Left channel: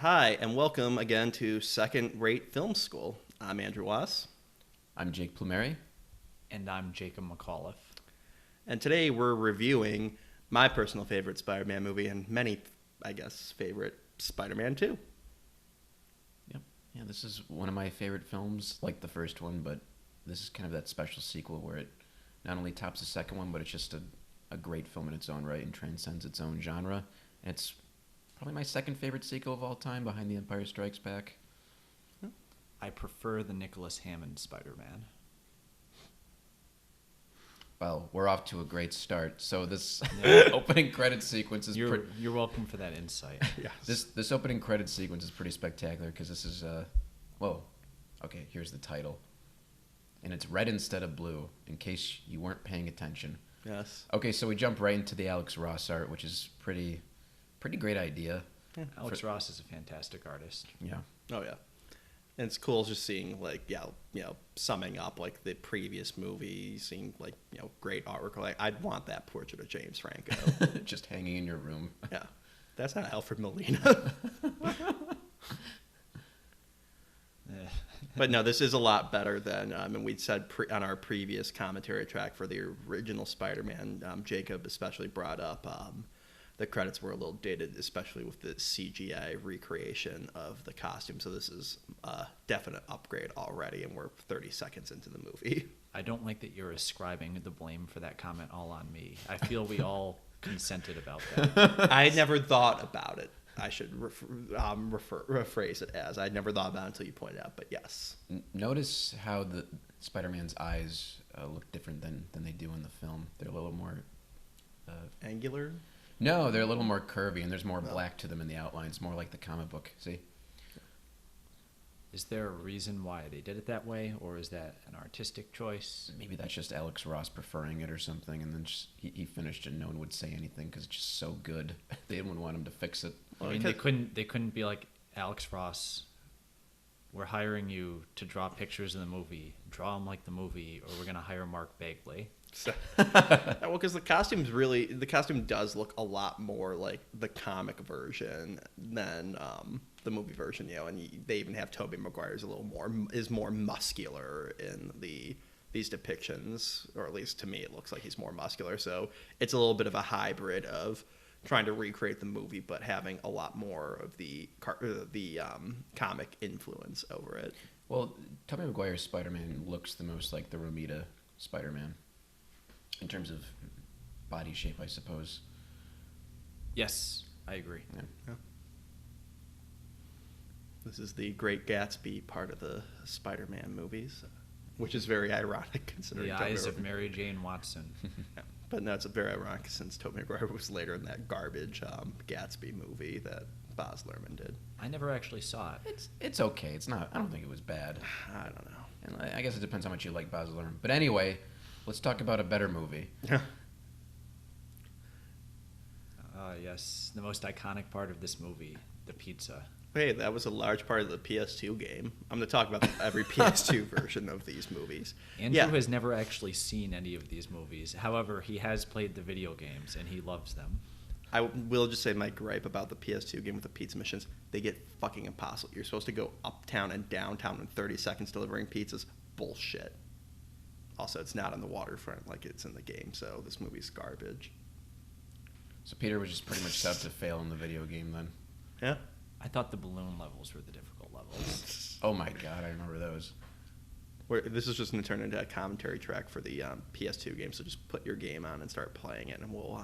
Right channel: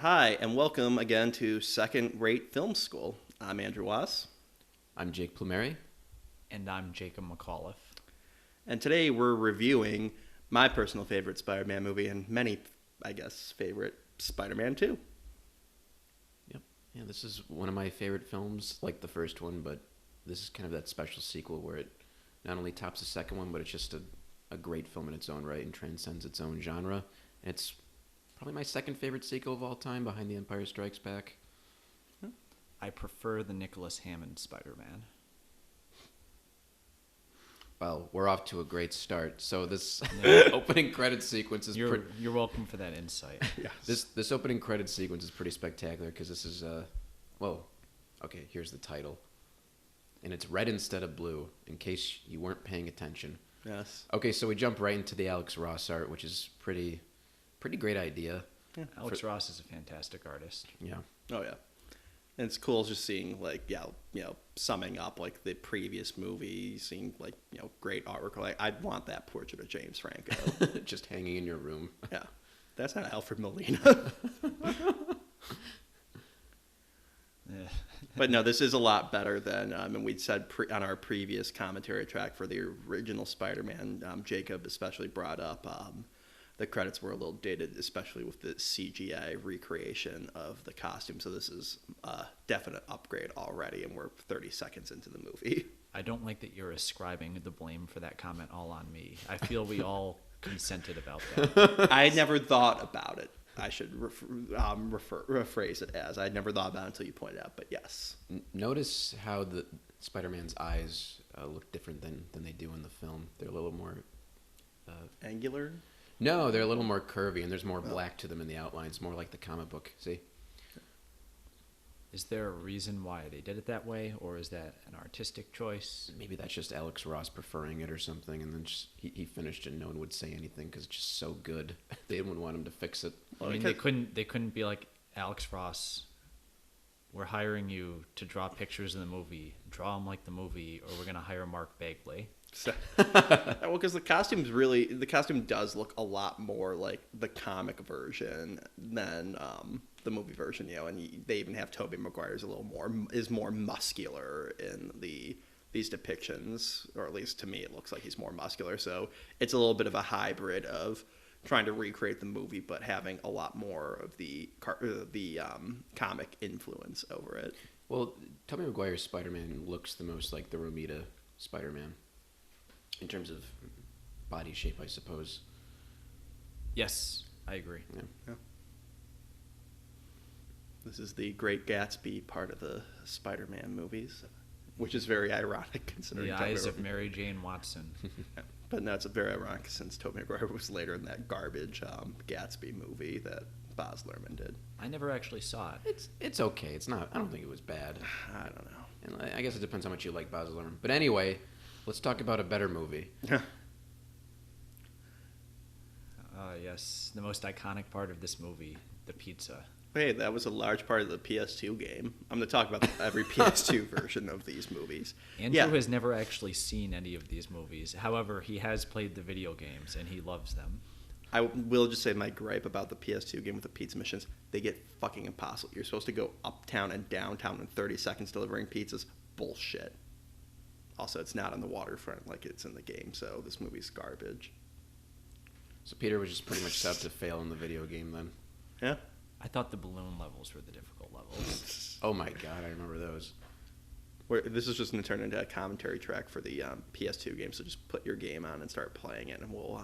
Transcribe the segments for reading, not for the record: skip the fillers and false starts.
Hi, and welcome again to Second Rate Film School. I'm Andrew Wass, I'm Jake Plumeri. And I'm Jacob McAuliffe. and today we're reviewing my personal favorite Spider Man movie and many, favorite Spider Man 2. Yeah, this is one of my favorite films, like the first one, but this is kind of that special sequel where it not only tops the second one, but it's just a great film in its own right and transcends its own genre. It's probably my second favorite sequel of all time, behind The Empire Strikes Back. I prefer the Nicholas Hammond Spider-Man. Well, we're off to a great start. So this opening credit sequence is You're welcome for that insight. Yes. this opening credit sequence is pretty spectacular because this is whoa, okay, here's the title, and it's red instead of blue. In case you weren't paying attention. Yes. Okay, so we jump right into the Alex Ross art, which is pretty great idea. Alex Ross is a fantastic artist. Yeah. Oh, yeah. And it's cool just seeing, summing up, the previous movie, seeing, great artwork. I'd want that portrait of James Franco. Just hanging in your room. Yeah. That's not Alfred Molina. But no, this is a lot better than, and we'd said on our previous commentary track for the original Spider-Man, Jacob especially brought up the credits were a little dated, especially with the CGI recreation of the costume. So this is a definite upgrade already, and we're 30 seconds into the movie. I don't like that you're ascribing the blame for that comment all on me. I feel we all consented about that. I had never thought about it. I should rephrase it as I'd never thought about it until you pointed out. But yes, Notice how the Spider-Man's eyes look different than they do in the film. They're a little more angular. No, they're a little more curvy, and there's more black to them in the outline. It's more like the comic book. See? Is there a reason why they did it that way, or is that an artistic choice? Maybe that's just Alex Ross preferring it or something, and then just, he finished it and no one would say anything because it's just so good. They didn't want him to fix it. Well, They because couldn't be like, Alex Ross, we're hiring you to draw pictures in a movie. Draw them like the movie, or we're going to hire Mark Bagley. because the costume does look a lot more like the comic version than the movie version, and they even have Tobey Maguire's is more muscular in these depictions, or at least to me it looks like he's more muscular. So it's a little bit of a hybrid of trying to recreate the movie but having a lot more of the comic influence over it. Well, Tobey Maguire's Spider-Man looks the most like the Romita Spider-Man in terms of body shape, I suppose. Yes, I agree. Yeah. This is the Great Gatsby part of the Spider-Man movies, which is very ironic considering The Tobey eyes Maguire. of Mary Jane Watson. Yeah. But no, it's very ironic since Tobey Maguire was later in that garbage Gatsby movie that Baz Luhrmann did. I never actually saw it. It's okay. It's not. I don't think it was bad. I don't know. And I guess it depends how much you like Baz Luhrmann. But anyway, let's talk about a better movie. Yes, the most iconic part of this movie, the pizza. Hey, that was a large part of the PS2 game. I'm going to talk about every PS2 version of these movies. Andrew Yeah. has never actually seen any of these movies. However, he has played the video games and he loves them. I will just say my gripe about the PS2 game with the pizza missions, they get fucking impossible. You're supposed to go uptown and downtown in 30 seconds delivering pizzas. Bullshit. Also, it's not on the waterfront like it's in the game, so this movie's garbage. So Peter was just playing a set to fail in the video game then. Yeah? I thought the balloon levels were the difficult levels. Oh my god, I remember those. This is just going to turn into a commentary track for the PS2 game, so just put your game on and start playing it, and we'll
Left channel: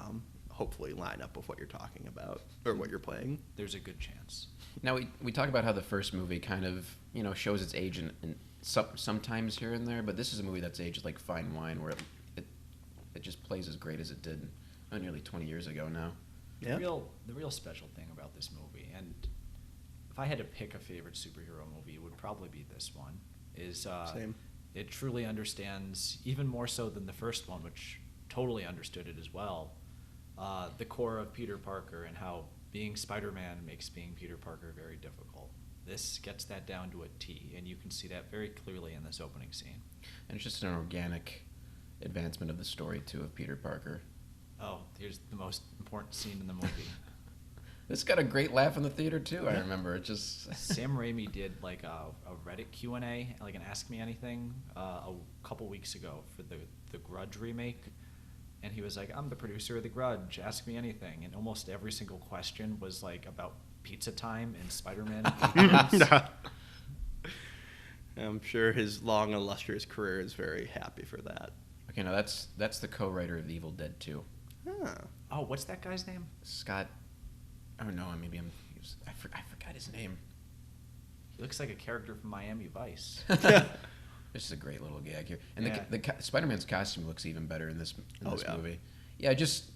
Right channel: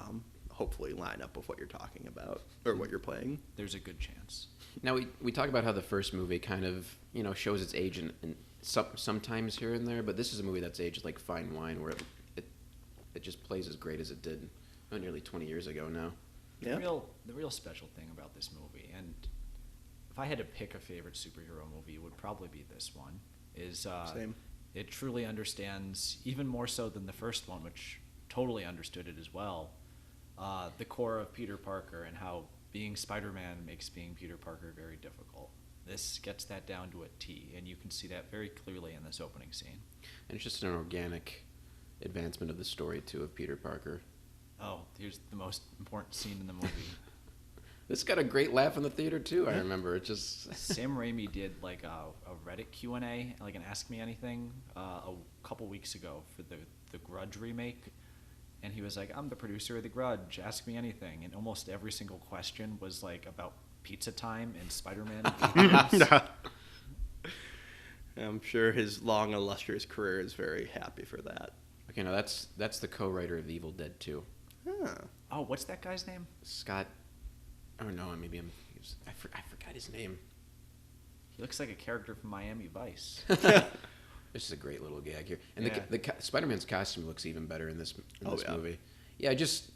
hopefully line up with what you're talking about, or what you're playing. There's a good chance. Now we talk about how the first movie kind of shows its age in sometimes here and there, but this is a movie that's aged like fine wine, where it just plays as great as it did nearly 20 years ago now. Yeah? The real special thing about this movie, and if I had to pick a favorite superhero movie, it would probably be this one, is Same. it truly understands, even more so than the first one, which totally understood it as well, the core of Peter Parker and how being Spider-Man makes being Peter Parker very difficult. This gets that down to a T, and you can see that very clearly in this opening scene. It's just an organic advancement of the story too of Peter Parker. Oh, here's the most important scene in the movie. This got a great laugh in the theater too. I Yeah. remember it just. Sam Raimi did like a Reddit Q&A, like an Ask Me Anything, a couple weeks ago for the Grudge remake, and he was like, "I'm the producer of the Grudge. Ask me anything." And almost every single question was like about pizza time and Spider-Man. I'm sure his long, illustrious career is very happy for that. You know, that's the co-writer of Evil Dead 2. Huh. Oh, what's that guy's name? Scott. I don't know. Maybe I forgot his name. He looks like a character from Miami Vice. This is a great little gag here, and Yeah. the Spider-Man's costume looks even better in this. Yeah. Movie. Yeah, just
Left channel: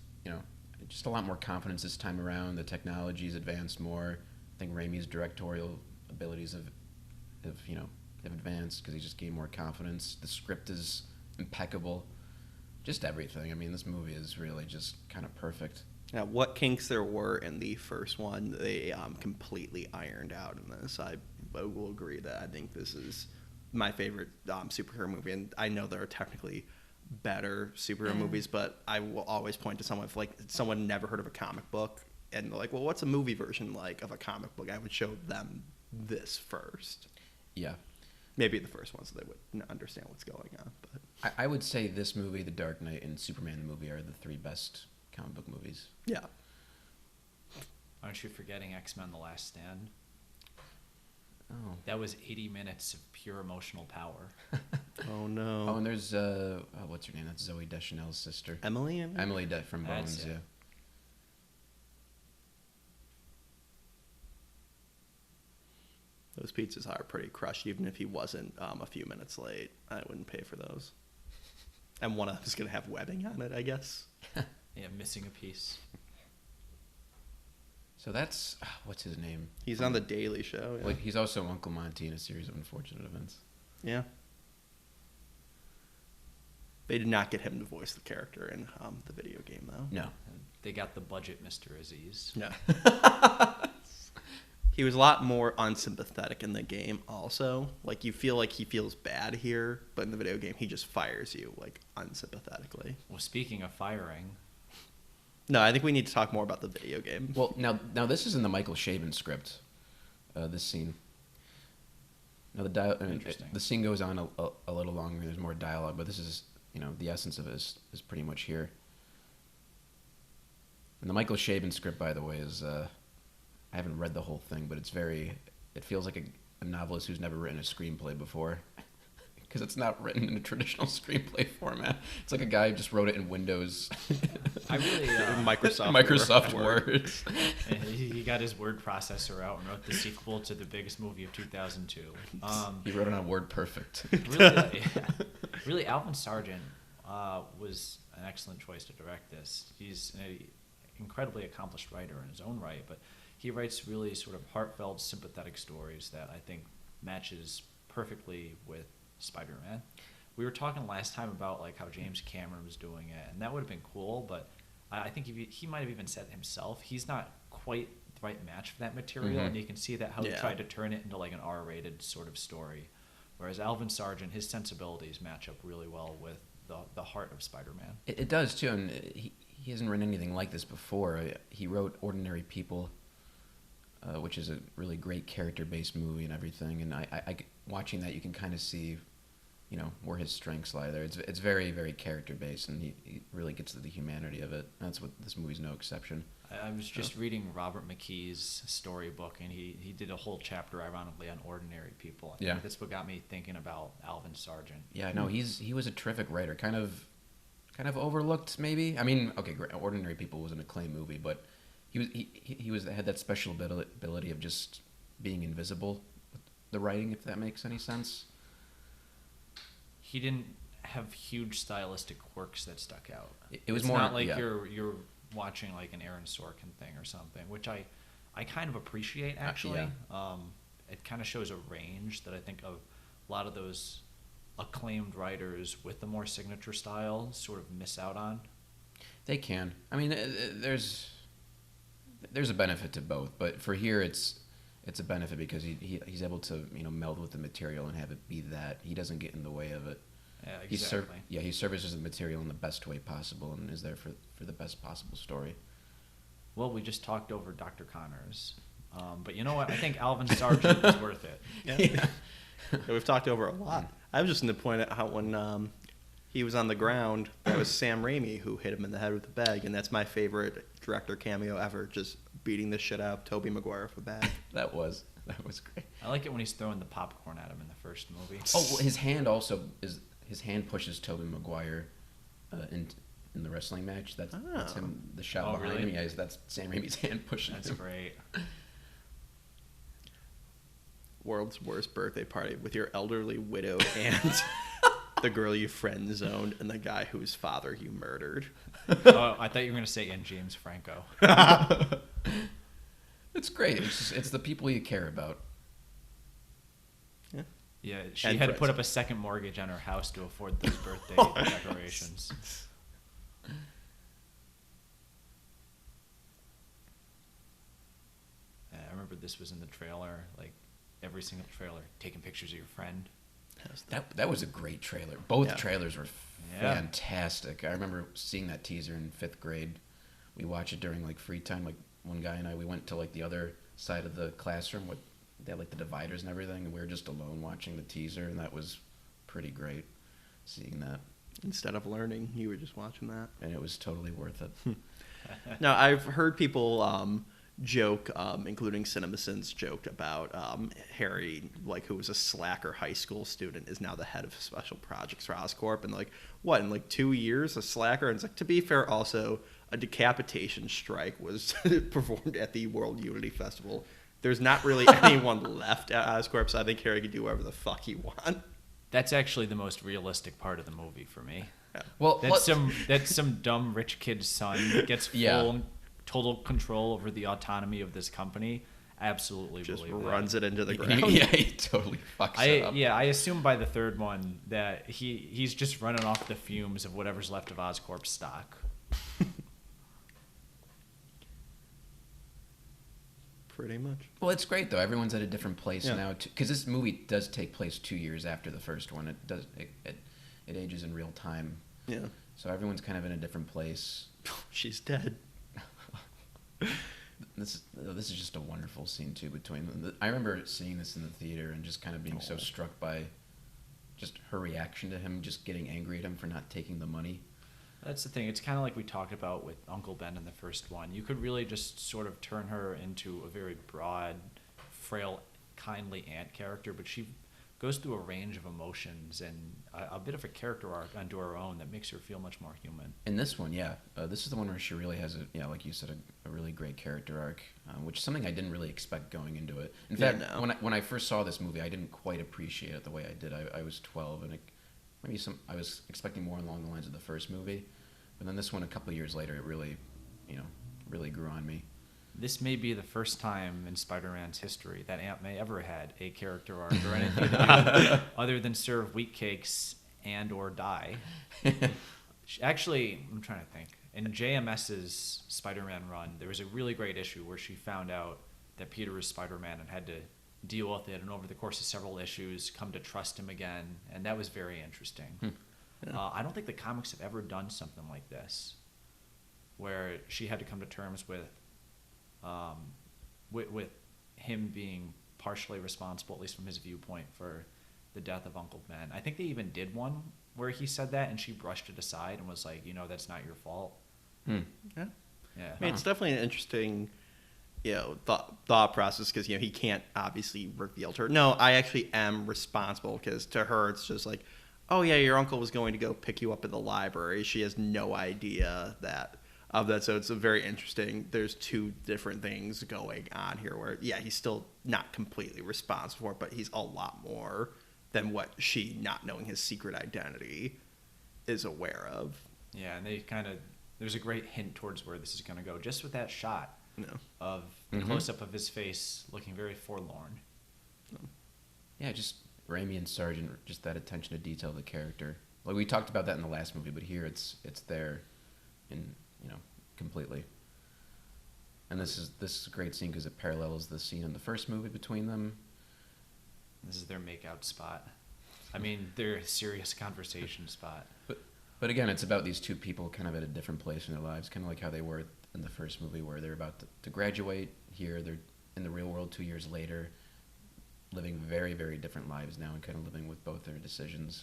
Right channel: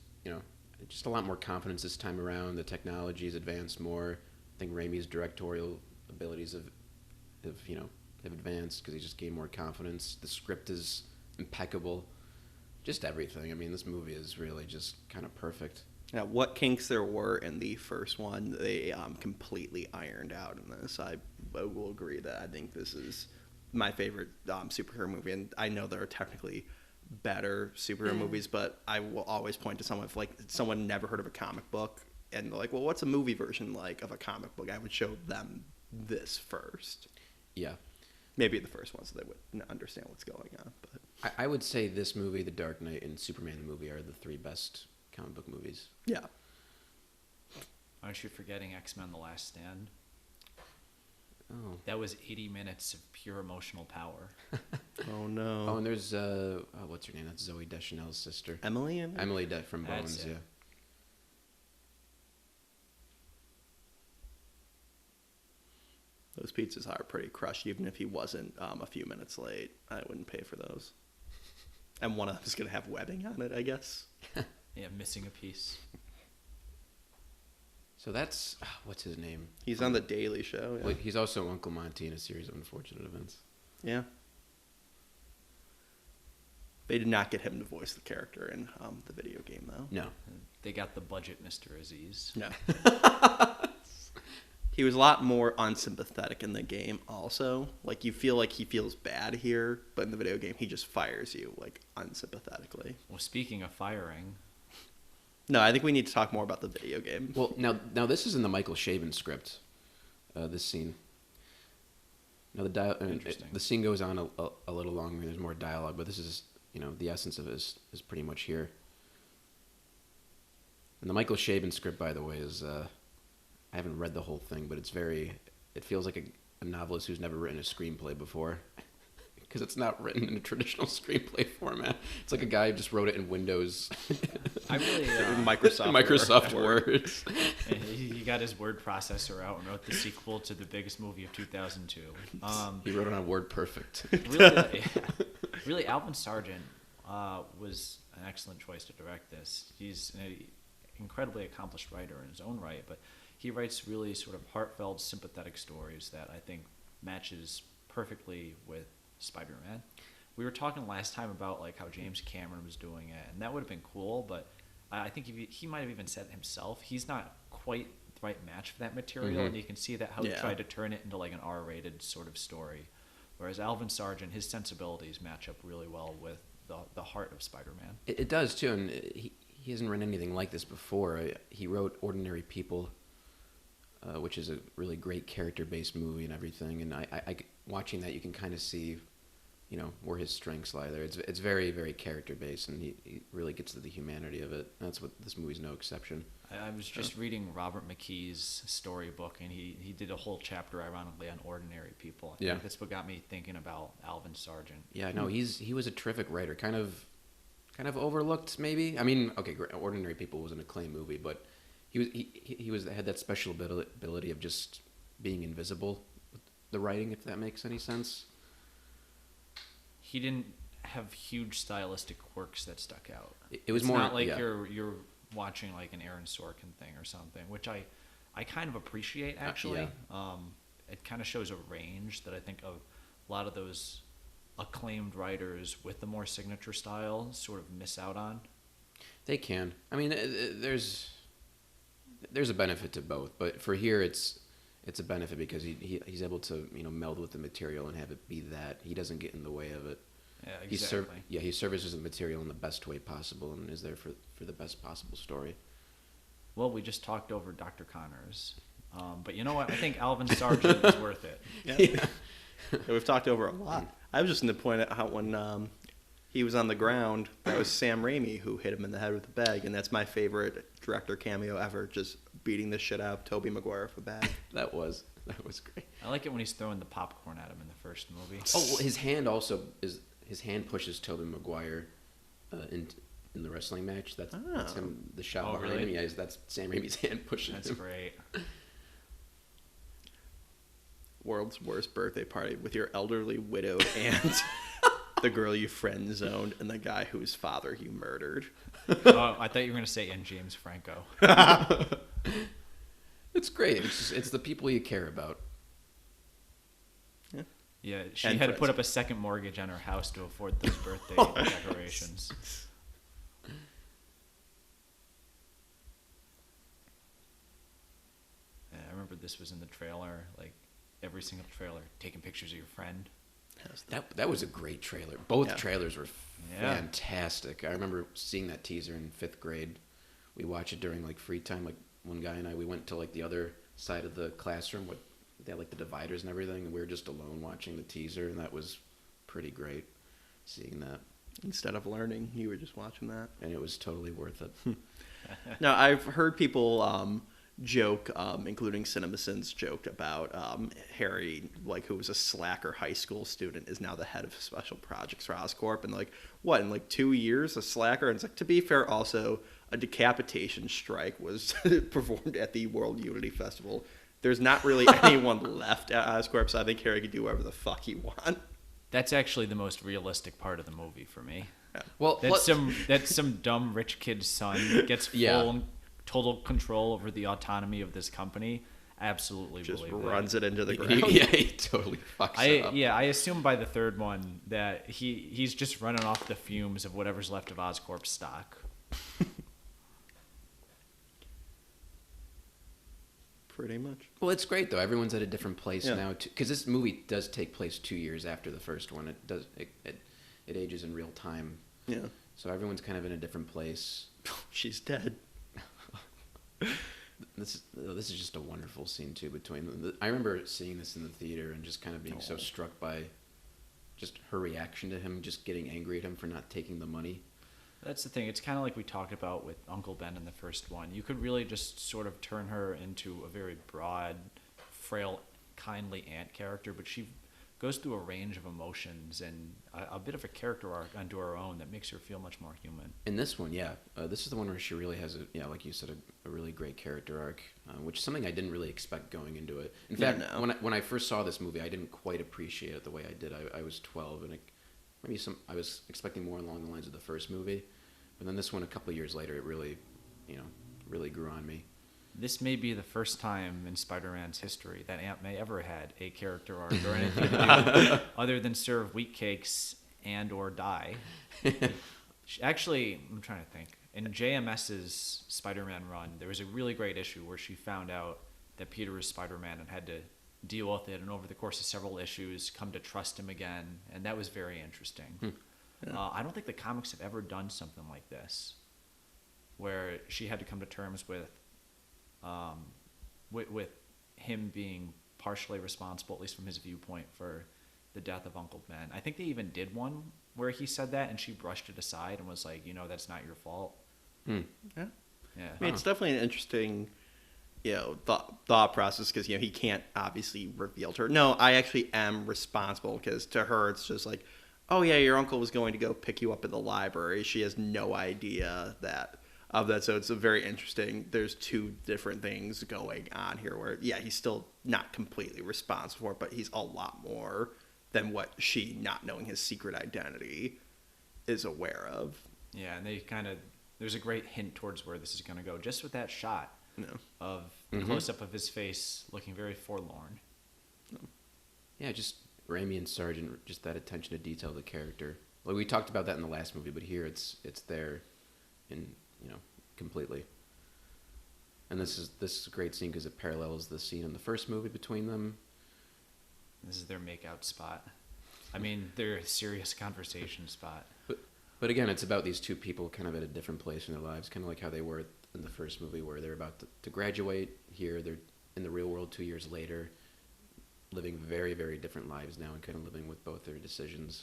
a lot more confidence this time around. The technology has advanced more. I think Raimi's directorial abilities have advanced because he just gained more confidence. The script is impeccable. Just everything. I mean, this movie is really just kind of perfect. Yeah, what kinks there were in the first one, they completely ironed out in this. I will agree that I think this is my favorite superhero movie, and I know there are technically better superhero movies, but I will always point to someone if someone never heard of a comic book and they're like, well, what's a movie version like of a comic book? I would show them this first. Yeah. Maybe the first one so they would understand what's going on. But I would say this movie, The Dark Knight, and Superman the movie are the three best comic book movies. yeah. Aren't you forgetting X-Men: The Last Stand? Oh. That was 80 minutes of pure emotional power. Oh Oh, no. and there's what's her name? That's Zoe Deschanel's sister. Emily, I think? Emily Dead from That's Bones. it. Yeah. Those pizzas are pretty crushed. Even if he wasn't a few minutes late, I wouldn't pay for those. And one of them is going to have webbing on it, I guess. Yeah, missing a piece. So that's what's his name? He's on the Daily Show, yeah. He's also Uncle Monty in a series of unfortunate events. Yeah. They did not get him to voice the character in the video game, though. No. They got the budget, Mr. Aziz. Yeah. He was a lot more unsympathetic in the game also. Like, you feel like he feels bad here, but in the video game, he just fires you, like, unsympathetically. Well, speaking of firing, No, I think we need to talk more about the video game. Well, now this is in the Michael Chabon script. This scene. Now the scene goes on a little longer. There's more dialogue, but this is the essence of it is pretty much here. And the Michael Chabon script, by the way, is I haven't read the whole thing, but it feels like a novelist who's never written a screenplay before. Because it's not written in traditional screenplay format. It's like a guy just wrote it in Windows. Microsoft Word. and he got his word processor out and upgraded it full to the biggest movie of 2002. He wrote it on Word Perfect. Really, Alvin Sargent was an excellent choice to direct this. He's an incredibly accomplished writer in his own right, but he writes really sort of heartfelt, sympathetic stories that I think matches perfectly with Spider-Man. We were talking last time about like how James Cameron was doing it, and that would have been cool, but I think he might have even said himself, he's not quite the right match for that material, and you can see that how they tried to turn it into like an R-rated sort of story. Whereas Alvin Sargent, his sensibilities match up really well with the heart of Spider-Man. It does too. I mean, he hasn't written anything like this before. He wrote Ordinary People, which is a really great character-based movie and everything. And I watching that, you can kind of see, where his strengths lie there. It's very, very character-based, and he really gets to the humanity of it. And that's what this movie's no exception. I was just reading Robert McKee's storybook, and he did a whole chapter, ironically, on Ordinary People. Yeah. This book got me thinking about Alvin Sargent. Yeah, no, he was a terrific writer. Kind of overlooked, maybe. I mean, okay, Ordinary People was an acclaimed movie, but he had that special ability of just being invisible. The writing, if that makes any sense. He didn't have huge stylistic quirks that stuck out. It was it's more not like you're watching like an Aaron Sorkin thing or something, which I kind of appreciate actually. It kind of shows a range that I think of a lot of those acclaimed writers with the more signature style sort of miss out on. They can. I mean, there's a benefit to both, but for here it's a benefit because he's able to meld with the material and have it be that. He doesn't get in the way of it. Yeah, exactly. He services the material in the best way possible and is there for the best possible story. Well, we just talked over Dr. Connors. But you know what? I think Alvin Sargent is worth it. Yeah. Yeah, we've talked over a lot. I was just going to point out how when he was on the ground, that was Sam Raimi who hit him in the head with a bag, and that's my favorite director cameo ever, just beating the shit out of Tobey Maguire with a bag. That was great. I like it when he's throwing the popcorn at him in the first movie. Oh, his hand pushes Tobey Maguire in the wrestling match. That's the shot behind him. Yeah, that's Sam Raimi's hand pushing him. That's great. World's worst birthday party with your elderly widowed aunt, the girl you friend zoned, and the guy whose father you murdered. I thought you were going to say in James Franco. It's great. It's the people you care about. Yeah. Yeah, she And had to friends. put up a second mortgage on her house to afford the birthday decorations. And I remember this was in the trailer, like every single trailer, taking pictures of your friend. That was a great trailer. Both Yeah. trailers were fantastic. I remember seeing that teaser in 5th grade. We watched it during like free time. Like one guy and I, we went to like the other side of the classroom with they had like the dividers and everything, and we were just alone watching the teaser, and that was pretty great seeing that. Instead of learning, you were just watching that. And it was totally worth it. Now, I've heard people joke, including CinemaSins joked about Harry, like, who was a slacker high school student, is now the head of special projects for Oscorp. And, like, what, in, like, 2 years, a slacker? And it's like, to be fair, also, a decapitation strike was performed at the World Unity Festival. There's not really anyone left at Oscorp, so I think Harry could do whatever the fuck he wants. That's actually the most realistic part of the movie for me. Yeah. Well, That's some dumb rich kid's son that gets total control over the autonomy of this company. Absolutely. Just runs it into the ground. Yeah, he totally fucks it up. I assume by the third one that he's just running off the fumes of whatever's left of Oscorp stock. Pretty much. Well, it's great though. Everyone's at a different place now, because this movie does take place 2 years after the first one. It ages in real time. Yeah. So everyone's kind of in a different place. She's dead. This is just a wonderful scene too between them. I remember seeing this in the theater and just kind of being so struck by just her reaction to him, just getting angry at him for not taking the money. That's the thing. It's kind of like we talked about with Uncle Ben in the first one. You could really just sort of turn her into a very broad, frail, kindly aunt character, but she goes through a range of emotions and a bit of a character arc unto her own that makes her feel much more human. In this one, this is the one where she really has like you said, a really great character arc, which is something I didn't really expect going into it. In fact, when I first saw this movie, I didn't quite appreciate it the way I did. I was 12, I think. I was expecting more along the lines of the first movie. And then this one, a couple of years later, it really, really grew on me. This may be the first time in Spider-Man's history that Aunt May ever had a character arc or anything other than serve wheat cakes and or die. Actually, I'm trying to think. In JMS's Spider-Man run, there was a really great issue where she found out that Peter was Spider-Man and had to deal with it, and over the course of several issues, come to trust him again, and that was very interesting. Yeah. I don't think the comics have ever done something like this, where she had to come to terms with him being partially responsible, at least from his viewpoint, for the death of Uncle Ben. I think they even did one where he said that, and she brushed it aside and was like, that's not your fault. Yeah. I mean, it's definitely an interesting, thought process, because, he can't obviously reveal to her, no, I actually am responsible, because to her, it's just like, oh yeah, your uncle was going to go pick you up at the library. She has no idea of that. So it's a very interesting, there's two different things going on here where, he's still not completely responsible for it, but he's a lot more than what she, not knowing his secret identity, is aware of. Yeah, and there's a great hint towards where this is going to go, just with that shot of the close-up of his face looking very forlorn. Yeah, just Raimi and Sargent, just that attention to detail of the character. Well, we talked about that in the last movie, but here it's there, in completely. And this is a great scene because it parallels the scene in the first movie between them. This is their make-out spot. I mean, their serious conversation spot. But again, it's about these two people kind of at a different place in their lives, kind of like how they were at in the first movie where they're about to graduate. Here they're in the real world 2 years later, living very, very different lives now and kind of living with both their decisions.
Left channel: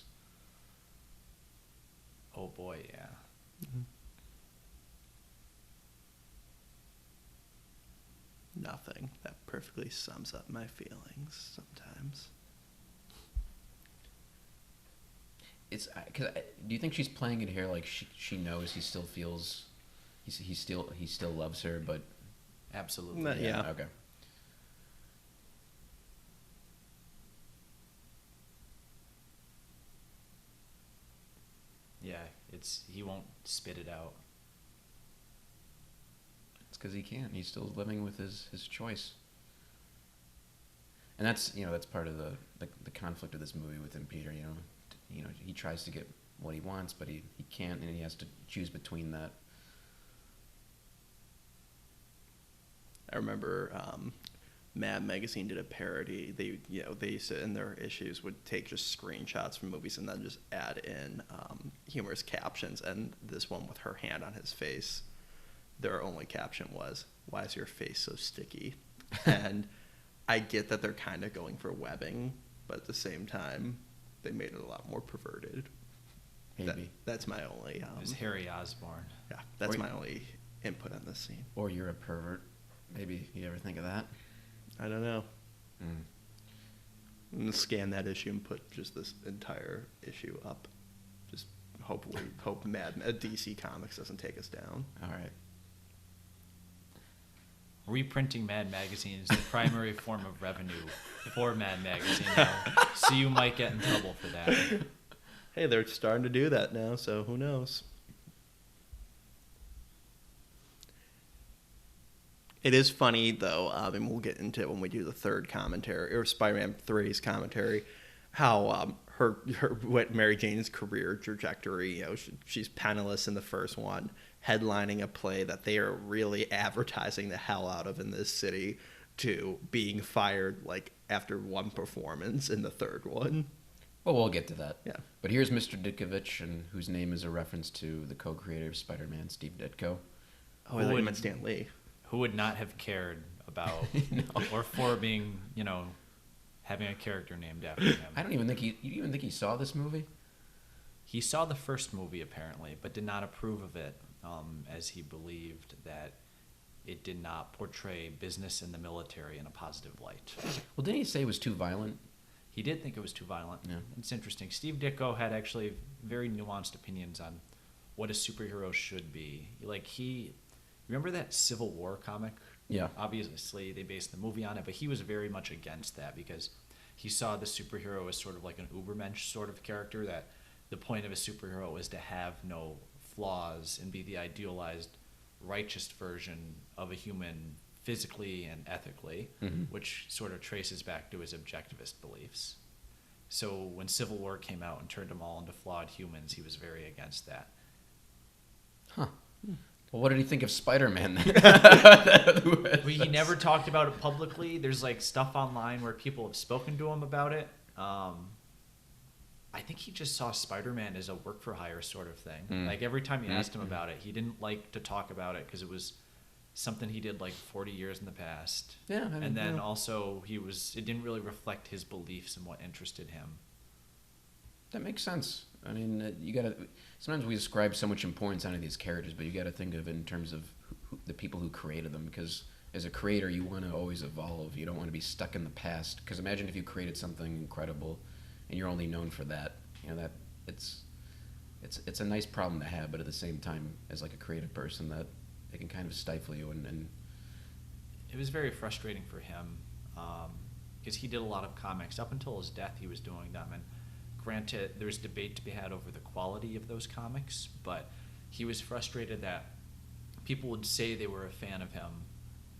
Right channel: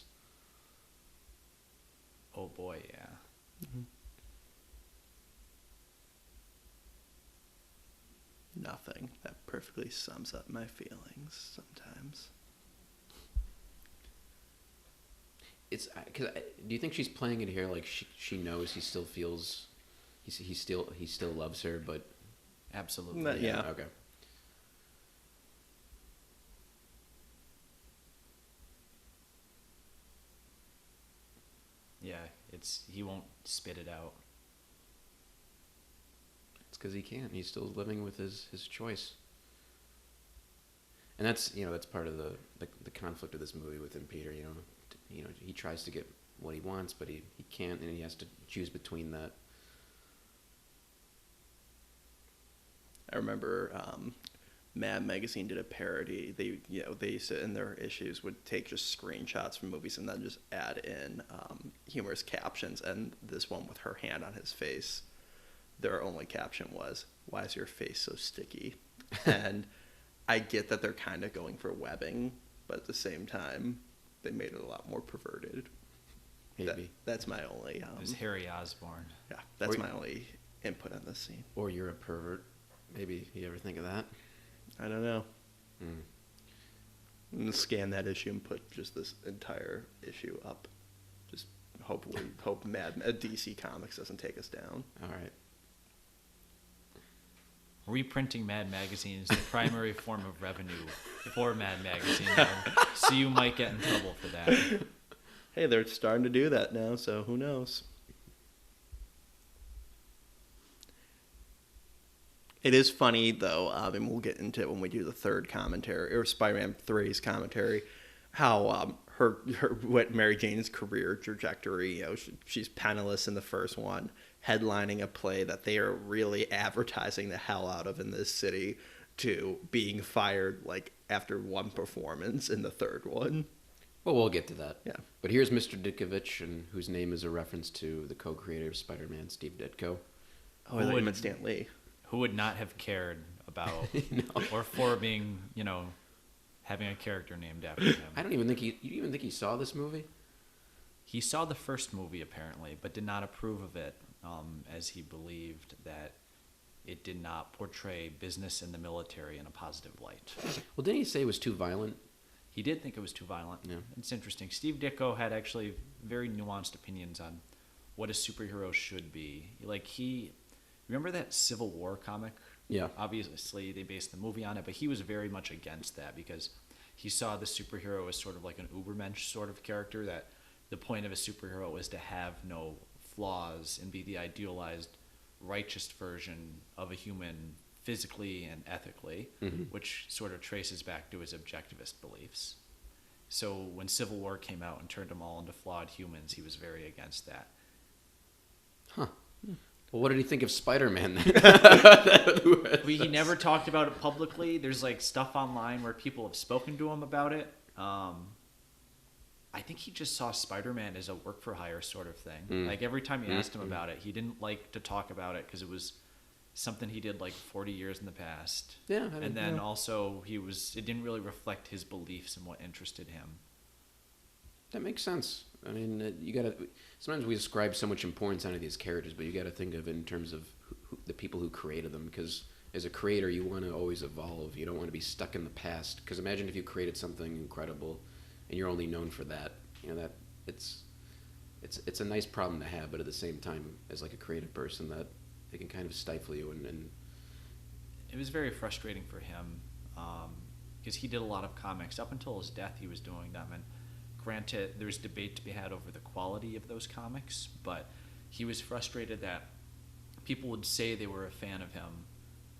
Oh boy, yeah. Mm-hmm. Nothing. That perfectly sums up my feelings sometimes. Do you think she's playing it here like she knows he still feels he still loves her, but Absolutely. Yeah. okay. Yeah, he won't spit it out. It's because he can't. He's still living with his choice, and that's that's part of the conflict of this movie within Peter. He tries to get what he wants, but he can't, and he has to choose between that. I remember Mad Magazine did a parody. They said in their issues would take just screenshots from movies and then just add in humorous captions. And this one with her hand on his face, their only caption was, "Why is your face so sticky?" And I get that they're kind of going for webbing, but at the same time, they made it a lot more perverted. That's my only Harry Osborn. yeah. That's my only input on this scene. Or you're a pervert. Maybe you ever think of that? I don't know. Mm. I'm gonna scan that issue and put just this entire issue up. Just hope DC Comics doesn't take us down. All right. Reprinting Mad Magazine is the primary form of revenue for Mad Magazine, so you might get in trouble for that. Hey, they're starting to do that now, so who knows? It is funny, though, and we'll get into it when we do the third commentary, or Spider-Man 3's commentary, how what Mary Jane's career trajectory, she's penniless in the first one, headlining a play that they are really advertising the hell out of in this city, to being fired, like, after one performance in the third one. Well, we'll get to that. Yeah. But here's Mr. Ditkovich, and whose name is a reference to the co-creator of Spider-Man, Steve Ditko. Oh, I thought you meant Stan Lee. Who would not have cared about, or for being, having a character named after him. I don't even think you even think he saw this movie? He saw the first movie, apparently, but did not approve of it, as he believed that it did not portray business in the military in a positive light. Well, didn't he say it was too violent? He did think it was too violent. Yeah. It's interesting. Steve Ditko had actually very nuanced opinions on what a superhero should be. Like, remember that Civil War comic? Yeah. Obviously, they based the movie on it, but he was very much against that because he saw the superhero as sort of like an Ubermensch sort of character, that the point of a superhero is to have no flaws and be the idealized, righteous version of a human physically and ethically, which sort of traces back to his objectivist beliefs. So when Civil War came out and turned them all into flawed humans, he was very against that. Huh. Well, what did he think of Spider-Man? He never talked about it publicly. There's like stuff online where people have spoken to him about it. I think he just saw Spider-Man as a work-for-hire sort of thing. Like every time you asked him about it, he didn't like to talk about it because it was something he did like 40 years in the past. Yeah. And then also it didn't really reflect his beliefs and what interested him. That makes sense. I mean, sometimes we ascribe so much importance onto these characters, but you got to think of it in terms of the people who created them. Because as a creator, you want to always evolve. You don't want to be stuck in the past. Because imagine if you created something incredible, and you're only known for that. That it's a nice problem to have, but at the same time, as like a creative person, that it can kind of stifle you. And it was very frustrating for him because he did a lot of comics up until his death. He was doing them, and granted, there's debate to be had over the quality of those comics, but he was frustrated that people would say they were a fan of him,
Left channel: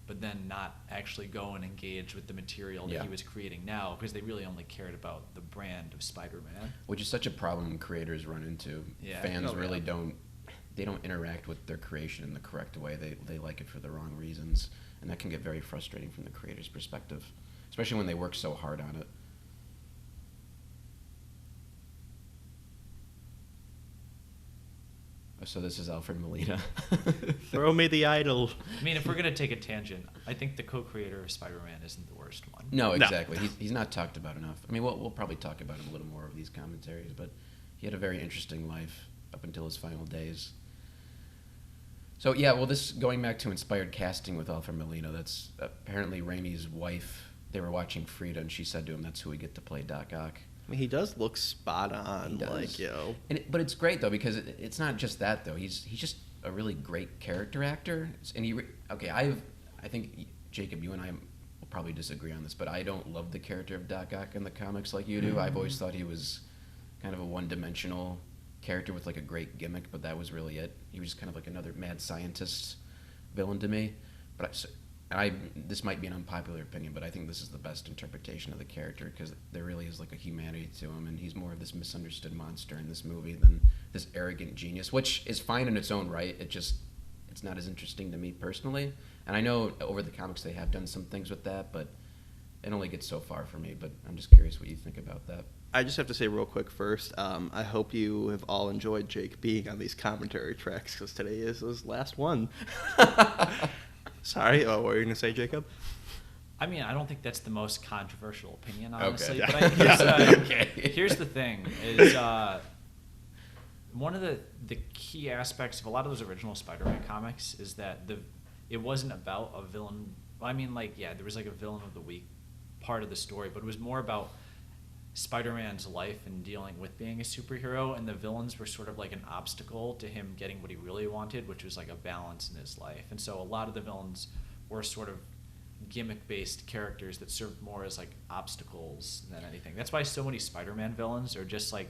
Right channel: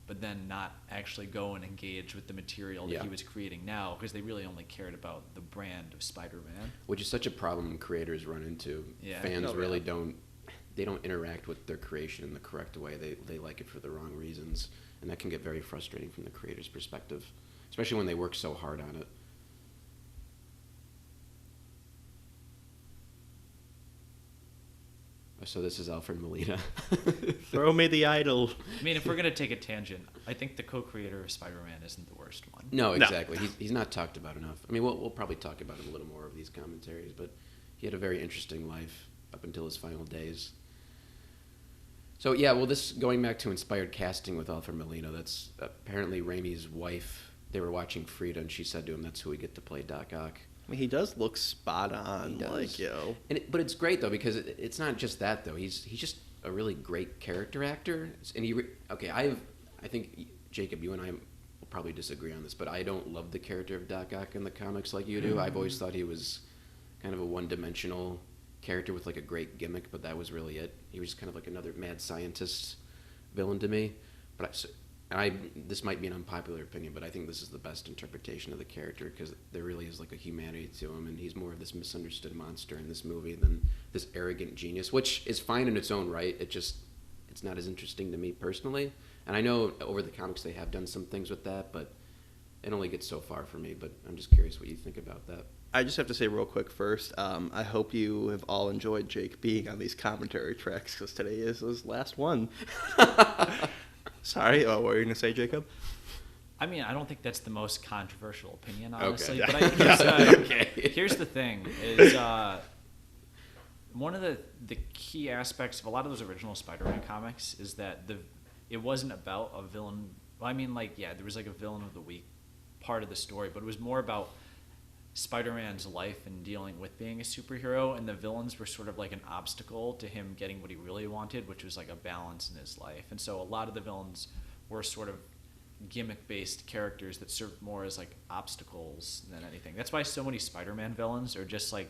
but then not actually go and engage with the material that he was creating now, because they really only cared about the brand of Spider-Man. Which is such a problem creators run into. Yeah. Fans don't interact with their creation in the correct way. They like it for the wrong reasons, and that can get very frustrating from the creator's perspective, especially when they work so hard on it. so this is Alfred Molina. Throw me the idol. I mean, if we're gonna take a tangent, I think the co-creator of Spider-Man isn't the worst one. No, No. exactly. He's not talked about enough. I mean, we'll probably talk about it a little more of these commentaries, but he had a very interesting life up until his final days. So yeah, well, this going back to inspired casting with Alfred Molina. That's apparently Raimi's wife. They were watching Frida, and she said to him, "That's who we get to play Doc Ock." I mean, he does look spot on, He like, does. you know. But it's great though because it's not just that though. He's just a really great character actor. And I think Jacob, you and I will probably disagree on this, but I don't love the character of Doc Ock in the comics like you do. I've always thought he was kind of a one-dimensional character with like a great gimmick, but that was really it. He was kind of like another mad scientist villain to me. This might be an unpopular opinion, but I think this is the best interpretation of the character because there really is like a humanity to him, and he's more of this misunderstood monster in this movie than this arrogant genius, which is fine in its own right. It's not as interesting to me personally. And I know over the comics they have done some things with that, but it only gets so far for me. But I'm just curious what you think about that. I just have to say real quick first, I hope you have all enjoyed Jake being on these commentary tracks because today is his last one. Sorry, what were you going to say, Jacob? I mean, I don't think that's the most controversial opinion, Okay. honestly. Yeah. But I think Yeah. here's the thing: is one of the key aspects of a lot of those original Spider-Man comics is that it wasn't about a villain. I mean, like, yeah, there was like a villain of the week part of the story, but it was more about Spider-Man's life and dealing with being a superhero, and the villains were sort of like an obstacle to him getting what he really wanted, which was like a balance in his life. And so a lot of the villains were sort of gimmick-based characters that served more as like obstacles than anything. That's why so many Spider-Man villains are just like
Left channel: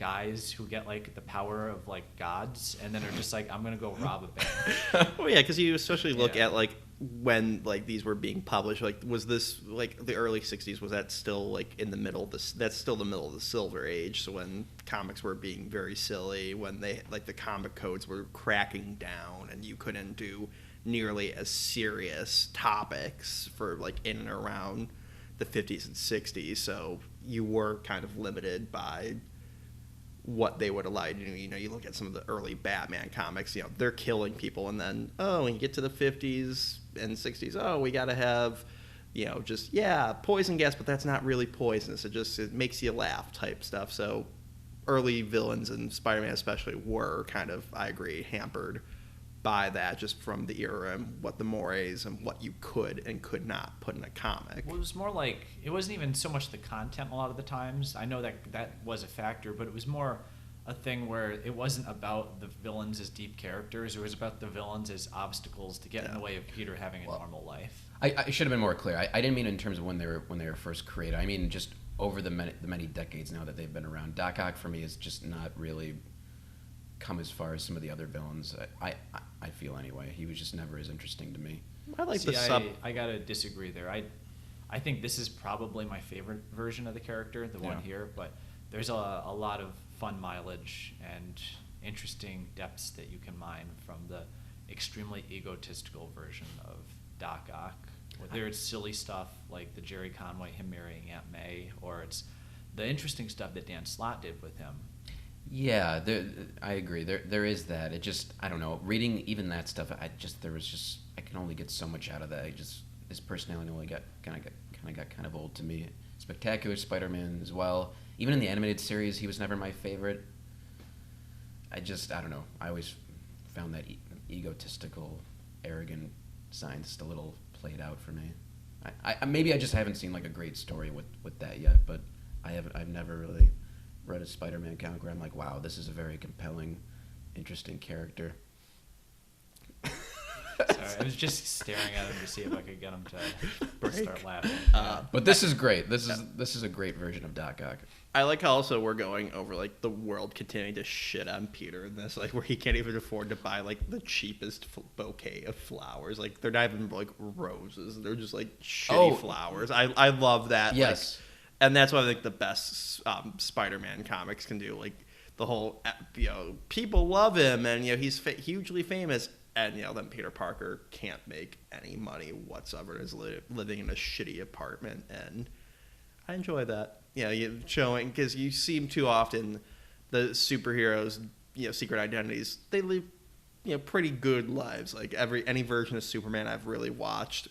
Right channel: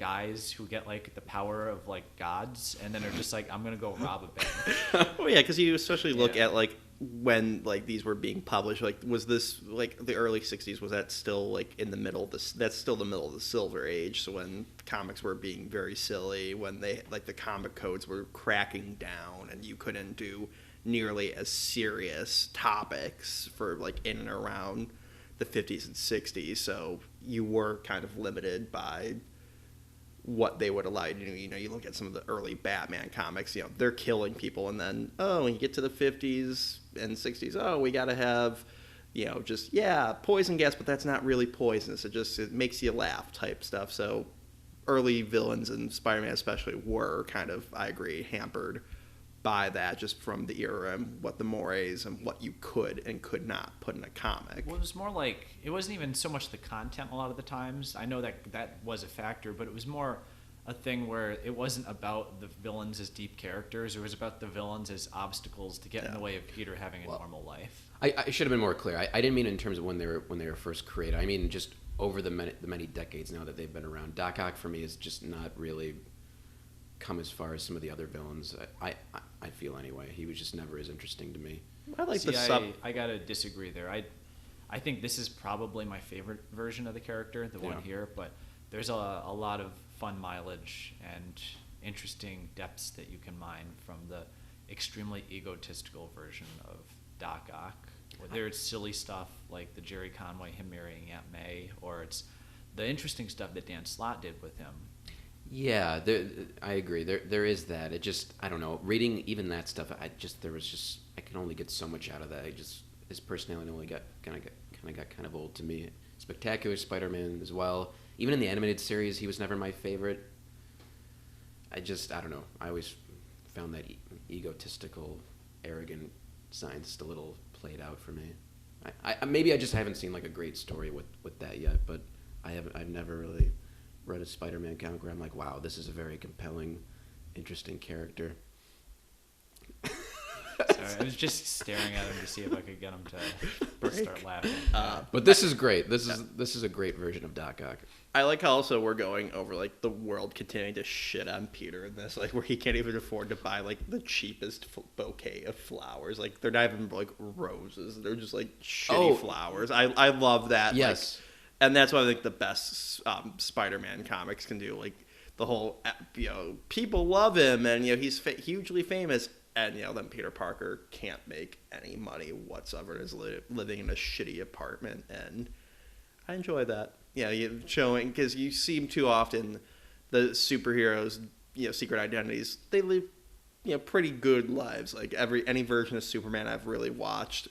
guys who get like the power of like gods, and then they're just like, I'm gonna go rob a bank. Oh yeah, because you especially look at like when like these were being published. Like, was this like the early '60s? Was that still like in the middle of this? That's still the middle of the Silver Age. So when comics were being very silly, when they like the comic codes were cracking down, and you couldn't do nearly as serious topics for like in and around the 50s and 60s. So you were kind of limited by what they would allow you to do. You know, you look at some of the early Batman comics, you know, they're killing people, and then, when you get to the 50s and 60s, we got to have, you know, just, poison gas, but that's not really poisonous. It makes you laugh type stuff. So early villains, and Spider-Man especially, were kind of, I agree, hampered by that just from the era and what the mores and what you could and could not put in a comic. Well, it was more like, it wasn't even so much the content a lot of the times. I know that was a factor, but it was more a thing where it wasn't about the villains as deep characters. It was about the villains as obstacles to get in the way of Peter having a normal life. I should have been more clear. I didn't mean it in terms of when they were first created. I mean just over the many decades now that they've been around. Doc Ock for me is just not really come as far as some of the other villains. I feel anyway. He was just never as interesting to me. I like the See, sub. I gotta disagree there. I think this is probably my favorite version of the character, the one here, but there's a lot of fun mileage and interesting depths that you can mine from the extremely egotistical version of Doc Ock. There's silly stuff like the Jerry Conway, him marrying Aunt May, or it's the interesting stuff that Dan Slott did with him. Yeah, I agree. There is that. It just, I don't know. Reading even that stuff, I can only get so much out of that. His personality got kind of old to me. Spectacular Spider-Man as well. Even in the animated series, he was never my favorite. I don't know. I always found that egotistical, arrogant side just a little played out for me. Maybe I just haven't seen like a great story with that yet, but I've never really read a Spider-Man comic where I'm like, wow, this is a very compelling, interesting character. I was just staring at him to see if I could get him to Break. start laughing. But this is great. This is a great version of Doc Ock. I like how also we're going over like the world continuing to shit on Peter in this, like where he can't even afford to buy like the cheapest bouquet of flowers. Like they're not even like roses; they're just like shitty flowers. I love that. Yes. Like, and that's what I think the best Spider-Man comics can do. Like the whole, people love him, and he's hugely famous, and then Peter Parker can't make any money whatsoever and is living in a shitty apartment, and I enjoy that. Yeah, you showing, because you seem too often the superheroes secret identities, they live pretty good lives. Like any version of Superman I've really watched,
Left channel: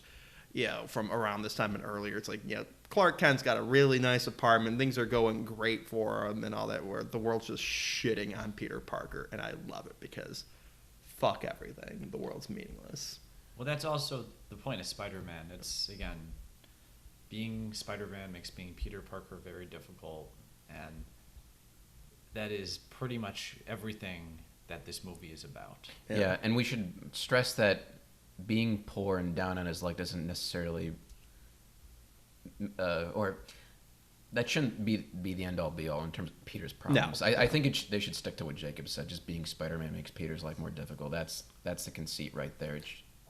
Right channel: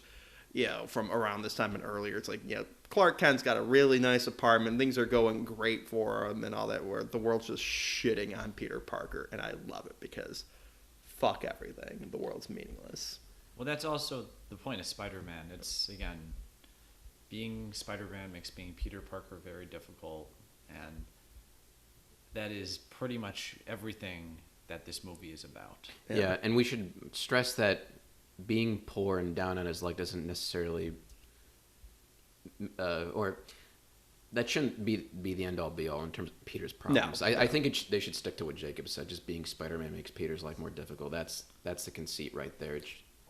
from around this time and earlier, it's like, Clark Kent's got a really nice apartment, things are going great for him and all that, where the world's just shitting on Peter Parker, and I love it because fuck everything, the world's meaningless. Well, that's also the point of Spider-Man. It's, again, being Spider-Man makes being Peter Parker very difficult, and that is pretty much everything that this movie is about. Yeah, and we should stress that being poor and down on his luck doesn't necessarily, or that shouldn't be the end all be all in terms of Peter's problems. No, I think they should stick to what Jacob said. Just being Spider-Man makes Peter's life more difficult. That's the conceit right there.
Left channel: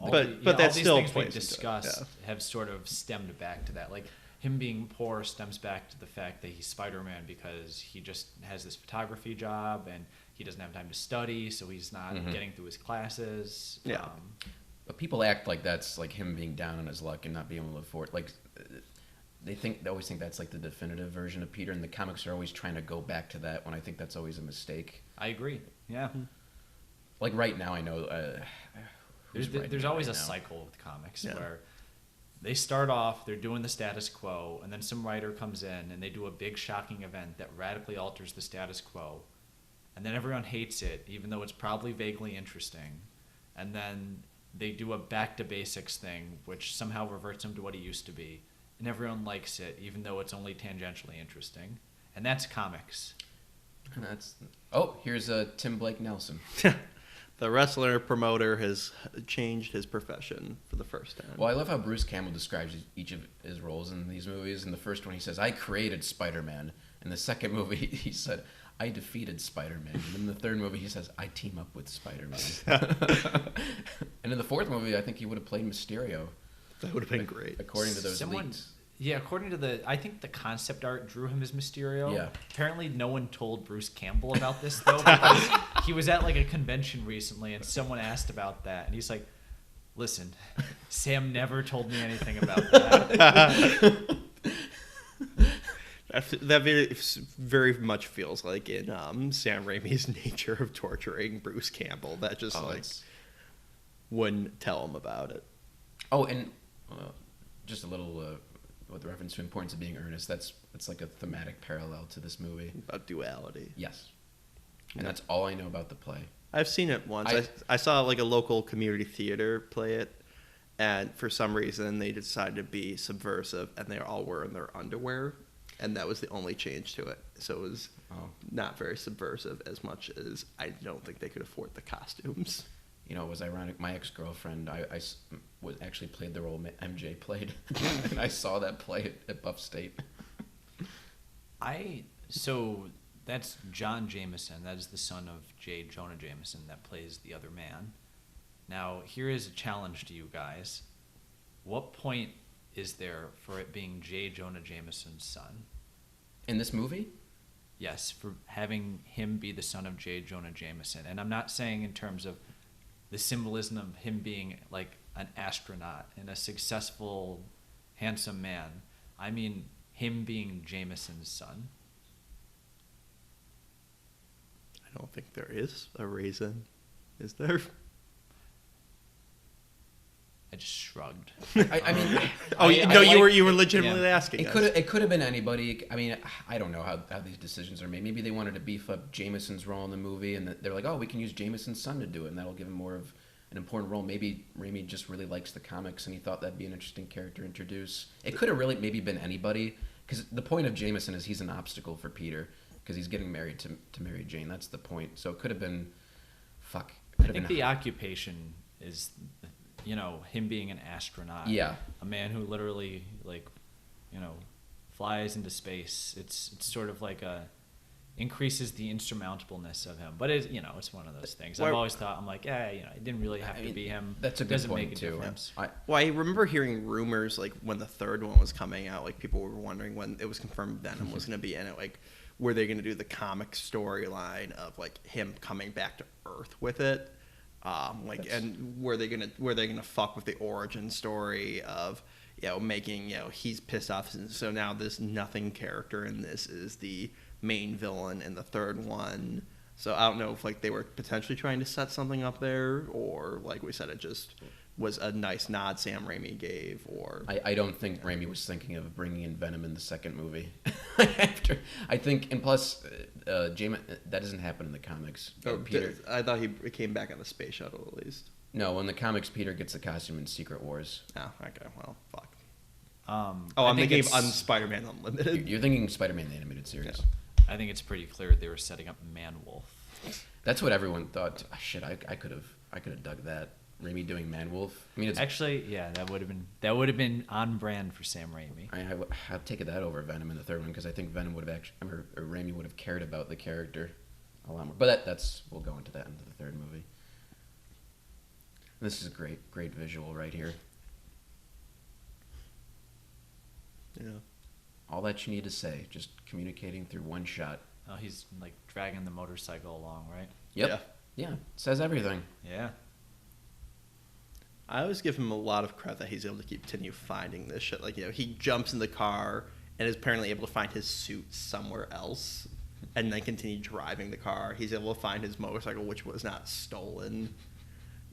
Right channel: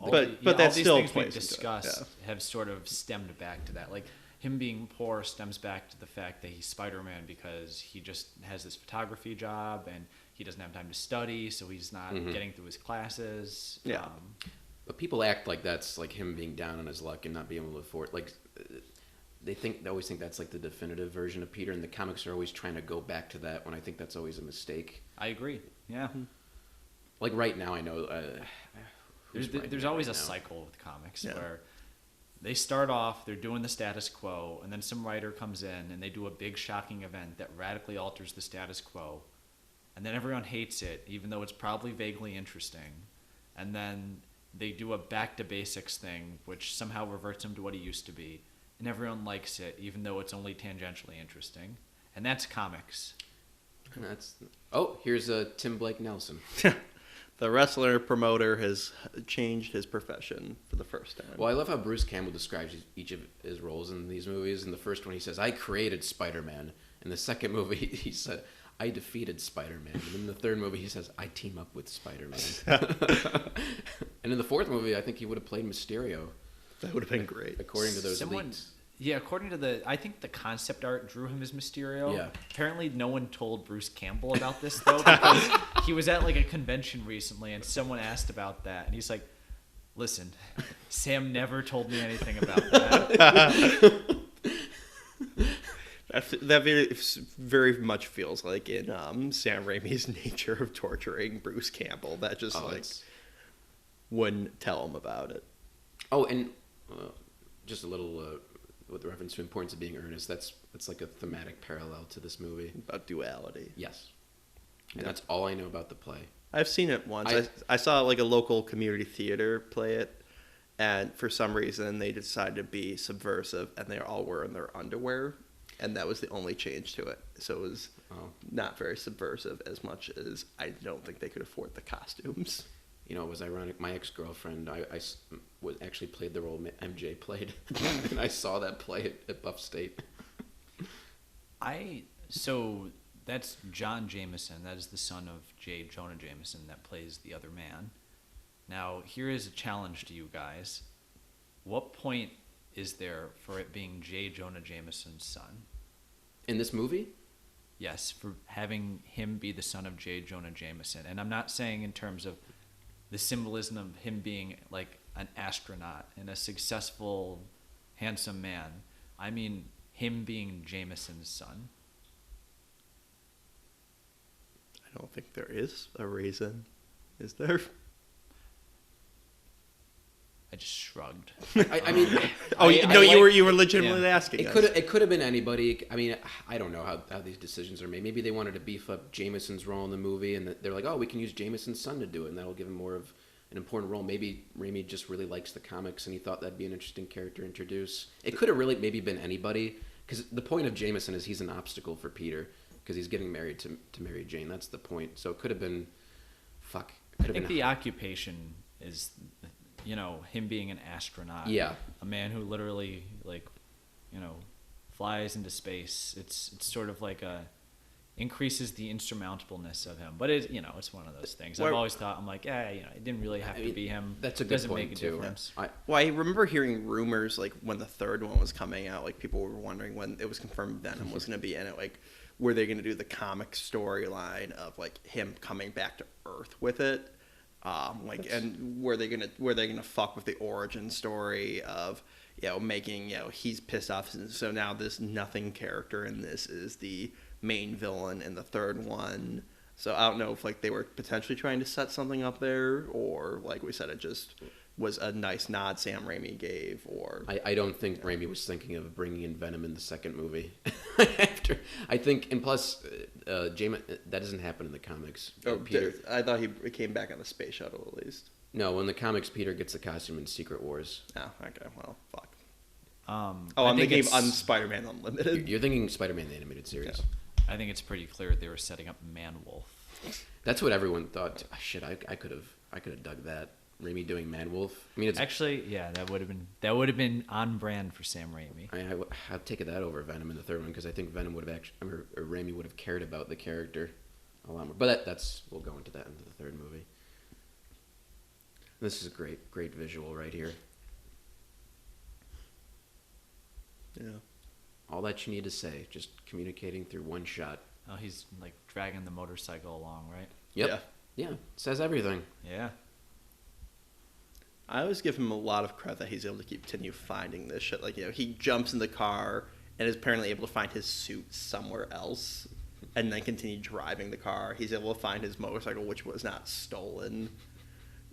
But that still plays into it. Yeah, have sort of stemmed back to that. Like him being poor stems back to the fact that he's Spider-Man because he just has this photography job and he doesn't have time to study, so he's not getting through his classes. Yeah. But people act like that's like him being down on his luck and not being able to afford. Like they always think that's like the definitive version of Peter, and the comics are always trying to go back to that. When I think that's always a mistake. I agree. Yeah. Like right now, I know. There's always a cycle with comics where they start off, they're doing the status quo, and then some writer comes in and they do a big shocking event that radically alters the status quo, and then everyone hates it, even though it's probably vaguely interesting, and then they do a back to basics thing, which somehow reverts him to what he used to be, and everyone likes it, even though it's only tangentially interesting, and that's comics. Here's Tim Blake Nelson. The wrestler promoter has changed his profession for the first time. Well, I love how Bruce Campbell describes each of his roles in these movies. In the first one, he says, "I created Spider-Man." In the second movie, he said, "I defeated Spider-Man." And in the third movie, he says, "I team up with Spider-Man." And in the fourth movie, I think he would have played Mysterio. That would have been great. According to those leaks. Yeah, according to I think the concept art drew him as Mysterio. Yeah. Apparently no one told Bruce Campbell about this, though. He was at like a convention recently, and someone asked about that. He's like, "Listen, Sam never told me anything about that." That very much feels like in Sam Raimi's nature of torturing Bruce Campbell. That just wouldn't tell him about it. Oh, and just a little with reference to importance of being earnest. It's like a thematic parallel to this movie About duality. Yes, that's all I know about the play. I've seen it once. I saw like a local community theater play it, and for some reason they decided to be subversive, and they all were in their underwear, and that was the only change to it. So it was not very subversive as much as I don't think they could afford the costumes. You know, it was ironic. My ex-girlfriend, I actually played the role MJ played. And I saw that play at Buff State. So that's John Jameson. That is the son of J. Jonah Jameson that plays the other man. Now, here is a challenge to you guys. What point is there for it being J. Jonah Jameson's son? In this movie? Yes, for having him be the son of J. Jonah Jameson. And I'm not saying in terms of the symbolism of him being like an astronaut and a successful, handsome man. I mean him being Jameson's son. I don't think there is a reason. Is there? I just shrugged. I mean... Oh, no, you were legitimately asking us. It could have been anybody. I mean, I don't know how these decisions are made. Maybe they wanted to beef up Jameson's role in the movie, and they're like, "Oh, we can use Jameson's son to do it, and that will give him more of an important role." Maybe Raimi just really likes the comics, and he thought that'd be an interesting character to introduce. It could have really maybe been anybody, because the point of Jameson is he's an obstacle for Peter, because he's getting married to Mary Jane. That's the point. So it could have been, I think the occupation is, him being an astronaut. Yeah. A man who literally, flies into space. It's sort of like increases the insurmountableness of him. But it's one of those things. I've always thought, I'm like, it didn't really have to be him. That's a good point too. Yeah. Well, I remember hearing rumors like when the third one was coming out, like people were wondering when it was confirmed Venom was going to be in it, like were they going to do the comic storyline of like him coming back to Earth with it, and were they gonna fuck with the origin story of making he's pissed off, so now this nothing character in this is the main villain in the third one. So I don't know if like they were potentially trying to set something up there, or like we said, it just was a nice nod Sam Raimi gave, or I don't think Raimi was thinking of bringing in Venom in the second movie. I think, and plus, Jamin, that doesn't happen in the comics. I thought he came back on the space shuttle at least. No, in the comics, Peter gets the costume in Secret Wars. Oh, okay. Well, fuck. I'm thinking of Spider-Man Unlimited. You're thinking Spider-Man the animated series. Yeah. I think it's pretty clear they were setting up Man-Wolf. That's what everyone thought. Oh, shit, I could have done that. Raimi doing Man-Wolf. I mean, Actually, yeah, that would have been on brand for Sam Raimi. I've taken that over Venom in the third one because I think Venom would have actually, or Raimi would have cared about the character a lot more. But we'll go into that in the third movie. This is a great visual right here. Yeah. All that you need to say, just communicating through one shot. He's like dragging the motorcycle along, right? Yep. Yeah. Says everything. Yeah. I always give him a lot of credit that he's able to continue finding this shit. Like, he jumps in the car and is apparently able to find his suit somewhere else and then continue driving the car. He's able to find his motorcycle, which was not stolen.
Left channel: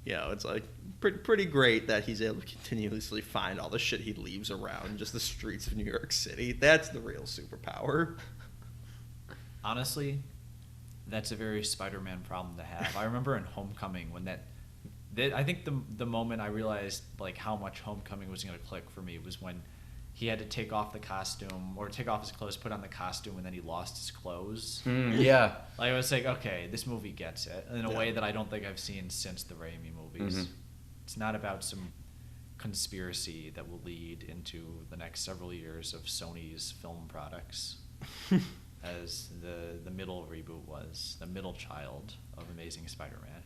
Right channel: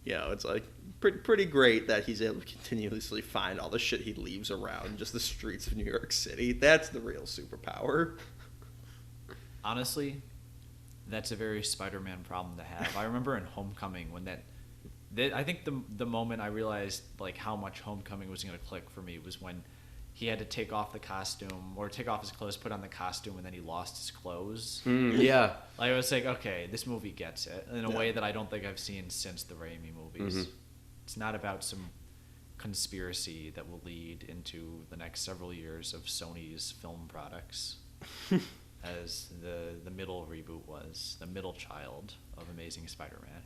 It's like pretty great that he's able to continuously find all the shit he leaves around just the streets of New York City. That's the real superpower. Honestly, that's a very Spider-Man problem to have. I remember in Homecoming when I think the moment I realized like how much Homecoming was going to click for me was when he had to take off the costume or take off his clothes, put on the costume, and then he lost his clothes. Yeah. I was like, okay, this movie gets it in a way that I don't think I've seen since the Raimi movies. Mm-hmm. It's not about some conspiracy that will lead into the next several years of Sony's film products, as the middle reboot was, the middle child of Amazing Spider-Man.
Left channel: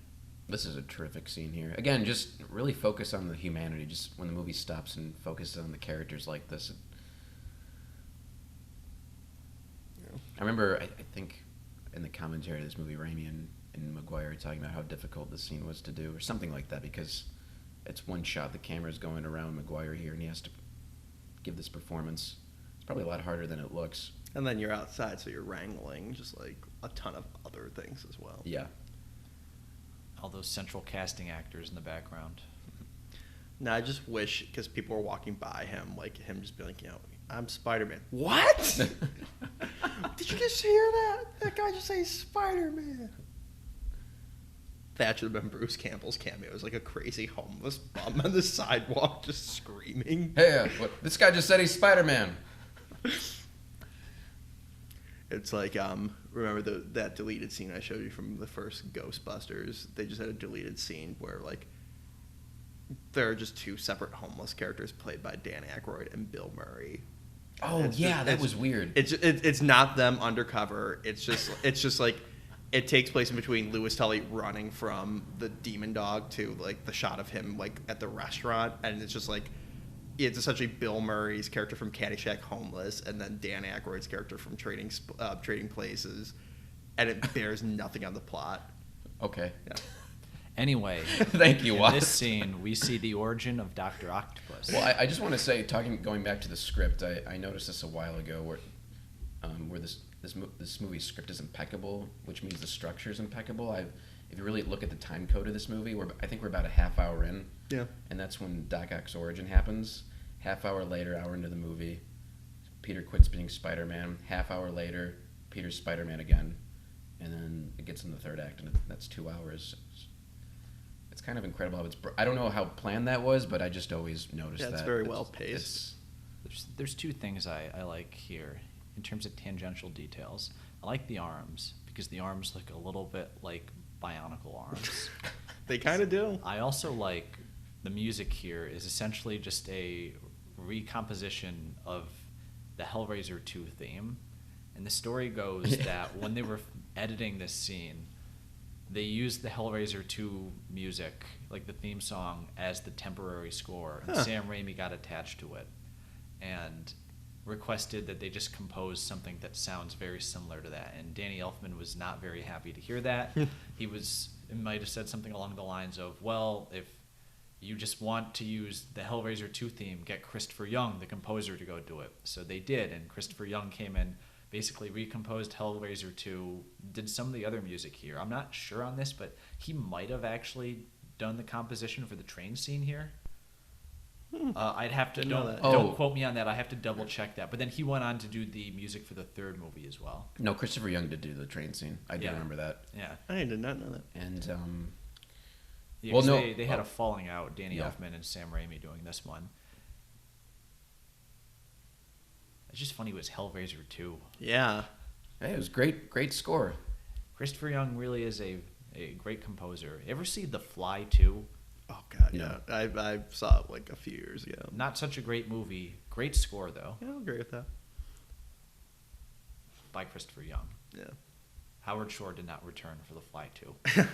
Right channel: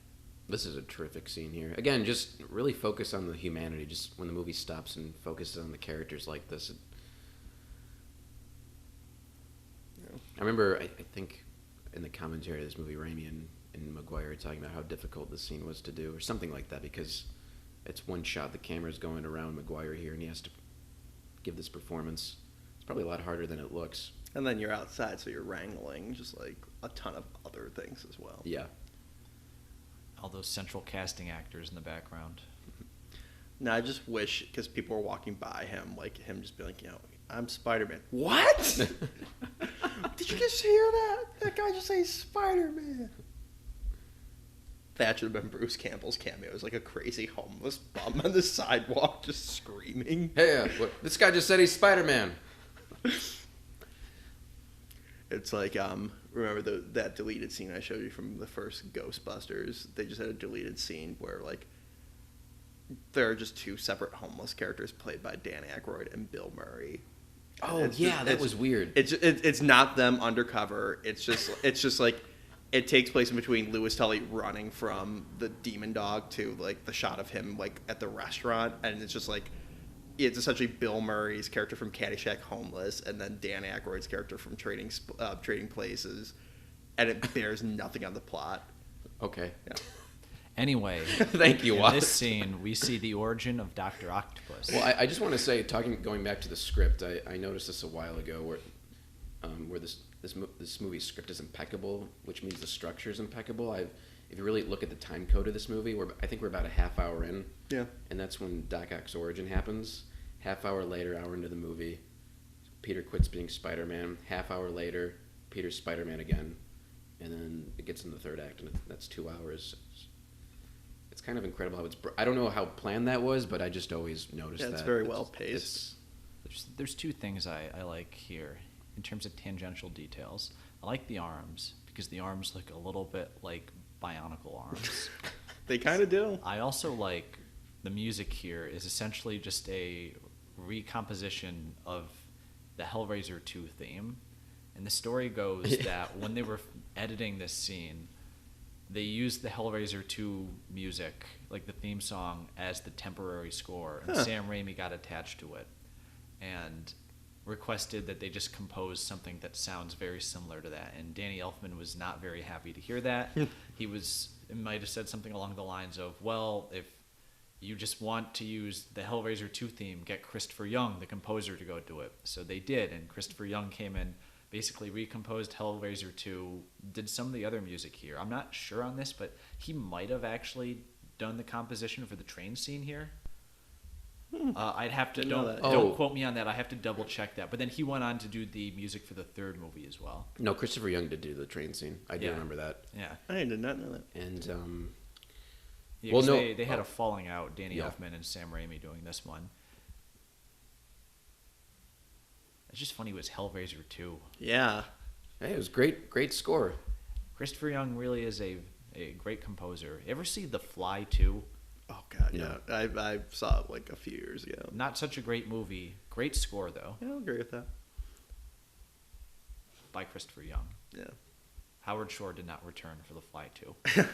This is a terrific scene here. Again, just really focus on the humanity. Just when the movie stops and focus on the characters like this. Yeah. I remember, I think, in the commentary of this movie, Raimi and Maguire talking about how difficult the scene was to do, or something like that, because it's one shot, the camera's going around Maguire here, and he has to give this performance. It's probably a lot harder than it looks. And then you're outside, so you're wrangling just like a ton of other things as well. Yeah. All those central casting actors in the background. Now, I just wish, because people were walking by him, like him just being like, I'm Spider-Man. What? Did you just hear that? That guy just says Spider-Man. That should have been Bruce Campbell's cameo. It was like a crazy homeless bum on the sidewalk just screaming. Hey, this guy just said he's Spider-Man. It's like, remember that deleted scene I showed you from the first Ghostbusters? They just had a deleted scene where, like, there are just two separate homeless characters played by Dan Aykroyd and Bill Murray. Oh, it's yeah, just, that was weird. It's not them undercover. It's just like it takes place in between Louis Tully running from the demon dog to like the shot of him like at the restaurant, and it's just like it's essentially Bill Murray's character from Caddyshack homeless, and then Dan Aykroyd's character from Trading Places, and it bears nothing on the plot. Okay. Yeah. Anyway, Thank you, Watt. in this scene, we see the origin of Dr. Octopus. Well, I just want to say, going back to the script, I noticed this a while ago where this movie's script is impeccable, which means the structure is impeccable. If you really look at the time code of this movie, I think we're about a half hour in. Yeah. And that's when Doc Ock's origin happens. Half hour later, hour into the movie, Peter quits being Spider-Man. Half hour later, Peter's Spider-Man again. And then it gets in the third act, and that's 2 hours. It's kind of incredible. I don't know how planned that was, but I just always noticed Yeah, it's that. very well paced. There's two things I like here in terms of tangential details. I like the arms because the arms look a little bit like bionicle arms. They kind of do. I also like the music here is essentially just a recomposition of the Hellraiser 2 theme. And the story goes that when they were editing this scene, they used the Hellraiser 2 music, like the theme song, as the temporary score. Huh. Sam Raimi got attached to it and requested that they just compose something that sounds very similar to that. And Danny Elfman was not very happy to hear that. He might have said something along the lines of, well, if you just want to use the Hellraiser 2 theme, get Christopher Young, the composer, to go do it. So they did, and Christopher Young came in, basically recomposed Hellraiser 2, did some of the other music here. I'm not sure on this, but he might have actually done the composition for the train scene here. I'd have to Didn't know that. Don't quote me on that. I have to double check that. But then he went on to do the music for the third movie as well. No, Christopher Young did do the train scene. I do remember that. Yeah. I did not know that. And they had a falling out. Danny Elfman and Sam Raimi doing this one. It's just funny. It was Hellraiser 2. Yeah. Hey, it was great score. Christopher Young really is a great composer. You ever see The Fly 2? Oh god, yeah. I saw it like a few years ago. Not such a great movie. Great score though. Yeah, I'll agree with that. By Christopher Young. Yeah. Howard Shore did not return for The Fly 2.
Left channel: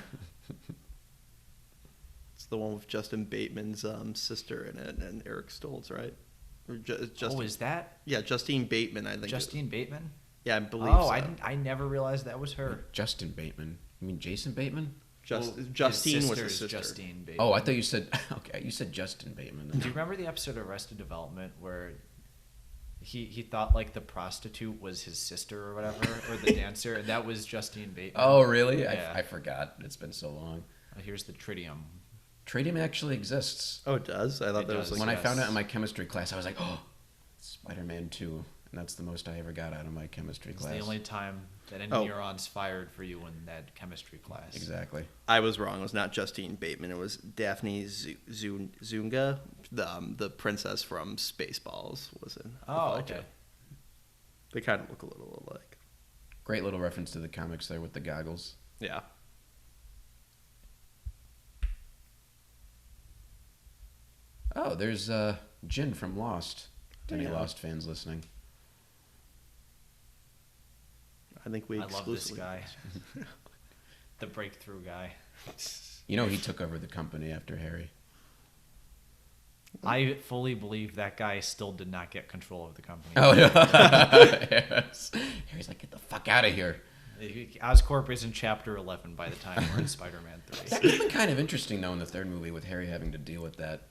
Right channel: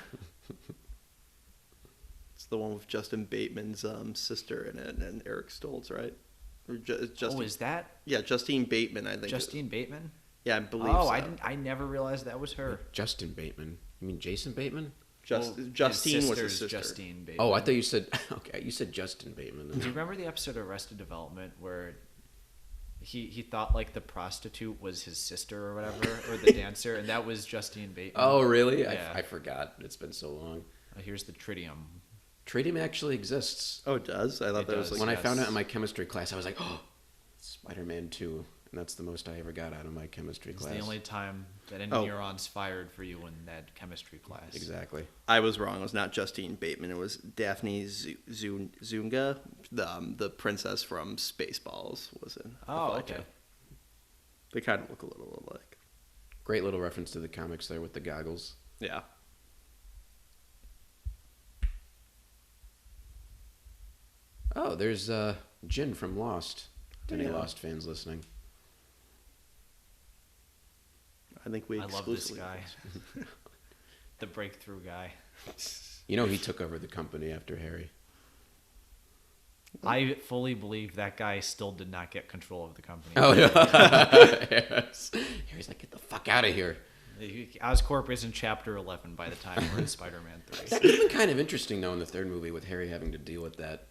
It's the one with Justin Bateman's sister in it and Eric Stoltz, right? Or Justine. Oh, is that? Yeah, Justine Bateman, I think. Justine Bateman? Yeah, I believe so. I never realized that was her. Justin Bateman. You mean Jason Bateman? Justine was his sister. Justine Bateman. Oh, I thought you said okay. You said Justin Bateman. Remember the episode of Arrested Development where he thought like the prostitute was his sister or whatever, or the dancer, and that was Justine Bateman. Oh, really? Yeah. I forgot. It's been so long. And here's the tritium. Tritium actually exists. Oh, it does? I thought that was like... When I found it in my chemistry class, I was like, oh, Spider-Man 2. And that's the most I ever got out of my chemistry class. It's the only time an neurons fired for you in that chemistry class. Exactly. I was wrong. It was not Justine Bateman. It was Daphne Zunga, the princess from Spaceballs, was in The Fly okay. 2. They kind of look a little alike. Great little reference to the comics there with the goggles. Yeah. Oh, there's Jim from Lost. Oh, yeah. Lost fans listening. I think we I love exclusively this have guy. Lost. The breakthrough guy. You know, he took over the company after Harry. I fully believe that guy still did not get control of the Oh, company. yeah. Yes. Harry's like, get the fuck out of here. Oscorp is in Chapter 11 by the time when Spider-Man. It's kind of interesting, though, in the third movie with Harry having to deal with that.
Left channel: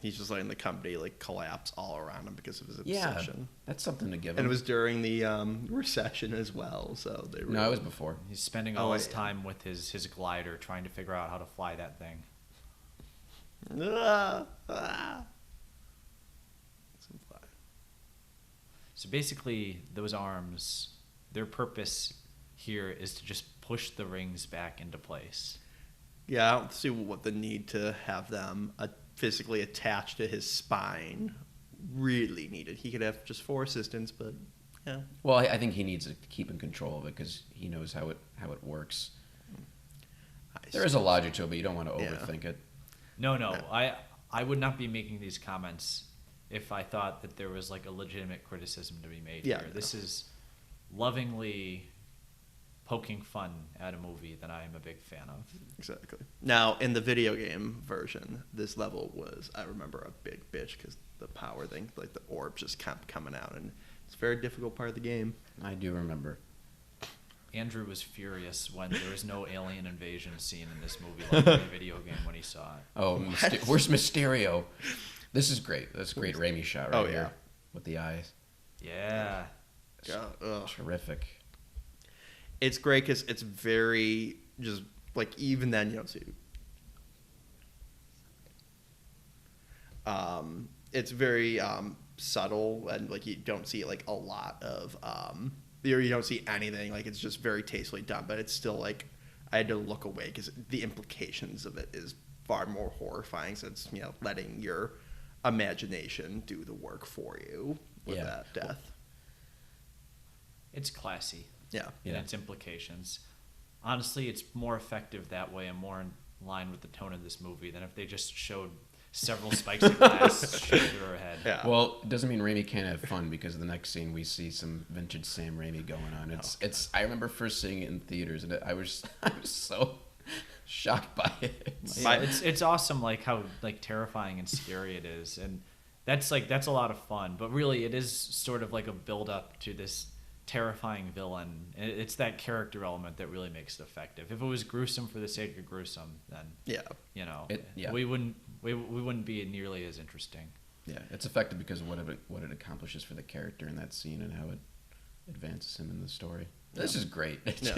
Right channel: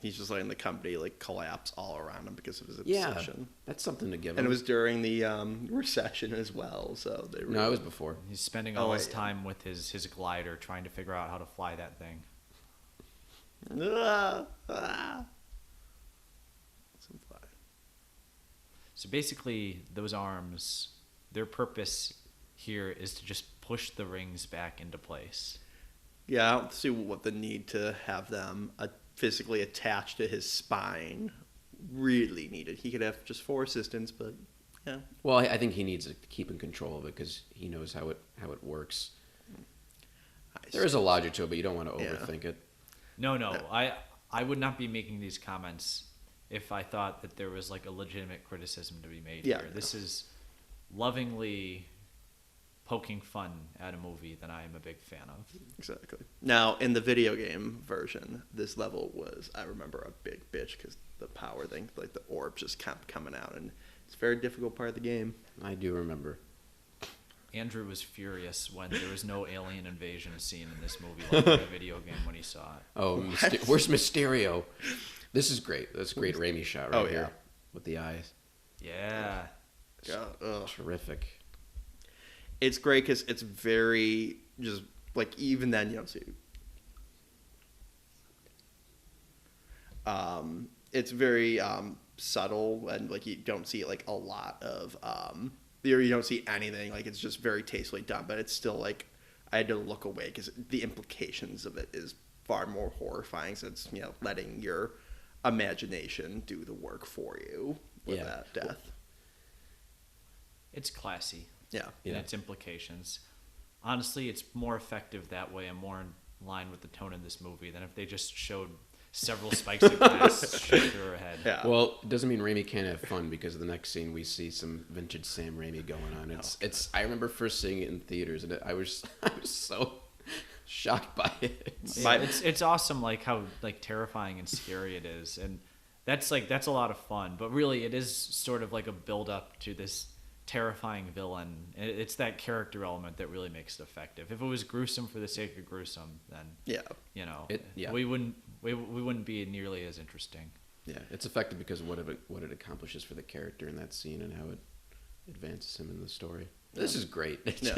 He's just letting the company like collapse all around him because of his obsession. That's something to get. And it was during the recession as well, so they really... No, it was before. He's spending Oh, all wait, his yeah. time with his glider trying to figure out how to fly that thing. Some fly. So basically, those arms, their purpose here is to just push the rings back into place. Yeah, I don't see what the need to have them physically attached to his spine really needed. He could have just 4 assistants, but yeah. Well, I think he needs to keep in control of it because he knows how it works. There is a logic to it, but you don't want to overthink it. No. I would not be making these comments if I thought that there was like a legitimate criticism to be made. Yeah, here. no. This is lovingly poking fun at a movie that I'm a big fan of. Exactly. Now, in the video game version, this level was, I remember, a big bitch because the power thing, like the orb just kept coming out, and it's a very difficult part of the game. I do remember. Andrew was furious when there was no alien invasion scene in this movie like in the video game when he saw it. Oh, What? Where's Mysterio? This is great. That's a great Raimi shot. Oh, right yeah. there with the eyes. Yeah. God, ugh. Terrific. It's great because it's very just like even then you don't see. It's very subtle and like you don't see like a lot of you don't see anything, like it's just very tastefully done, but it's still like I had to look away because the implications of it is far more horrifying since letting your imagination do the work for you with that death. It's classy. Yeah. In its implications. Honestly, it's more effective that way and more in line with the tone of this movie than if they just showed several spikes of glass shoot your head. Yeah. Well, it doesn't mean Raimi can't have fun because the next scene we see some vintage Sam Raimi going on. I remember first seeing it in theaters and I was so shocked by it. It's awesome, like how like terrifying and scary it is, and that's a lot of fun. But really, it is sort of like a build up to this terrifying villain. It's that character element that really makes it effective. If it was gruesome for the sake of gruesome, then we wouldn't be nearly as interesting. Yeah, it's effective because of what it accomplishes for the character in that scene and advances him in the story. Yeah. This is great. Yeah.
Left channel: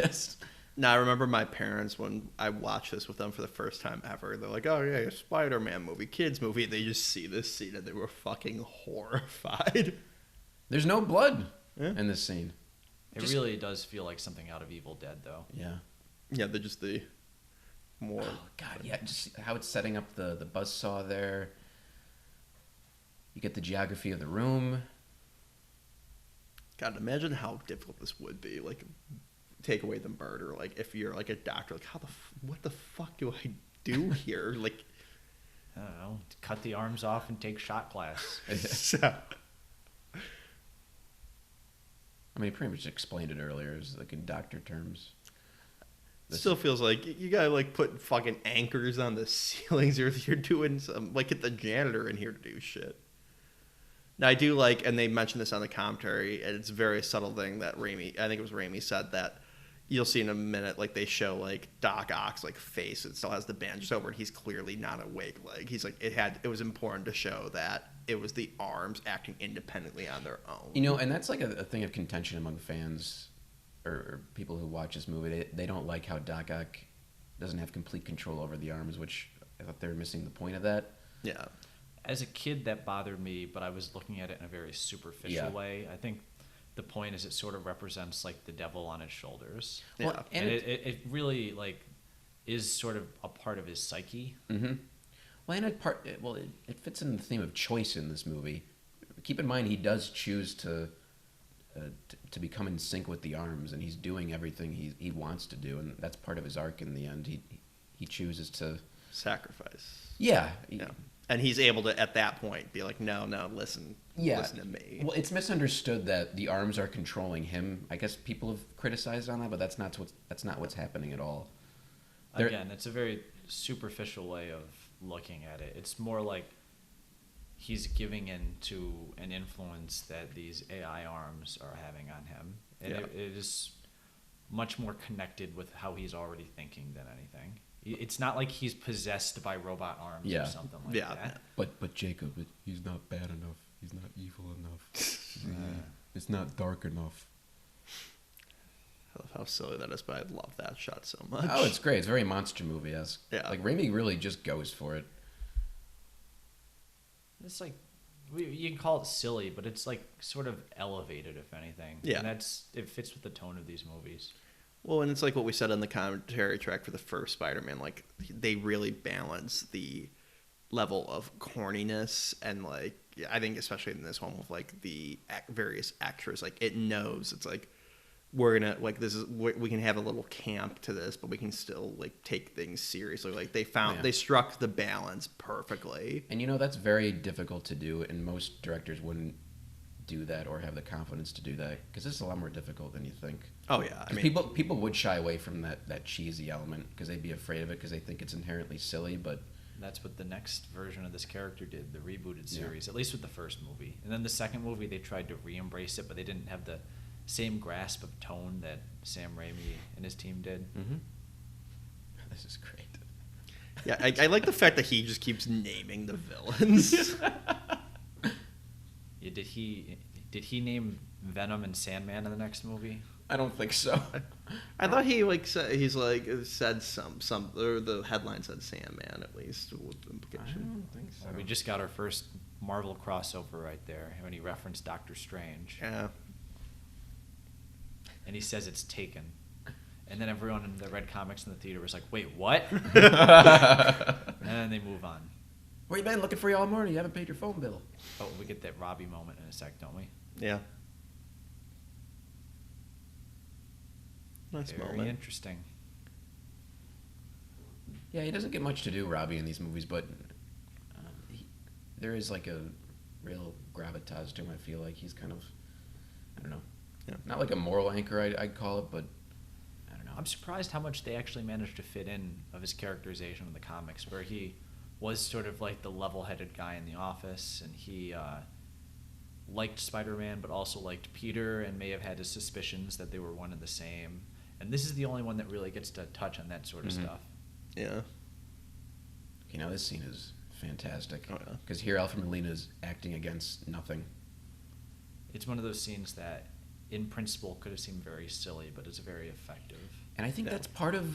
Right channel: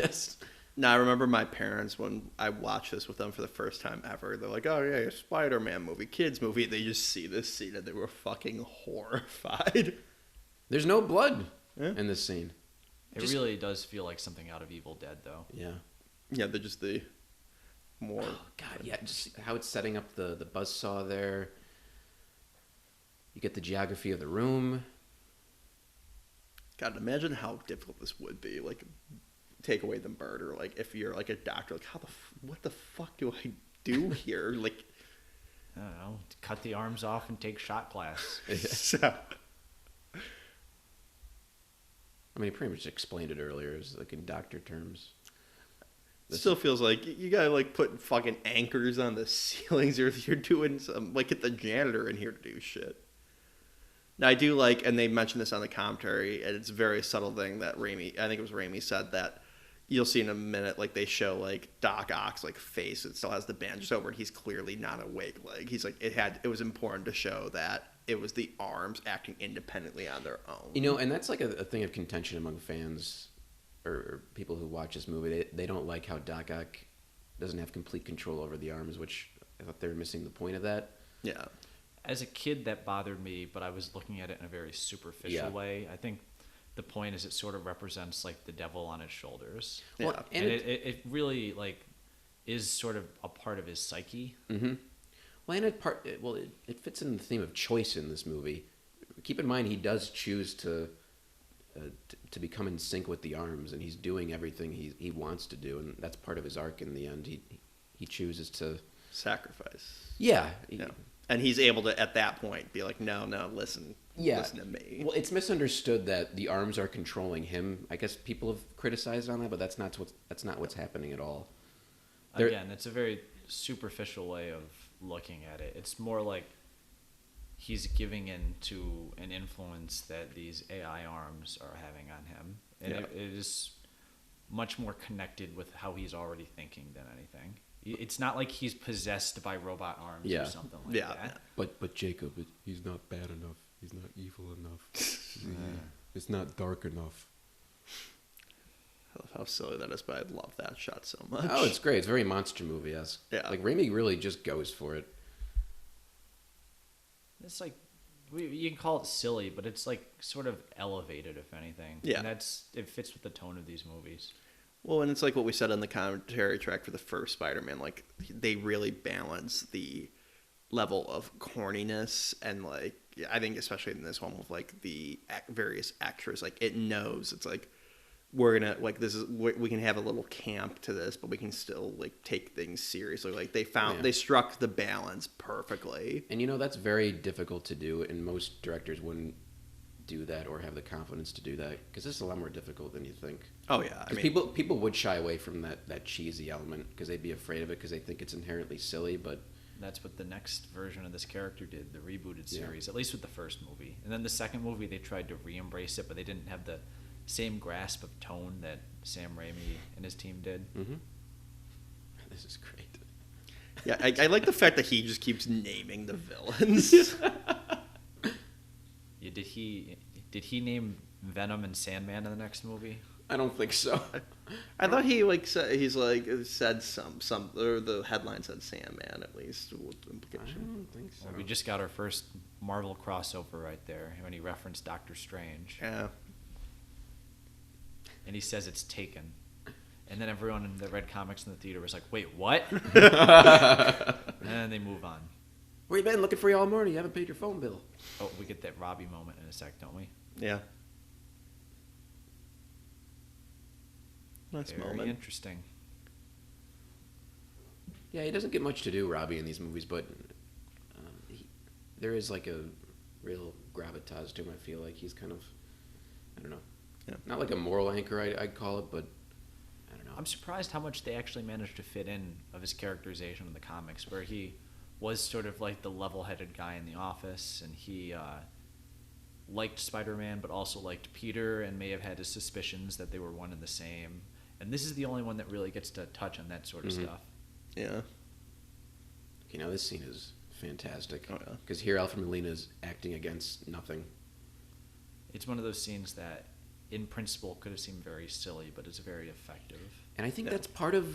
Now, I remember my parents, when I watched this with them for the first time ever, they're like, oh, yeah, a Spider-Man movie, kids movie. They just see this scene and they were fucking horrified. There's no blood Yeah. in this scene. It really does feel like something out of Evil Dead, though. Yeah. Yeah, they're just the more... God, yeah, just how it's setting up the buzzsaw there. You get the geography of the room. God, imagine how difficult this would be. Like, take away the murder. Like, if you're like a doctor, like, what the fuck do I do here? Like, I don't know. Cut the arms off and take shot blasts. so, I mean, I pretty much explained it earlier. It's like in doctor terms. still feels like you gotta like put fucking anchors on the ceilings, or you're doing some like get the janitor in here to do shit. Now I do like, and they mentioned this on the commentary, and it's a very subtle thing that Raimi, I think it was Raimi, said that you'll see in a minute, like they show like Doc Ock's like face, it still has the bandages over, and he's clearly not awake. Like he's like it was important to show that it was the arms acting independently on their own. You know, and that's like a thing of contention among fans or people who watch this movie. They don't like how Doc Ock doesn't have complete control over the arms, which I thought they were missing the point of that. Yeah. As a kid, that bothered me, but I was looking at it in a very superficial way. I think the point is it sort of represents like the devil on his shoulders. Yeah. Well, And it really like is sort of a part of his psyche. Mm-hmm. Well, and it fits in the theme of choice in this movie. Keep in mind, he does choose to become in sync with the arms, and he's doing everything he wants to do, and that's part of his arc in the end. He chooses to Sacrifice. Yeah. And he's able to, at that point, be like, no, listen Yeah. to me. Well, it's misunderstood that the arms are controlling him. I guess people have criticized on it, but that's not what's happening at all. Again, it's a very superficial way of looking at it. It's more like he's giving in to an influence that these AI arms are having on him. And it is much more connected with how he's already thinking than anything. It's not like he's possessed by robot arms or something like that. But Jacob, he's not bad enough. He's not evil enough. It's not dark enough. I love how silly that is, but I love that shot so much. Oh, it's great. It's very monster movie-esque. Yeah. Like, Raimi really just goes for it. It's like, you can call it silly, but it's like sort of elevated, if anything. Yeah. And it fits with the tone of these movies. Well, and it's like what we said on the commentary track for the first Spider-Man. Like, they really balance the level of corniness and, like, I think especially in this one with, like, the various extras. Like, it knows, it's like, we're gonna, like, we can have a little camp to this, but we can still, like, take things seriously. Like, they struck the balance perfectly. And, you know, that's very difficult to do, and most directors wouldn't do that or have the confidence to do that, because it's a lot more difficult than you think. Oh, yeah. I mean, people would shy away from that cheesy element because they'd be afraid of it because they think it's inherently silly, but That's what the next version of this character did, the rebooted series, at least with the first movie. And then the second movie, they tried to re-embrace it, but they didn't have the same grasp of tone that Sam Raimi and his team did. mm-hmm. This is great. yeah, I like the fact that he just keeps naming the villains. Did he name Venom and Sandman in the next movie? I don't think so. I thought he said some or the headline said Sandman at least with implication. So we just got our first Marvel crossover right there when he referenced Doctor Strange. Yeah. And he says it's taken. And then everyone that read comics in the theater was like, wait, what? And they move on. Where you been looking for you all morning? You haven't paid your phone bill. Oh, we get that Robbie moment in a sec, don't we? Yeah. Nice Very moment. Interesting. Yeah, he doesn't get much to do, Robbie, in these movies, but there is like a real gravitas to him. I feel like he's kind of, I don't know, not like a moral anchor, I'd call it, but I don't know. I'm surprised how much they actually managed to fit in of his characterization in the comics, where he was sort of like the level-headed guy in the office, and he liked Spider-Man, but also liked Peter, and may have had his suspicions that they were one and the same. And this is the only one that really gets to touch on that sort of stuff. Yeah. You know, this scene is fantastic. Oh, yeah. Because here Alfred Molina is acting against nothing. It's one of those scenes that in principle, could have seemed very silly, but it's very effective. And I think Yeah. that's part of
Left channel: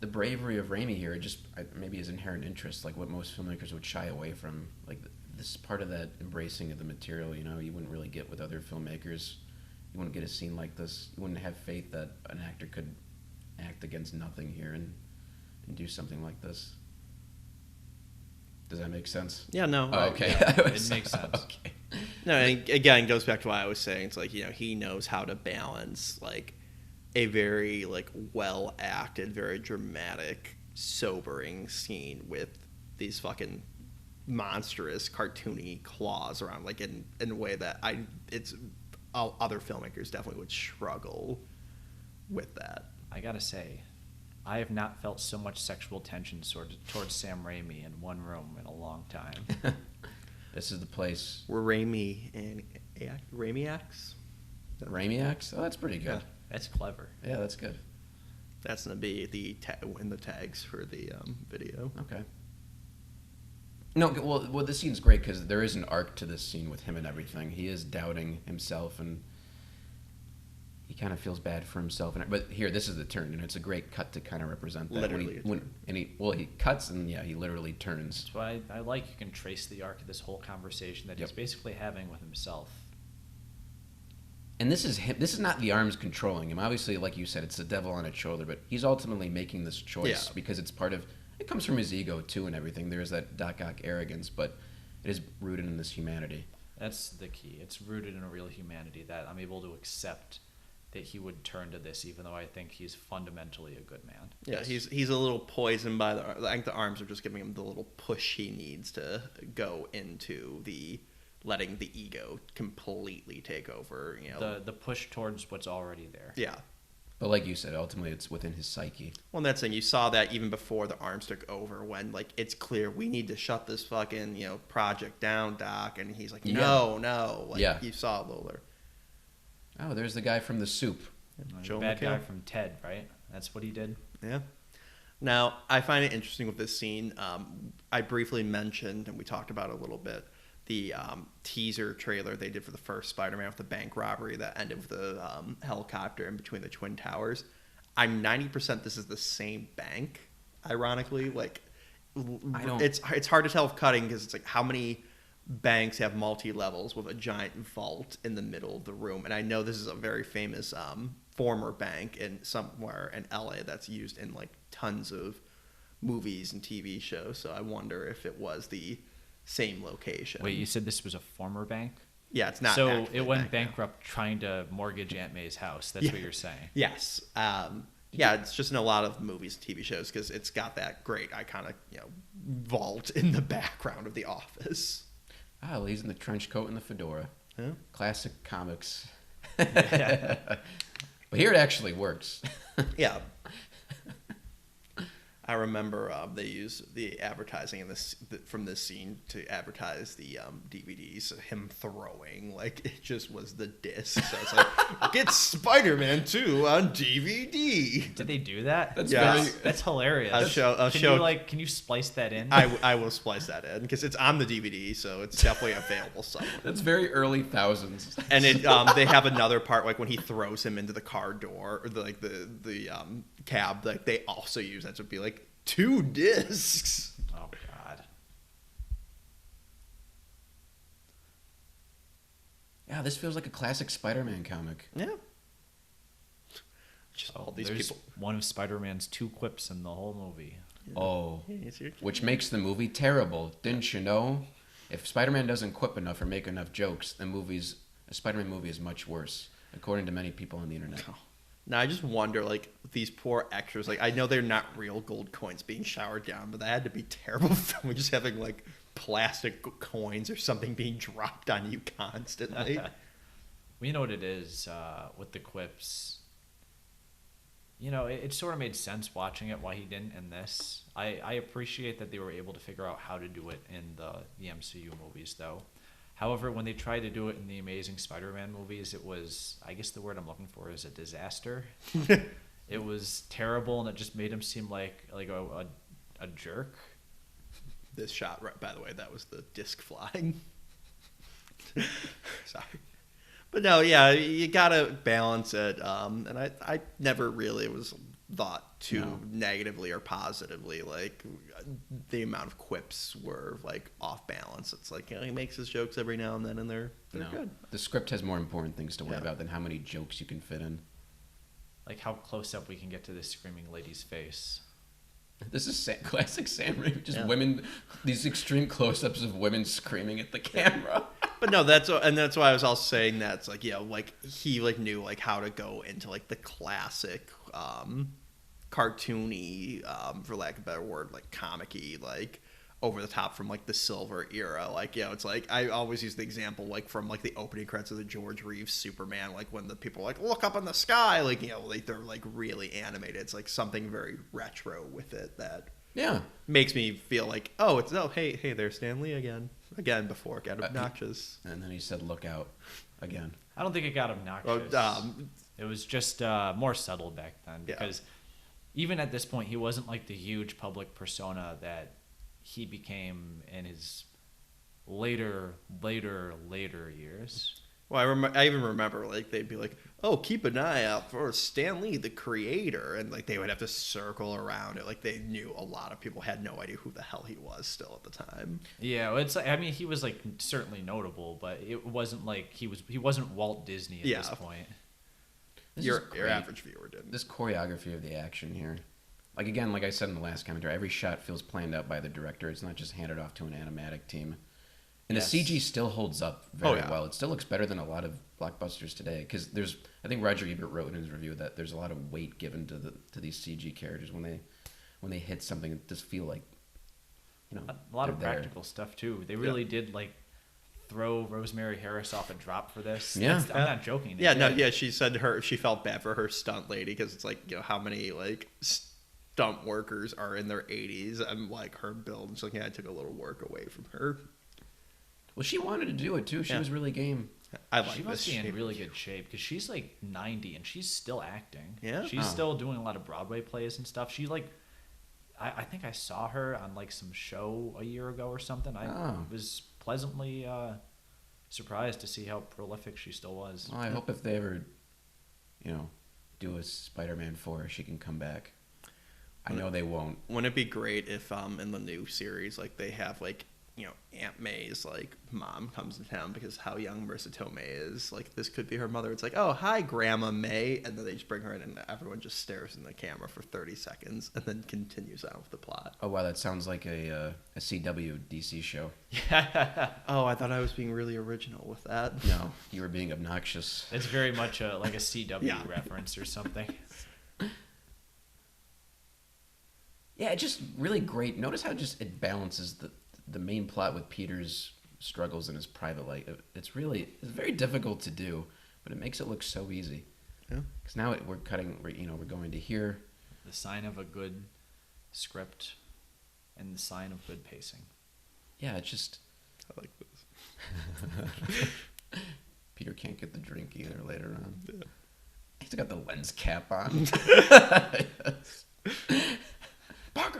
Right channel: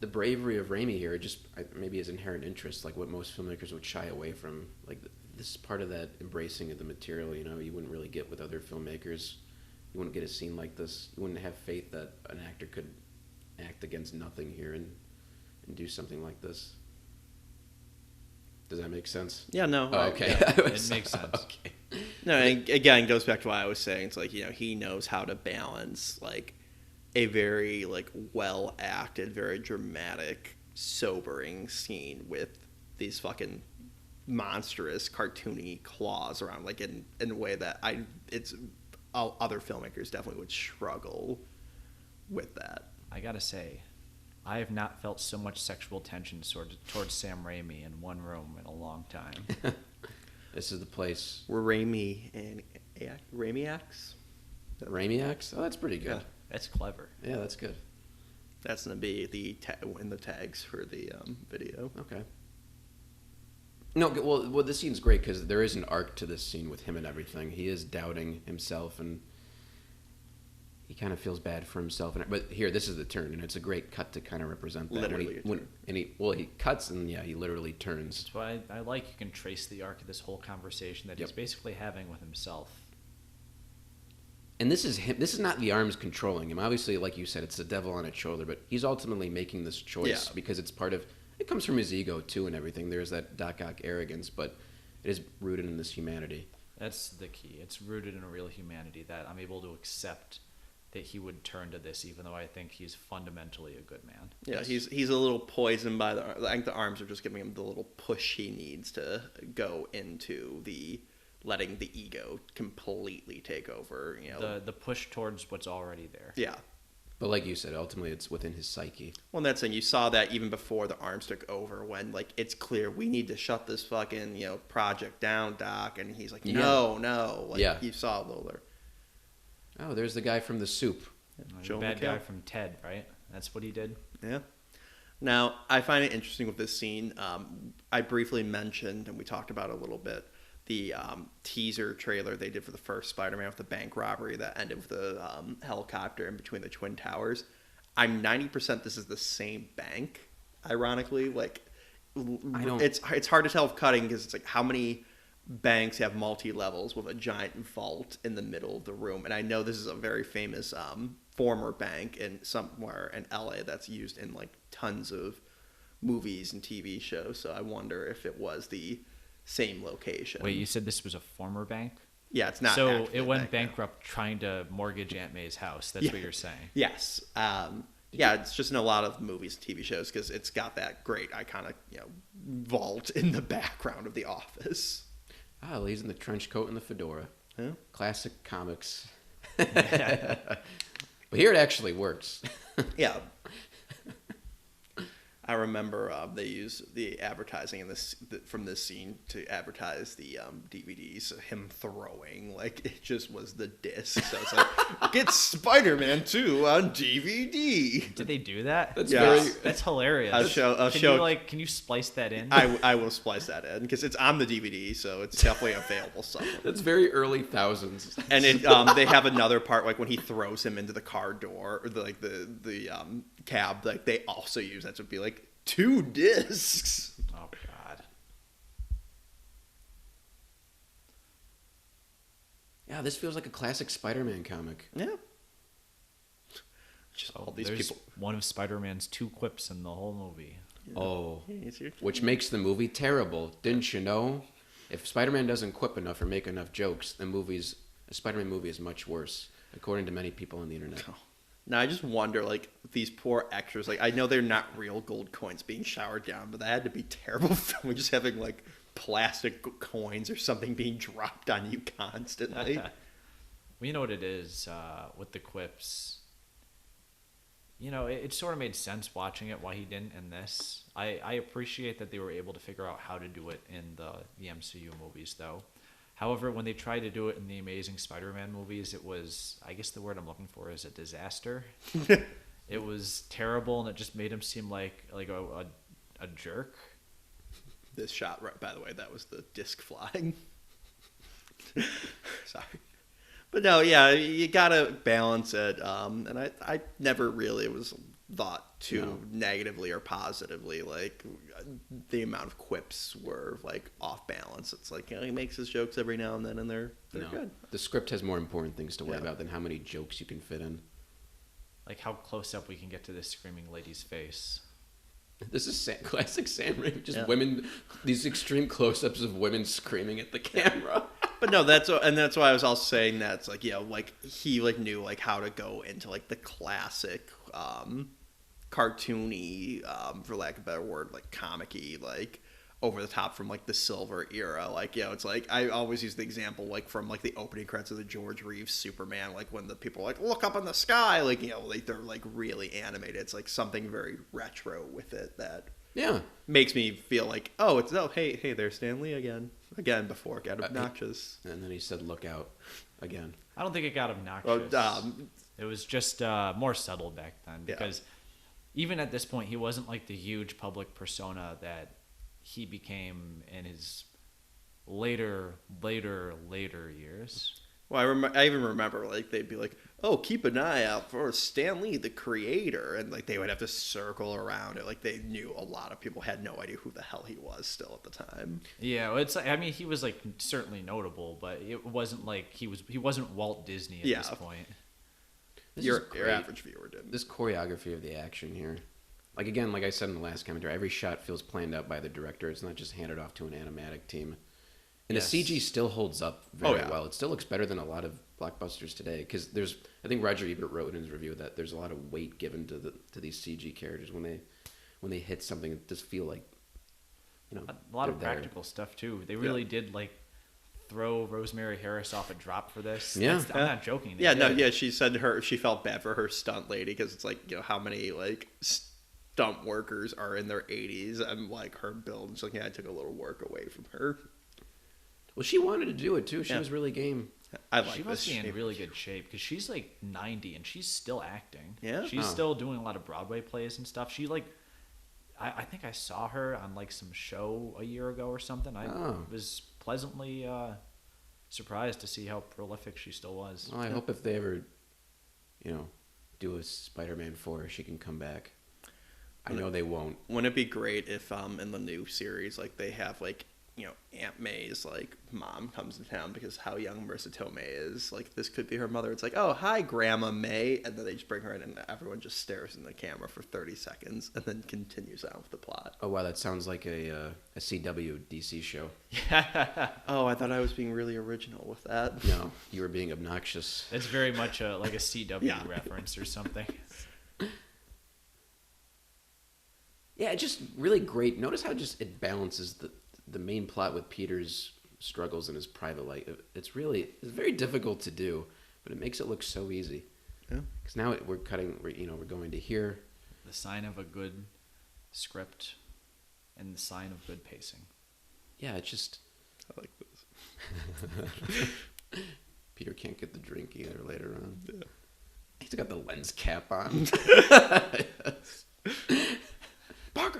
the bravery of Raimi here, just maybe his inherent interest, like what most filmmakers would shy away from. Like this is part of that embracing of the material. You know, you wouldn't really get with other filmmakers. You wouldn't get a scene like this. You wouldn't have faith that an actor could act against nothing here and do something like this. Does that make sense? Yeah, no, Oh, okay. yeah. It makes sense. Okay. No, and again, it goes back to what I was saying. It's like, he knows how to balance like a very like well acted, very dramatic, sobering scene with these fucking monstrous, cartoony claws around, like in a way that other filmmakers definitely would struggle with that. I gotta say, I have not felt so much sexual tension towards Sam Raimi in one room in a long time. This is the place. Were Raimi and Raimiacs? Raimiacs? Oh, that's pretty good. Yeah, That's clever. Yeah, that's good. that's gonna be in the tags for the video. Okay. No, well, this scene's great because there is an arc to this scene with him and everything. He is doubting himself and he kind of feels bad for himself. But here, this is the turn. And it's a great cut to kind of represent that. Literally a turn. And he cuts and he literally turns. So I like you can trace the arc of this whole conversation that he's basically having with himself. And this is him. This is not the arms controlling him. Obviously, like you said, it's the devil on its shoulder. But he's ultimately making this choice because it's part of. It comes from his ego too, and everything. There's that Doc Ock arrogance, but it is rooted in this humanity. That's the key. It's rooted in a real humanity that I'm able to accept that he would turn to this, even though I think he's fundamentally a good man. Yeah, he's a little poisoned by I think the arms are just giving him the little push he needs to go into the letting the ego completely take over. The push towards what's already there. Yeah. But like you said, ultimately it's within his psyche. Well, that's saying you saw that even before the arms took over, when like it's clear we need to shut this fucking project down, Doc, and he's like, no, like you saw a little there. Oh, there's the guy from The Soup. Yeah. Joe That McHale guy from Ted, right? That's what he did. Yeah. Now I find it interesting with this scene. I briefly mentioned, and we talked about it a little bit, the teaser trailer they did for the first Spider-Man with the bank robbery that ended with the helicopter in between the Twin Towers. I'm 90% this is the same bank, ironically. Like, it's hard to tell with cutting because it's like how many banks have multi-levels with a giant vault in the middle of the room. And I know this is a very famous former bank in somewhere in LA that's used in like tons of movies and TV shows. So I wonder if it was the same location. You said this was a former bank? Yeah, it's not so actually a bank now. now. Trying to mortgage Aunt May's house. That's Yeah. what you're saying. Yes. Yeah, it's just in a lot of movies and TV shows because it's got that great iconic, vault in the background of the office. Oh, he's in the trench coat and the fedora. Yeah. Classic comics. But here it actually works. Yeah. I remember they used the advertising in from this scene to advertise the DVDs. Him throwing, like it just was the disc. So it's like, get Spider-Man 2 on DVD. Did they do that? That's hilarious. I'll show. Can you splice that in? I will splice that in because it's on the DVD, so it's definitely available somewhere. That's very early thousands. And it they have another part like when he throws him into the car door or the cab, like they also use that to be like 2 discs. Oh, God. Yeah, this feels like a classic Spider-Man comic. Yeah. Just all these There's people. One Spider-Man's 2 quips in the whole movie. Yeah. Oh, Hey, it's your which makes the movie terrible. Didn't you know? If Spider-Man doesn't quip enough or make enough jokes, the Spider-Man movie is much worse, according to many people on the internet. Oh. Now I just wonder, like these poor extras. Like I know they're not real gold coins being showered down, but that had to be terrible filming. Just having like plastic coins or something being dropped on you constantly. You know what it is with the quips. It sort of made sense watching it why he didn't in this. I appreciate that they were able to figure out how to do it in the MCU movies, though. However, when they tried to do it in the Amazing Spider-Man movies, it was, I guess the word I'm looking for is a disaster. It was terrible, and it just made him seem like a jerk. This shot, right, by the way, that was the disc flying. Sorry. But no, yeah, you gotta balance it. And I never really was thought too negatively or positively. Like the amount of quips were like off balance. It's like, he makes his jokes every now and then, and they're good. The script has more important things to worry Yeah. about than how many jokes you can fit in. Like how close up we can get to this screaming lady's face. This is classic Sam Raimi. Just Yeah. women, these extreme close-ups of women screaming at the camera. But no, that's why I was also saying that it's like, yeah, like he like knew like how to go into like the classic cartoony, for lack of a better word, like comic-y, like over the top from like the Silver era. Like, it's like I always use the example like from like the opening credits of the George Reeves Superman, like when the people are like look up in the sky, like like they're like really animated. It's like something very retro with it that Yeah. makes me feel like, oh, hey, there's Stan Lee again before it got obnoxious. And then he said, "Look out!" Again. I don't think it got obnoxious. Well, it was just more subtle back then. Yeah. Because even at this point, he wasn't like the huge public persona that he became in his later years. Well, I even remember like they'd be like, "Oh, keep an eye out for Stan Lee, the creator," and like they would have to circle around it. Like they knew a lot of people had no idea who the hell he was still at the time. Yeah, I mean, he was like certainly notable, but it wasn't like he wasn't Walt Disney. At Yeah. this point. Your average viewer didn't. This choreography of the action here, like again, like I said in the last commentary, every shot feels planned out by the director. It's not just handed off to an animatic team. And Yes. the CG still holds up Oh, very yeah. well. It still looks better than a lot of blockbusters today because I think Roger Ebert wrote in his review that there's a lot of weight given to these CG characters when they hit something that just feel like A lot of they're there. practical stuff too. They Yeah. really did like throw Rosemary Harris off a drop for this. Yeah. I'm not joking. Yeah, no, yeah. She said she felt bad for her stunt lady because it's like, how many like stunt workers are in their 80s and like her build. And she's like, yeah, I took a little work away from her. Well, she wanted to do it too. She Yeah. was really game. I like this She's in shape. really good shape. 'Cause she's like 90 and she's still acting. Yeah? She's still doing a lot of Broadway plays and stuff. She like, I think I saw her on like some show a year ago or something. I was pleasantly surprised to see how prolific she still was. Well, I hope if they ever, do a Spider-Man 4, she can come back. I know they won't. Wouldn't it be great if in the new series like they have like Aunt May's like mom comes to town because how young Marissa Tomei is, like this could be her mother. It's like, oh hi Grandma May, and then they just bring her in and everyone just stares in the camera for 30 seconds and then continues on with the plot. Oh wow, that sounds like a CW DC show. Oh, I thought I was being really original with that. You were being obnoxious. It's very much like a CW Yeah. reference or something. Yeah, it's just really great. Notice how just it balances the main plot with Peter's struggles in his private life. It's very difficult to do, but it makes it look so easy. Yeah. Because now we're going to here. The sign of a good script and the sign of good pacing. Yeah, it just I like this. Peter can't get the drink either later on. Yeah. He's got the lens cap on. Parker.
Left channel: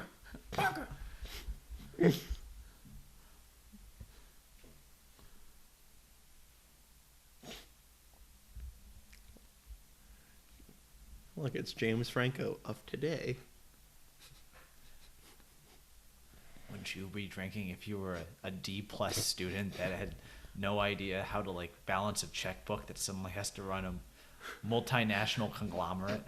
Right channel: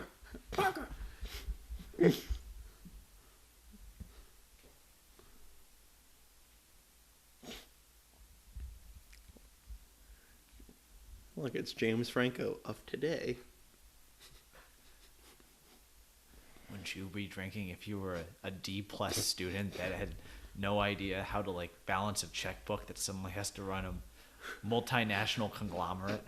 Look, it's James Franco of today. You would be drinking if you were a D+ student that had no idea how to like balance a checkbook that someone has to run a multinational conglomerate.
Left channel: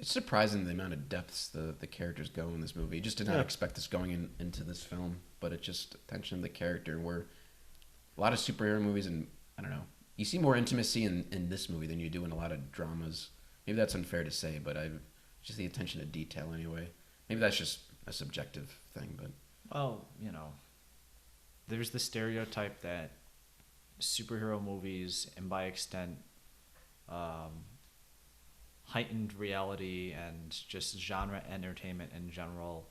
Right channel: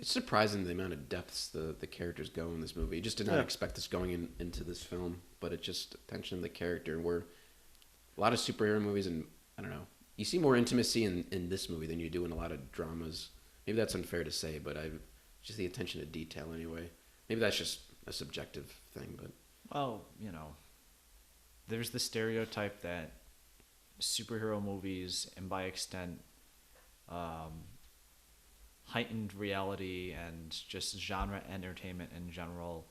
It's surprising the amount of depths the characters go in this movie. You just didn't expect this going into this film, but it just attention the character. Where a lot of superhero movies, and I don't know, you see more intimacy in this movie than you do in a lot of dramas. Maybe that's unfair to say, but just the attention to detail anyway. Maybe that's just a subjective thing, but Well, there's the stereotype that superhero movies, and by extent, heightened reality and just genre entertainment in general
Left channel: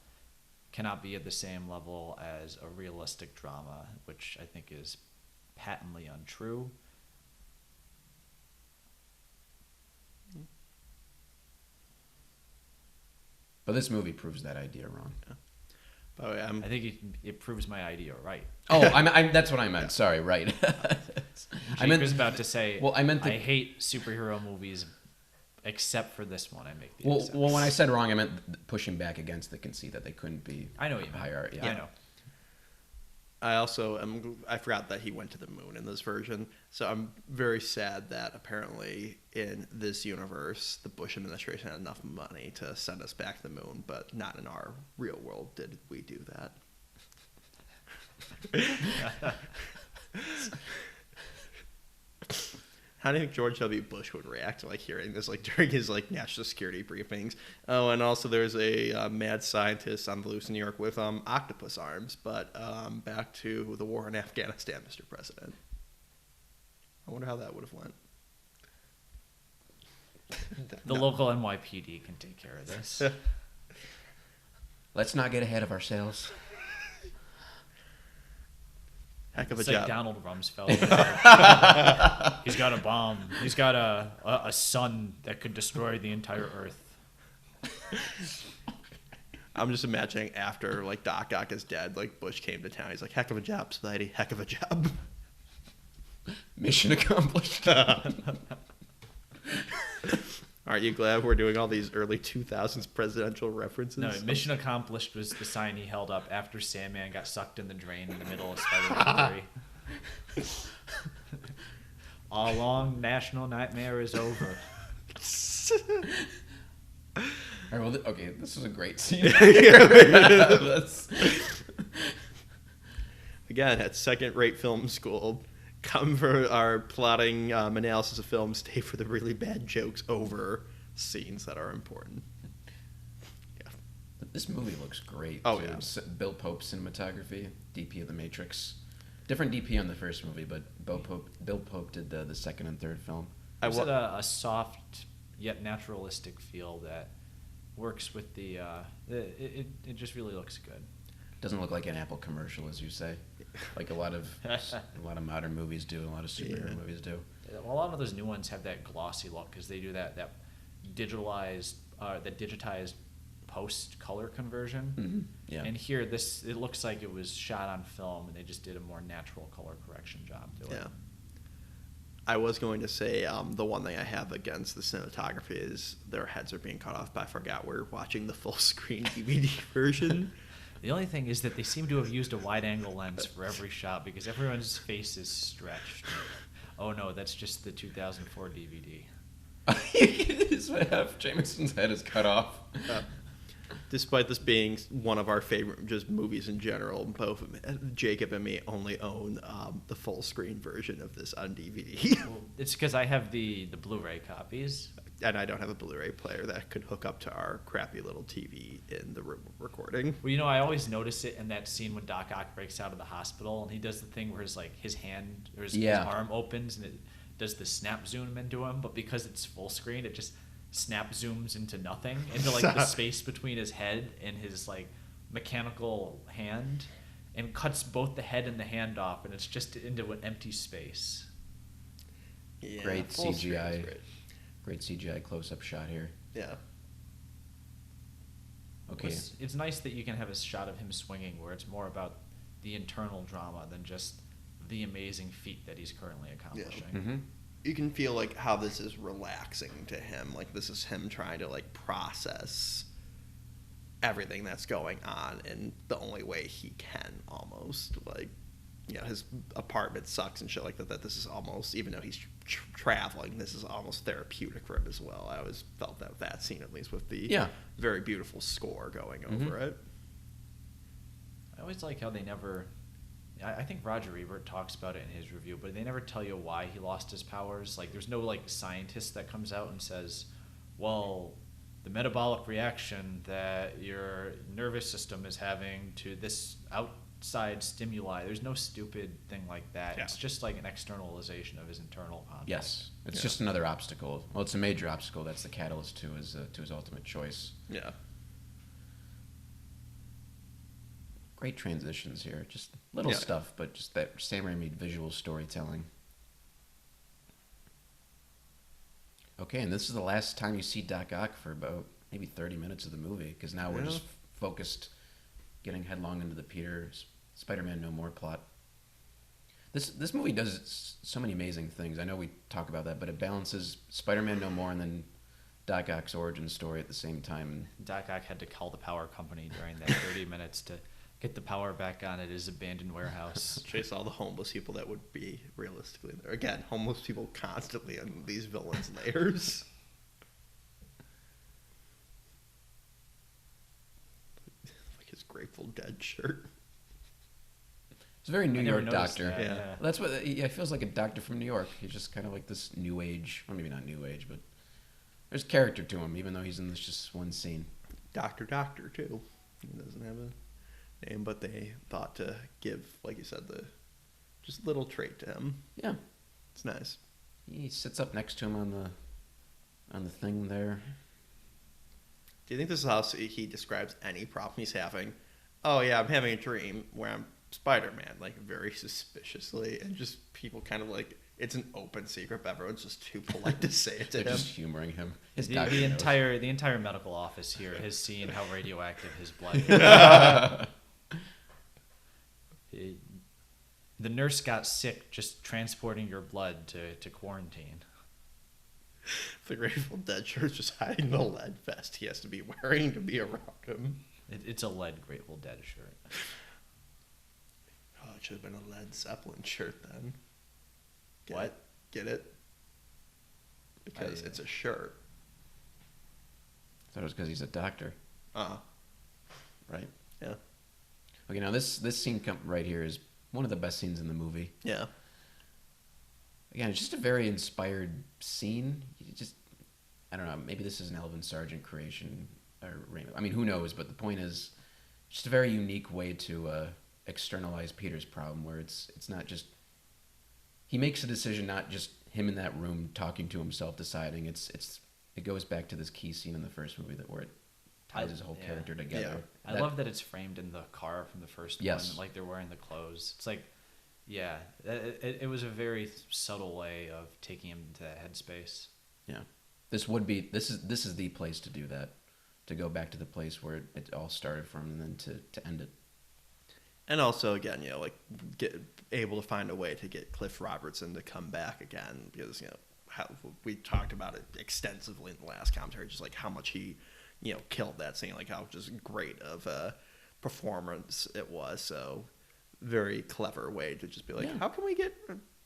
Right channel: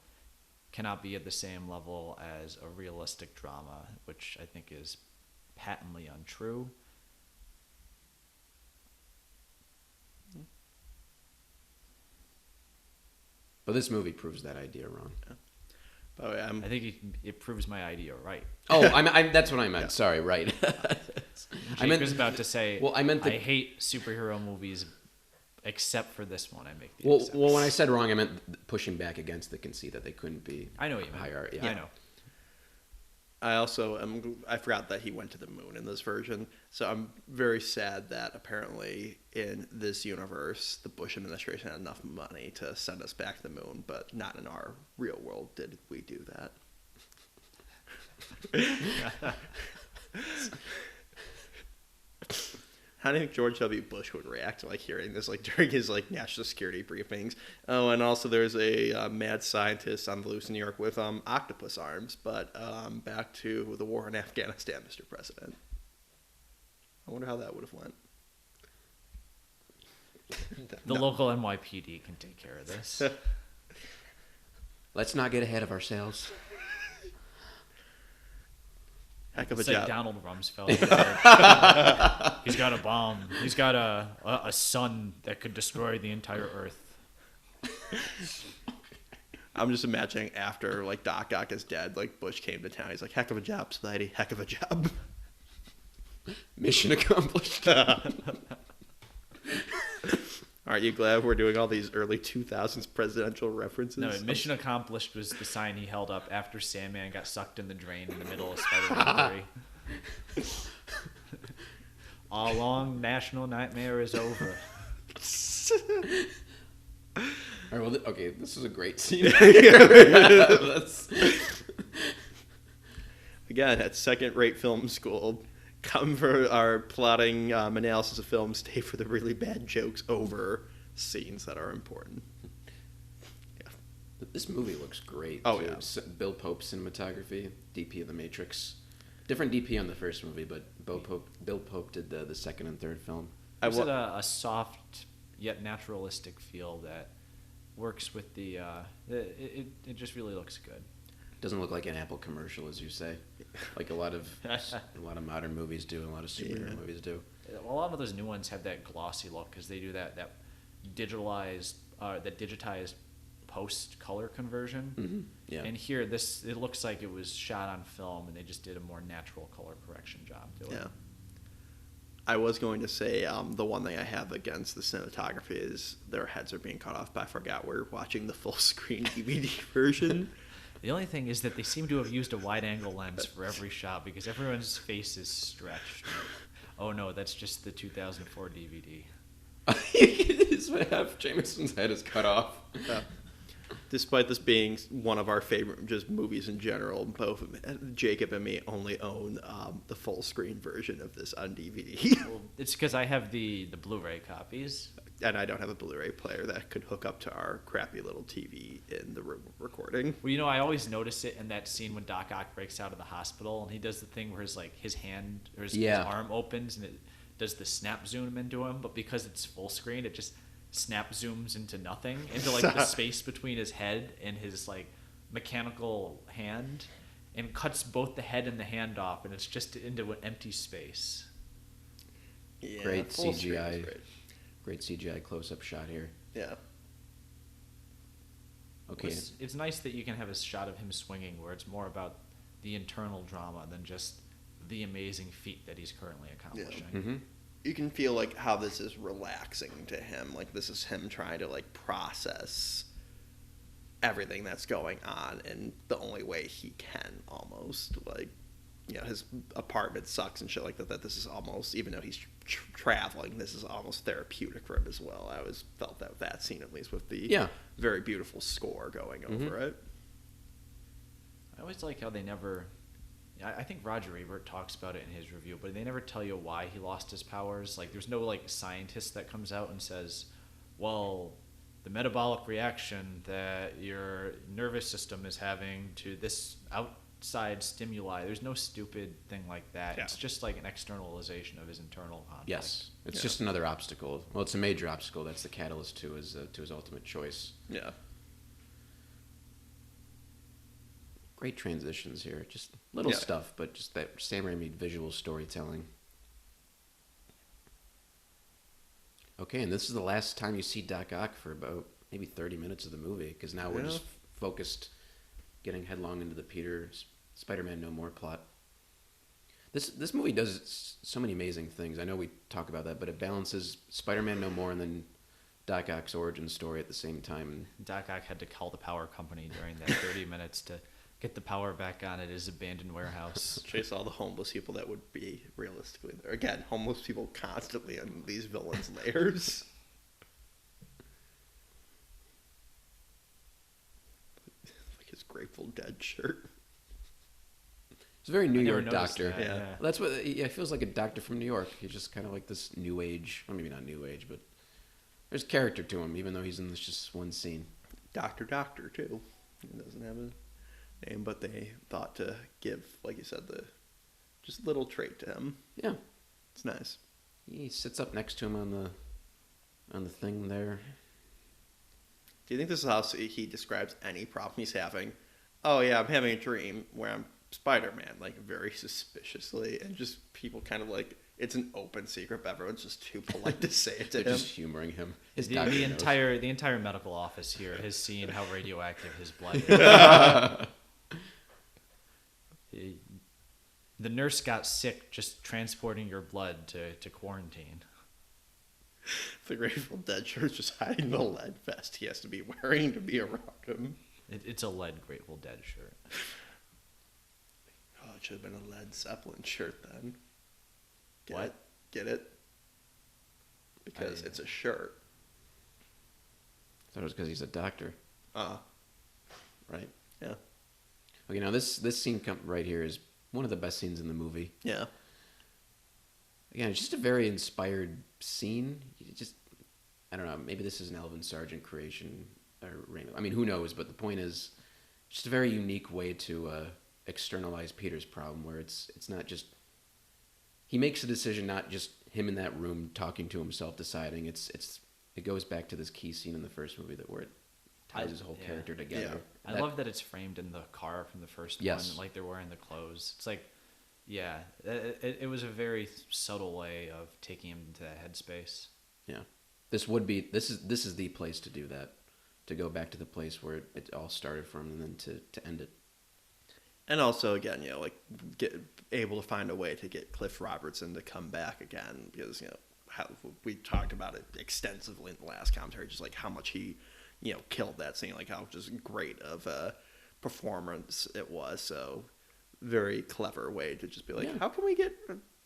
cannot be at the same level as a realistic drama, which I think is patently untrue. this movie proves that idea wrong. By the way, I think it proves my idea right. That's what I meant. Yeah. Sorry, right. I was about to say. Well, I meant I hate superhero movies, except for this one. Well, when I said wrong, I meant pushing back against the conceit that they couldn't be I know. higher. Yeah. I forgot that he went to the moon in this version. So I'm very sad that apparently in this universe, the Bush administration had enough money to send us back to the moon, but not in our real world did we do that. How do you think George W. Bush would react to hearing this during his national security briefings? Oh, and also there's a mad scientist on the loose in New York with octopus arms. But back to the war in Afghanistan, Mr. President. I wonder how that would have went. The local NYPD can take care of this. Let's not get ahead of ourselves. Heck of a It's job. like Donald Rumsfeld. He's got a bomb. He's got a sun that can destroy the entire Earth. I'm just imagining after Doc Ock is dead, Bush came to town. He's like, "Heck of a job, Spidey. Heck of a job." Mission accomplished. Aren't you glad we're doing all these early 2000s presidential No, references? mission accomplished was the sign he held up after Sandman got sucked in the drain in the middle of the A long national nightmare is over. Okay, this is a great scene. Again, at second-rate film school, come for our plotting analysis of films, stay for the really bad jokes over scenes that are important. Yeah. This movie looks great. Oh, yeah. Bill Pope cinematography, DP of The Matrix. Different DP on the first movie, but Bill Pope did the second and third film. It's a soft yet naturalistic feel that works with the. It just really looks good. Doesn't look like an Apple commercial, as you say, like a lot of modern movies do, a lot of superhero movies do. Yeah, a lot of those new ones have that glossy look because they do that digitalized post color conversion. Mm-hmm. Yeah. And here, it looks like it was shot on film. They just did a more natural color correction job. Yeah. I was going to say the one thing I have against the cinematography is their heads are being cut off, but I forgot we're watching the full screen DVD version. The only thing is that they seem to have used a wide angle lens for every shot because everyone's face is stretched. Oh no, that's just the 2004 DVD. Jameson's head is cut off. Despite this being one of our favorite just movies in general, both Jacob and me only own the full screen version of this on DVD. Well, it's because I have the Blu-ray copies. And I don't have a Blu-ray player that could hook up to our crappy little TV in the room of recording. Well, I always notice it in that scene when Doc Ock breaks out of the hospital and he does the thing where his hand or his arm opens and it does the snap zoom into him, but because it's full screen, it just snap zooms into nothing. The space between his head and his mechanical hand, and cuts both the head and the hand off, and it's just into an empty space. Yeah, Great full CGI. screen is great. Great CGI close-up shot here. Yeah. Okay. It's nice that you can have a shot of him swinging where it's more about the internal drama than just the amazing feat that he's currently accomplishing. Yeah. Mm-hmm. You can feel how this is relaxing to him. This is him trying to process everything that's going on in the only way he can, almost. His apartment sucks and shit like that. That this is almost, even though he's traveling, this is almost therapeutic for him as well. I always felt that scene, at least with the very beautiful score going over it. I always like how they never. I think Roger Ebert talks about it in his review, but they never tell you why he lost his powers. There's no scientist that comes out and says, "Well, the metabolic reaction that your nervous system is having to this outside stimuli." There's no stupid thing like that. Yeah. It's just an externalization of his internal content. Yes. It's just another obstacle. Well, it's a major obstacle. That's the catalyst to his ultimate choice. Yeah. Great transitions here. Just little stuff, but just that Sam Raimi visual storytelling. Okay, and this is the last time you see Doc Ock for about maybe 30 minutes of the movie, because now we're just focused, getting headlong into the Peter Spider-Man No More plot. This movie does so many amazing things. I know we talk about that, but it balances Spider-Man no more than Doc Ock's origin story at the same time. Doc Ock had to call the power company during that 30 minutes to get the power back on at his abandoned warehouse. Chase all the homeless people that would be realistically there. Again, homeless people constantly in these villains' lairs. Like his Grateful Dead shirt. It's a very New I never York noticed doctor. that, Yeah. Well, that's what it feels like. A doctor from New York. He's just kind of like this new age. Well, maybe not new age, but there's character to him, even though he's in this just one scene. Doctor too. He doesn't have a name, but they thought to give, like you said, the just little trait to him. Yeah, It's nice. he sits up next to him on the thing there. Do you think this is how he describes any problem he's having? Oh yeah, I'm having a dream where I'm Spider-Man, like very suspiciously, and just people kind of like it's an open secret, but everyone's just too polite to say it to him. Just humoring him. His The, doctor. the entire medical office here has seen how radioactive his blood. The nurse got sick just transporting your blood to quarantine. The Grateful Dead shirt's just hiding the lead vest he has to be wearing to be around him. It's a lead Grateful Dead shirt. Oh, it should have been a Led Zeppelin shirt then. Get What? it? Get it? Because it's a shirt. I thought it was because he's a doctor, Uh, right? yeah. But, this scene right here is one of the best scenes in the movie. Yeah. Again, it's just a very inspired scene. It's just, I don't know, maybe this is an Alvin Sargent creation. I mean, who knows? But the point is, just a very unique way to externalize Peter's problem, where it's not just he makes a decision, not just him in that room talking to himself, deciding. It goes back to this key scene in the first movie where it ties his whole character together. Yeah. I love that it's framed in the car from the first one, Yes. like they're wearing the clothes. It's like, yeah, it was a very subtle way of taking the headspace. This is the place to do that. To go back to the place where it all started from, and then to end it. And also, again, like get able to find a way to get Cliff Robertson to come back again because how we talked about it extensively in the last commentary, just like how much he killed that scene, like how just great of a performance it was. So very clever way to just be like, how can we get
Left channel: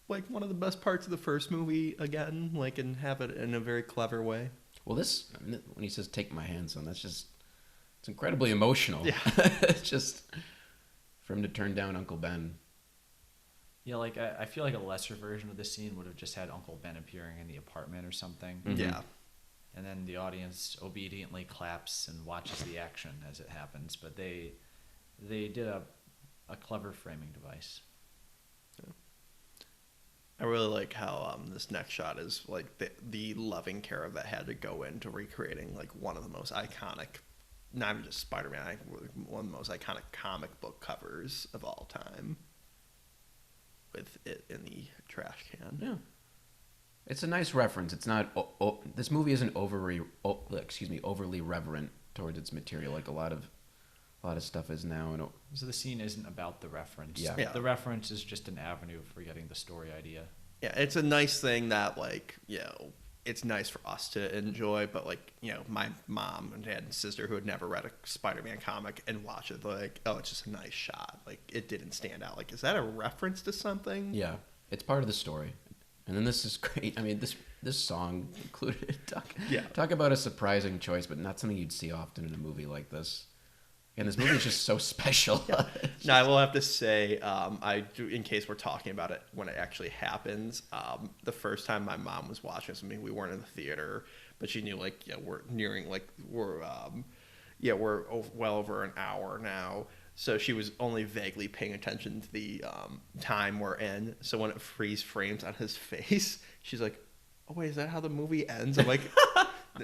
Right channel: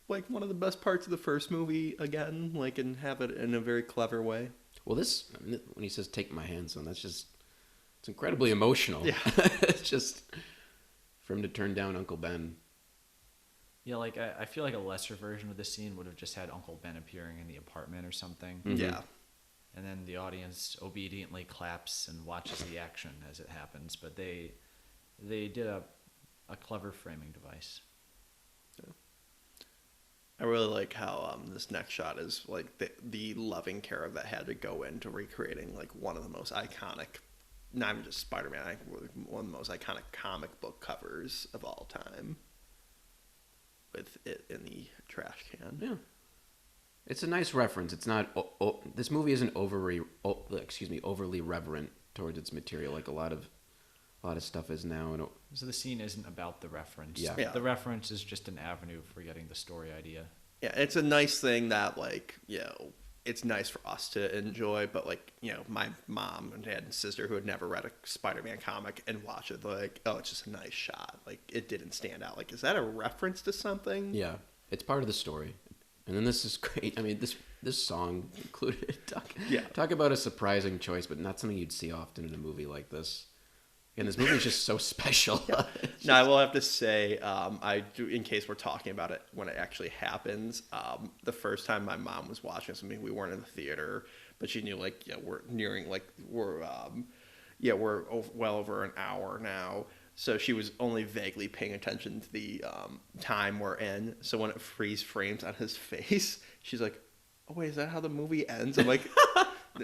like one of the best parts of the first movie again, like and have it in a very clever way. Well, when he says "take my hand," son, it's incredibly emotional. Yeah. It's just for him to turn down Uncle Ben. Yeah, like I feel like a lesser version of this scene would have just had Uncle Ben appearing in the apartment or something. Yeah. And then the audience obediently claps and watches the action as it happens. But they did a clever framing device. I really like how this next shot is like the loving care that had to go into recreating like one of the most iconic, not even just Spider-Man, I think one of the most iconic comic book covers of all time. With it in the trash can. Yeah. It's a nice reference. It's not. This movie isn't overly reverent towards its material like a lot of stuff is now. So the scene isn't about the reference. Yeah. The reference is just an avenue for getting the story idea. Yeah, it's a nice thing that like it's nice for us to enjoy, but like my mom and dad and sister who had never read a Spider-Man comic and watch it, like, oh, it's just a nice shot. Like it didn't stand out. Like, is that a reference to something? Yeah, it's part of the story. And then this is great. I mean, this song included. Yeah. Talk about a surprising choice, but not something you'd see often in a movie like this. And this movie is just so special. Yeah. Now, I will have to say, I do, in case we're talking about it when it actually happens, the first time my mom was watching this with me, we weren't in the theater, but she knew, like, we're nearing, like, we're well over an hour now. So she was only vaguely paying attention to the time we're in. So when it freeze frames on his face, she's like, oh, wait, is that how the movie ends? I'm like...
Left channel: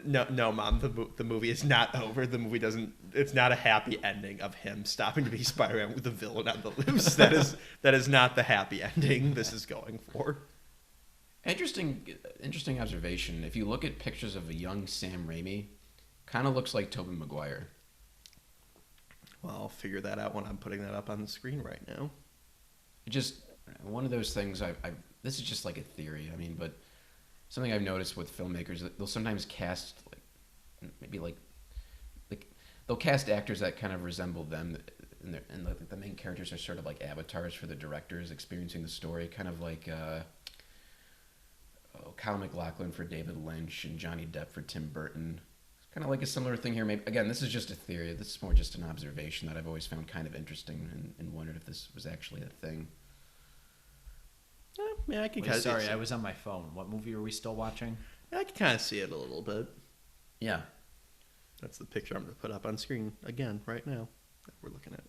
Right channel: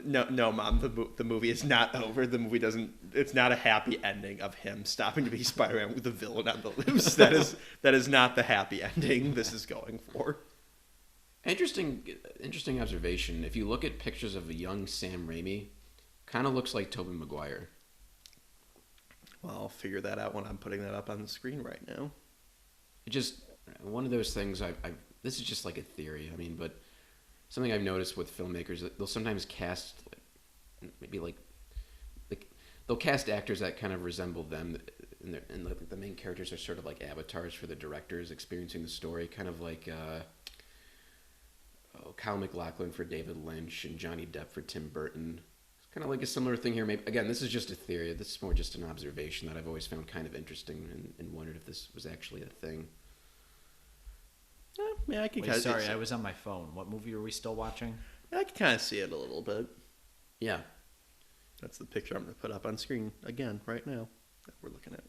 No, Mom. The movie is not over. The movie doesn't. It's not a happy ending of him stopping to be Spider-Man with the villain on the loose. That is not the happy ending this is going for. Interesting observation. If you look at pictures of the young Sam Raimi, kind of looks like Tobey Maguire. Well, I'll figure that out when I'm putting that up on the screen right now. Just one of those things this is just like a theory. I mean, but something I've noticed with filmmakers that they'll sometimes cast maybe like they'll cast actors that kind of resemble them, and the main characters are sort of like avatars for the directors experiencing the story, kind of like Kyle MacLachlan for David Lynch and Johnny Depp for Tim Burton. Kind of like a similar thing here. Maybe, again, this is just a theory. This is more just an observation that I've always found kind of interesting and wondered if this was actually a thing. Yeah, I can kind of see it. Sorry, I was on my phone. What movie are we still watching? I can kind of see it a little bit. Yeah. That's the picture I'm going to put up on screen again right now that we're looking at.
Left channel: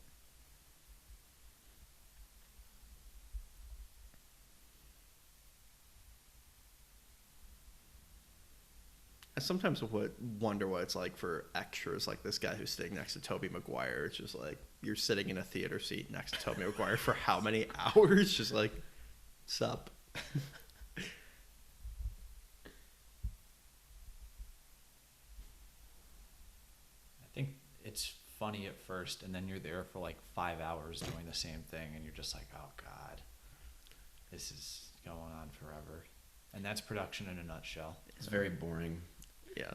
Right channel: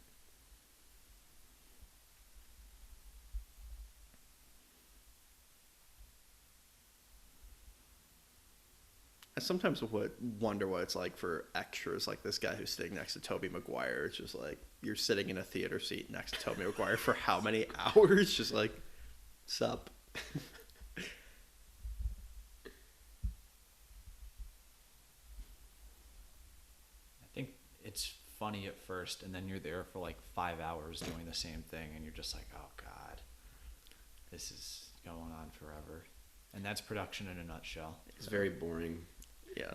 I sometimes would wonder what it's like for extras like this guy who's sitting next to Tobey Maguire. It's just like you're sitting in a theater seat next to Tobey Maguire for how many hours? Just like, sup? I think it's funny at first, and then you're there for like 5 hours doing the same thing, and you're just like, oh god, this is going on forever. And that's production in a nutshell. It's very boring. Yeah.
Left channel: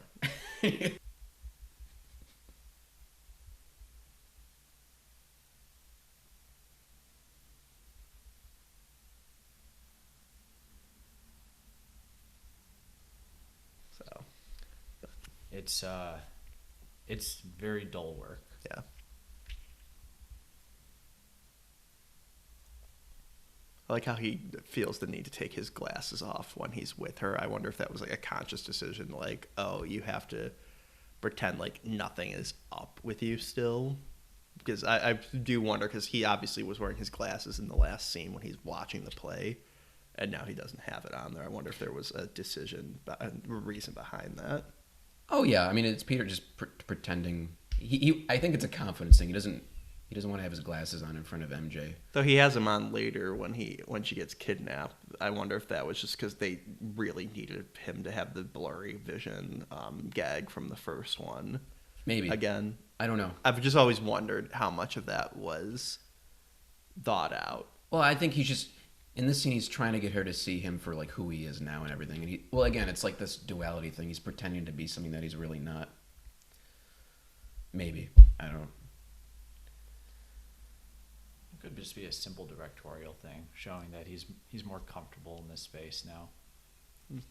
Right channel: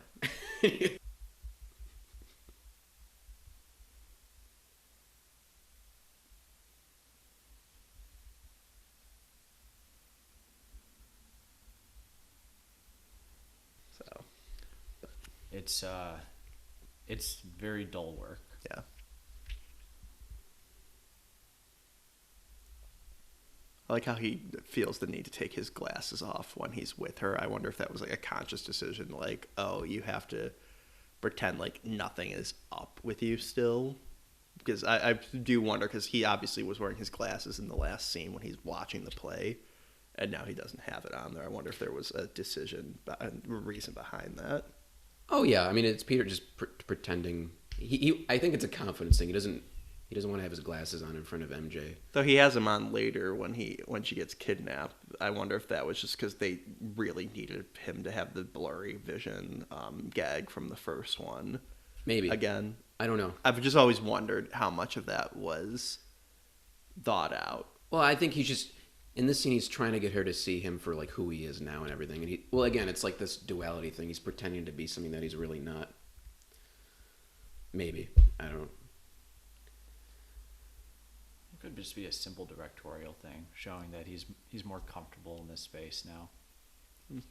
So, It's very dull work. yeah. I like how he feels the need to take his glasses off when he's with her. I wonder if that was like a conscious decision, like, oh, you have to pretend like nothing is up with you still. Because I do wonder, because he obviously was wearing his glasses in the last scene when he's watching the play, and now he doesn't have it on there. I wonder if there was a decision, a reason behind that. Oh yeah, I mean it's Peter just pretending. I think it's a confidence thing. He doesn't want to have his glasses on in front of MJ. Though he has them on later when she gets kidnapped. I wonder if that was just because they really needed him to have the blurry vision gag from the first one. Maybe. Again. I don't know. I've just always wondered how much of that was thought out. Well, I think he's just in this scene. He's trying to get her to see him for like who he is now and everything. And well, again, it's like this duality thing. He's pretending to be something that he's really not. Maybe, I don't know. It could just be a simple directorial thing, showing that he's more comfortable in this space now.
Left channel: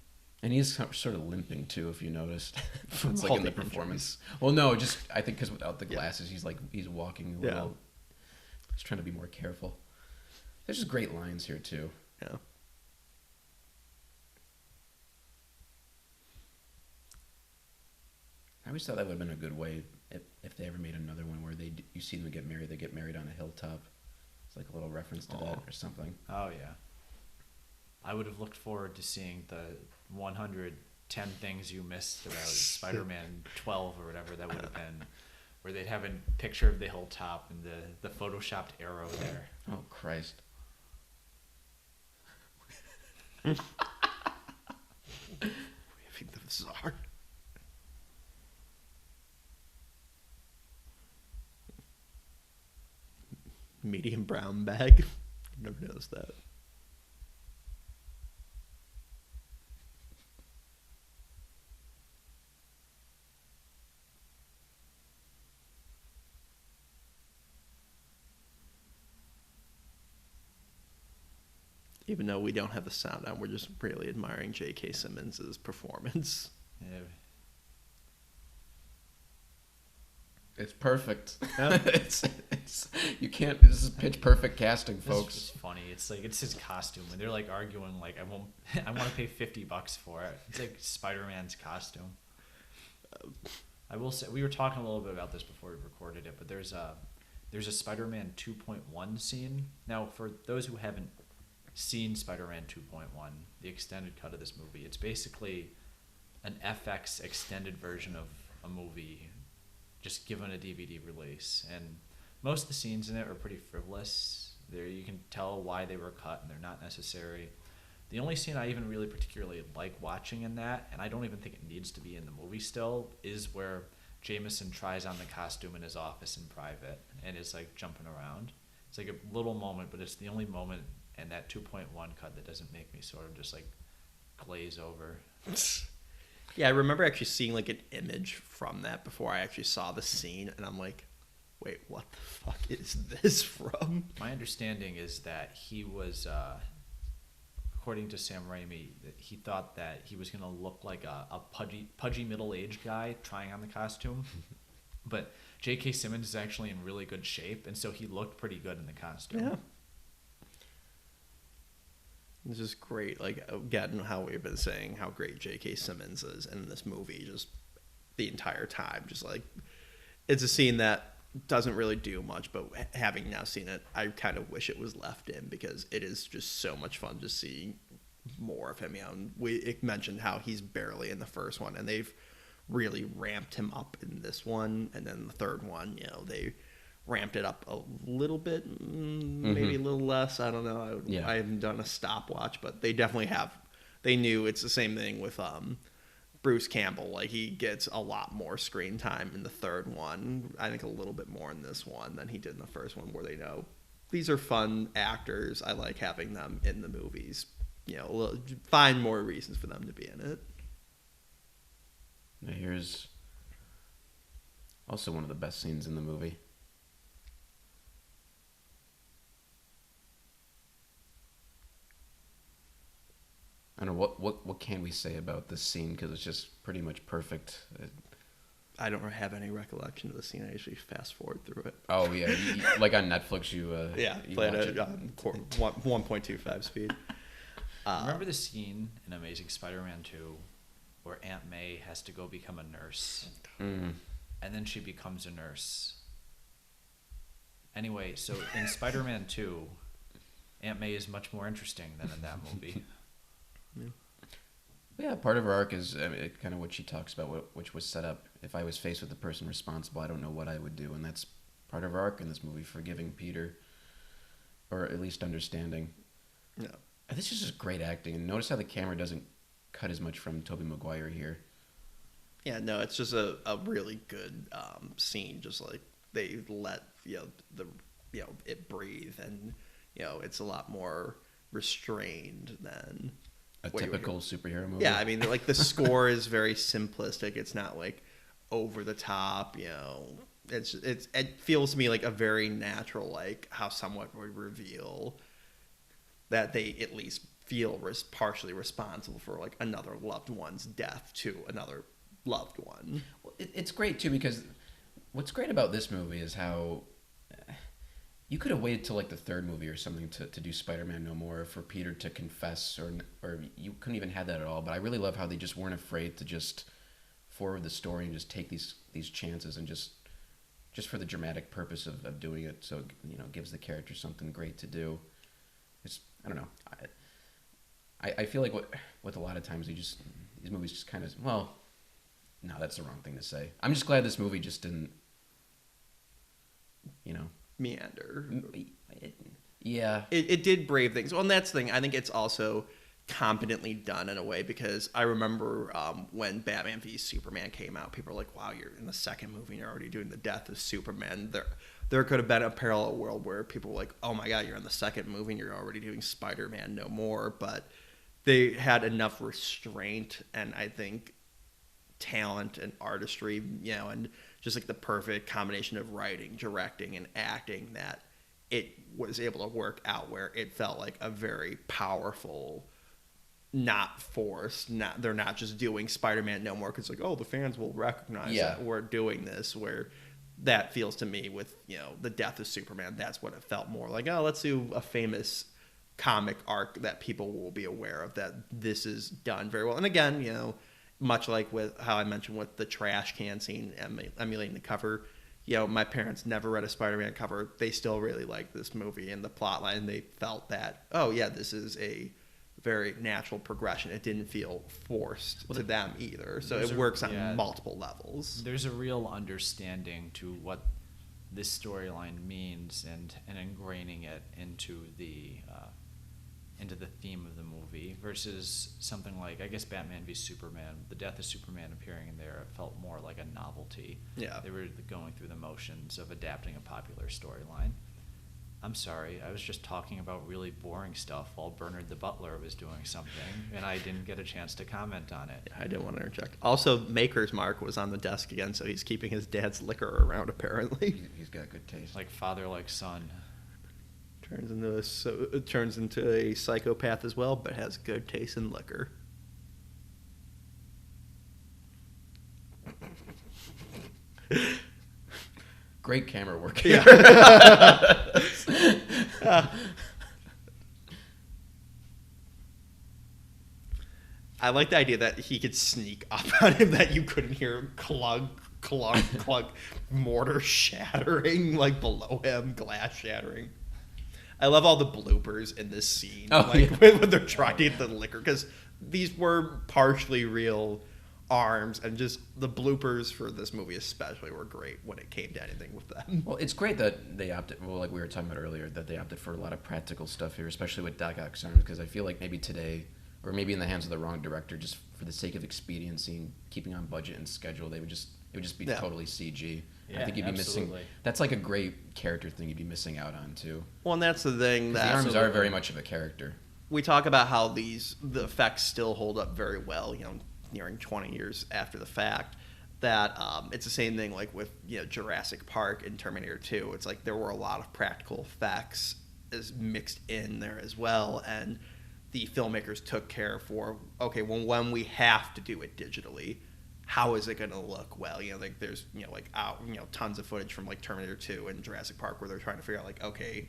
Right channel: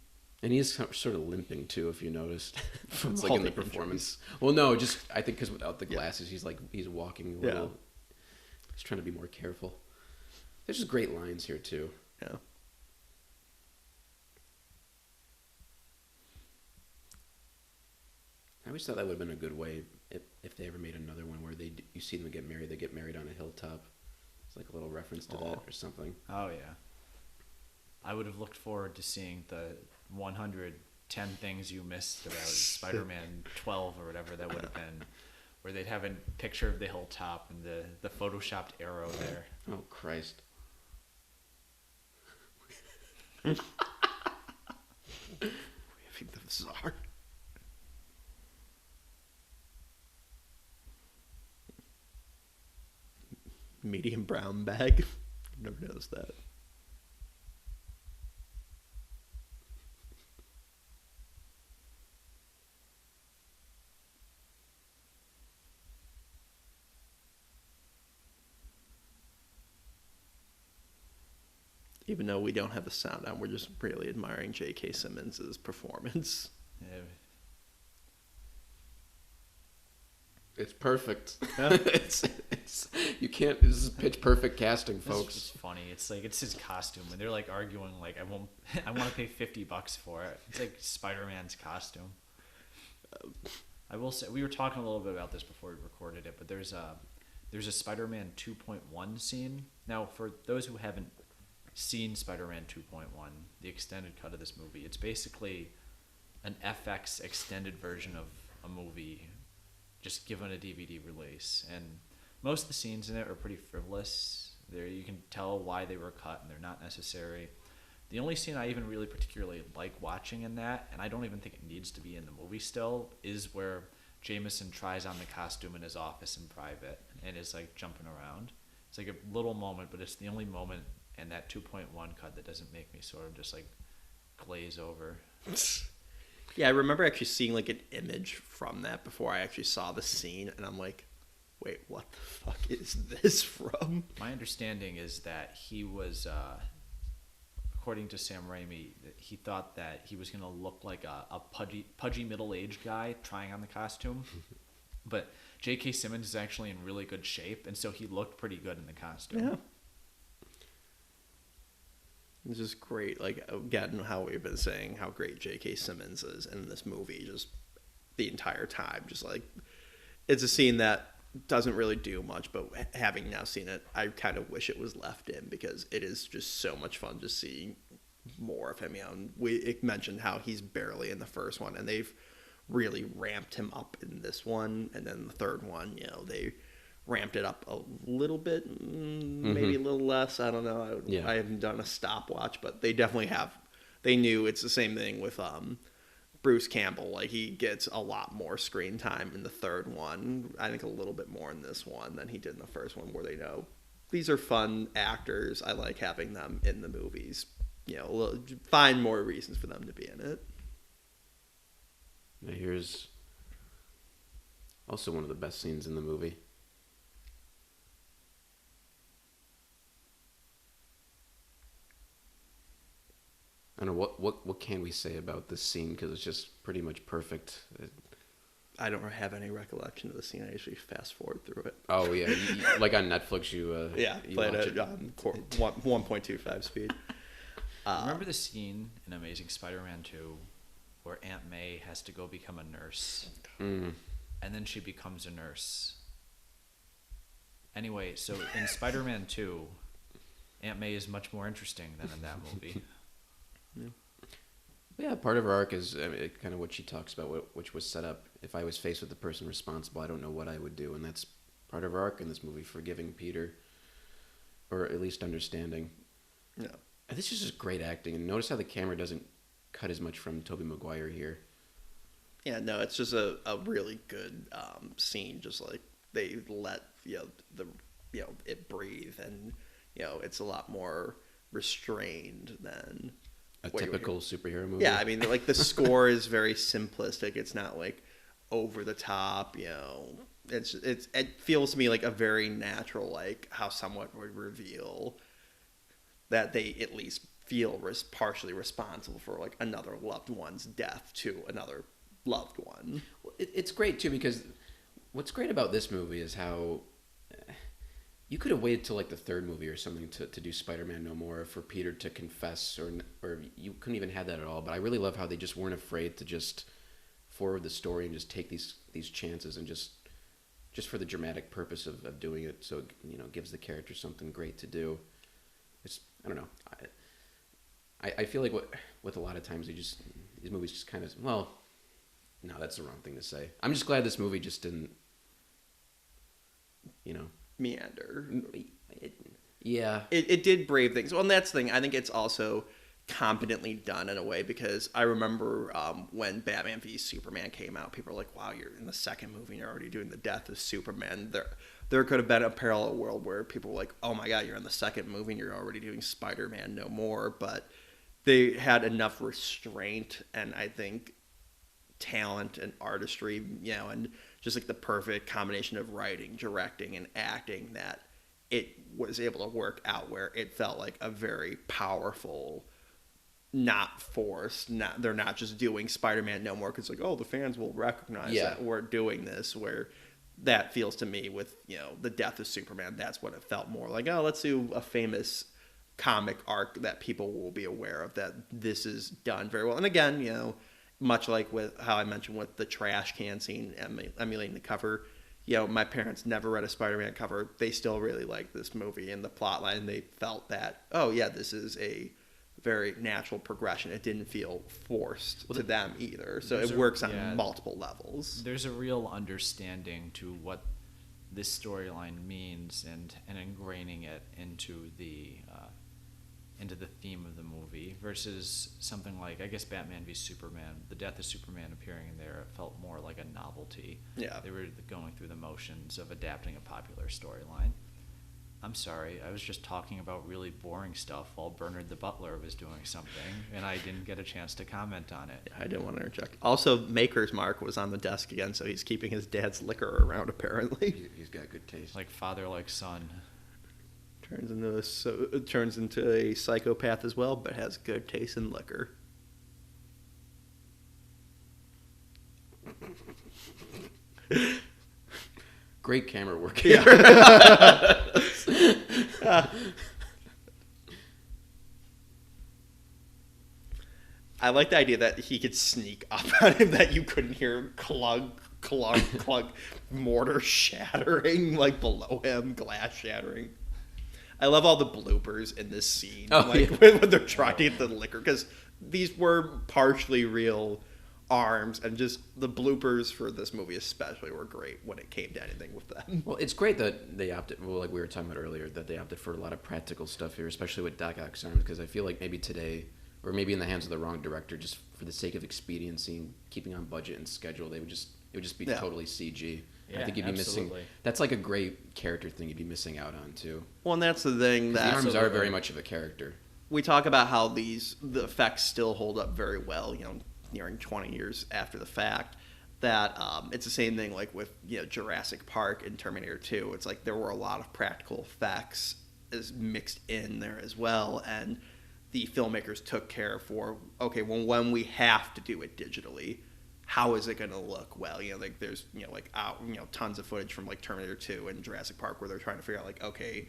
And he's sort of limping too, if you noticed. From It's all like the injuries. Well, no, just I think because without the glasses, he's walking. Yeah. He's trying to be more careful. There's just great lines here too. Yeah. I always thought that would have been a good way if they ever made another one where you see them get married, they get married on a hilltop. It's like a little reference to that or something. Oh yeah. I would have looked forward to seeing the 110 things you missed about Spider-Man 12 or whatever that would have been, where they'd have a picture of the hilltop and the photoshopped arrow there. Oh Christ. Having the bizarre. Medium brown bag. Never noticed that. Even though we don't have the sound on, we're just really admiring J.K. Simmons' performance. It's perfect. Yeah. You can't. This is pitch perfect casting, folks. It's just funny. It's like it's his costume, and they're like arguing like I want to pay $50 for it. It's like Spider-Man's costume. I will say we were talking a little bit about this before we recorded it, but there's a Spider-Man 2.1 scene. Now, for those who haven't seen Spider-Man 2.1, the extended cut of this movie, it's basically an FX extended version of a movie just given a DVD release, and most of the scenes in it are pretty frivolous. There you can tell why they were cut, and they're not necessary. The only scene I even really particularly like watching in that, and I don't even think it needs to be in the movie still, is where Jameson tries on the costume in his office in private and is like jumping around. It's like a little moment, but it's the only moment in that 2.1 cut that doesn't make me sort of just like glaze over. Yeah, I remember actually seeing like an image from that before I actually saw the scene, and I'm like, wait, what the fuck is this from? My understanding is that he was, according to Sam Raimi, he thought that he was going to look like a pudgy middle-aged guy trying on the costume, but J.K. Simmons is actually in really good shape, and so he looked pretty good in the costume. Yeah. This is great. Like, again, how we've been saying how great J.K. Simmons is in this movie just the entire time. Just like, it's a scene that doesn't really do much, but having now seen it, I kind of wish it was left in because it is just so much fun just seeing more of him. You know, and we mentioned how he's barely in the first one, and they've really ramped him up in this one, and then the third one, you know, they ramped it up a little bit, maybe a little less. I don't know. I haven't done a stopwatch, but they definitely have. They knew it's the same thing with Bruce Campbell. Like, he gets a lot more screen time in the third one. I think a little bit more in this one than he did in the first one, where they know these are fun actors. I like having them in the movies. You know, find more reasons for them to be in it. Here's also one of the best scenes in the movie. I don't know, what can we say about this scene, because it's just pretty much perfect. I don't have any recollection of the scene. I usually fast forward through it. Oh yeah, like on Netflix, you play it at 1.25 speed. Remember the scene in Amazing Spider-Man 2 where Aunt May has to go become a nurse, and then she becomes a nurse. Anyway, so in Spider-Man 2, Aunt May is much more interesting than in that movie. Yeah, part of her arc is kind of what she talks about, which was set up. If I was faced with the person responsible, I don't know what I would do, and that's part of her arc in this movie, forgiving Peter, or at least understanding. Yeah. And this is just great acting. Notice how the camera doesn't cut as much from Tobey Maguire here. Yeah, no, it's just a really good scene. Just like they let it breathe, and it's a lot more restrained than what you would hear. Superhero movie. Yeah, I mean, like the score is very simplistic. It's not like over the top. It feels to me like a very natural, like how someone would reveal that they at least feel partially responsible for like another loved one's death to another loved one. It's great too, because what's great about this movie is how you could have waited till like the third movie or something to do Spider-Man No More, for Peter to confess, or you couldn't even have that at all. But I really love how they just weren't afraid to just forward the story and just take these chances, and just for the dramatic purpose of doing it, so it gives the character something great to do. I don't know. I feel like with a lot of times these movies just kind of, well, no, that's the wrong thing to say. I'm just glad this movie just didn't, meander. Yeah. It did brave things. Well, and that's the thing. I think it's also competently done in a way, because I remember when Batman v Superman came out, people were like, wow, you're in the second movie and you're already doing the death of Superman. There could have been a parallel world where people were like, oh my god, you're in the second movie and you're already doing Spider-Man No More. But they had enough restraint and I think talent and artistry, and just like the perfect combination of writing, directing, and acting, that it was able to work out where it felt like a very powerful, not forced, they're not just doing Spider-Man No More because like, oh, the fans will recognize that we're doing this, where that feels to me with the death of Superman, that's what it felt more like. Oh, let's do a famous comic arc that people will be aware of, that this is done very well. And again, much like with how I mentioned with the trash can scene emulating the cover, my parents never read a Spider-Man cover. They still really liked this movie and the plot line. They felt that, oh yeah, this is a very natural progression. It didn't feel forced to them either. So it works on multiple levels. There's a real understanding to what this storyline means, and ingraining it into the theme of the movie, versus something like, I guess, Batman v Superman. The death of Superman appearing there felt more like a novelty. Yeah. They were going through the motions of adapting a popular storyline. I'm sorry, I was just talking about really boring stuff while to comment on it. I didn't want to interject. Also, Maker's Mark was on the desk again, so he's keeping his dad's liquor around, apparently. He's got good taste. Like father, like son. Turns into a psychopath as well, but has good taste in liquor. Great camera work. Yeah. I like the idea that he could sneak up on him, that you couldn't hear clunk, clunk, clunk, mortar shattering, like below him, glass shattering. I love all the bloopers in this scene, like when they're trying to get the liquor, because these were partially real arms, and just the bloopers for this movie especially were great when it came to anything with them. Well, it's great that they opted, well, like we were talking about earlier, that they opted for a lot of practical stuff here, especially with Doc Ock's arm, because I feel like maybe today, or maybe in the hands of the wrong director, just for the sake of expediency, keeping on budget and schedule, it would just be totally CG. Yeah, I think you'd be missing. That's like a great character thing you'd be missing out on too. Well, and that's the thing that the arms are very much of a character. We talk about how the effects still hold up very well, nearing 20 years after the fact. That it's the same thing like with Jurassic Park and Terminator 2. It's like there were a lot of practical effects is mixed in there as well, and the filmmakers took care for when we have to do it digitally, how is it going to look well? Like there's tons of footage from like Terminator 2 and Jurassic Park where they're trying to figure out like, okay,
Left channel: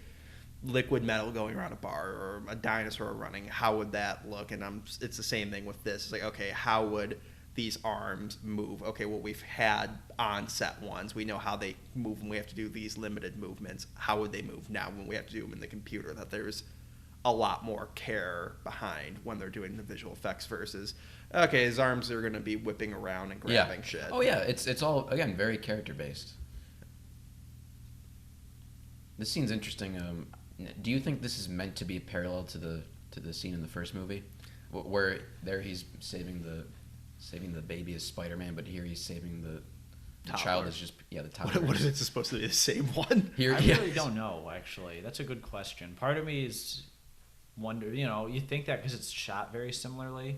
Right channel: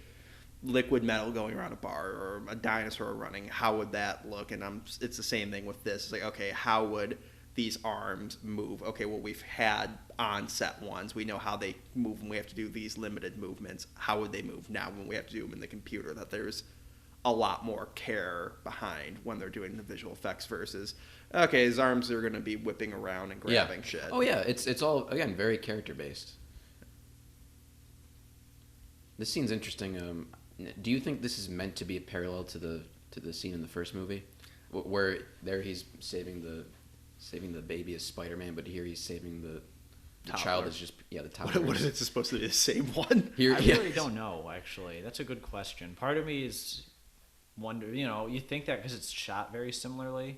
liquid metal going around a bar or a dinosaur running, how would that look? And it's the same thing with this. It's like, okay, how would these arms move? Okay, well, we've had on-set ones. We know how they move when we have to do these limited movements. How would they move now when we have to do them in the computer? That there's a lot more care behind when they're doing the visual effects versus, okay, his arms are going to be whipping around and grabbing shit. Oh, yeah, it's all, again, very character-based. This scene's interesting. Do you think this is meant to be parallel to the scene in the first movie, where there he's saving the baby as Spider-Man, but here he's saving the toddler? The toddler. What if it's supposed to be the same one? I don't know, actually. That's a good question. Part of me is wonder, you think that because it's shot very similarly,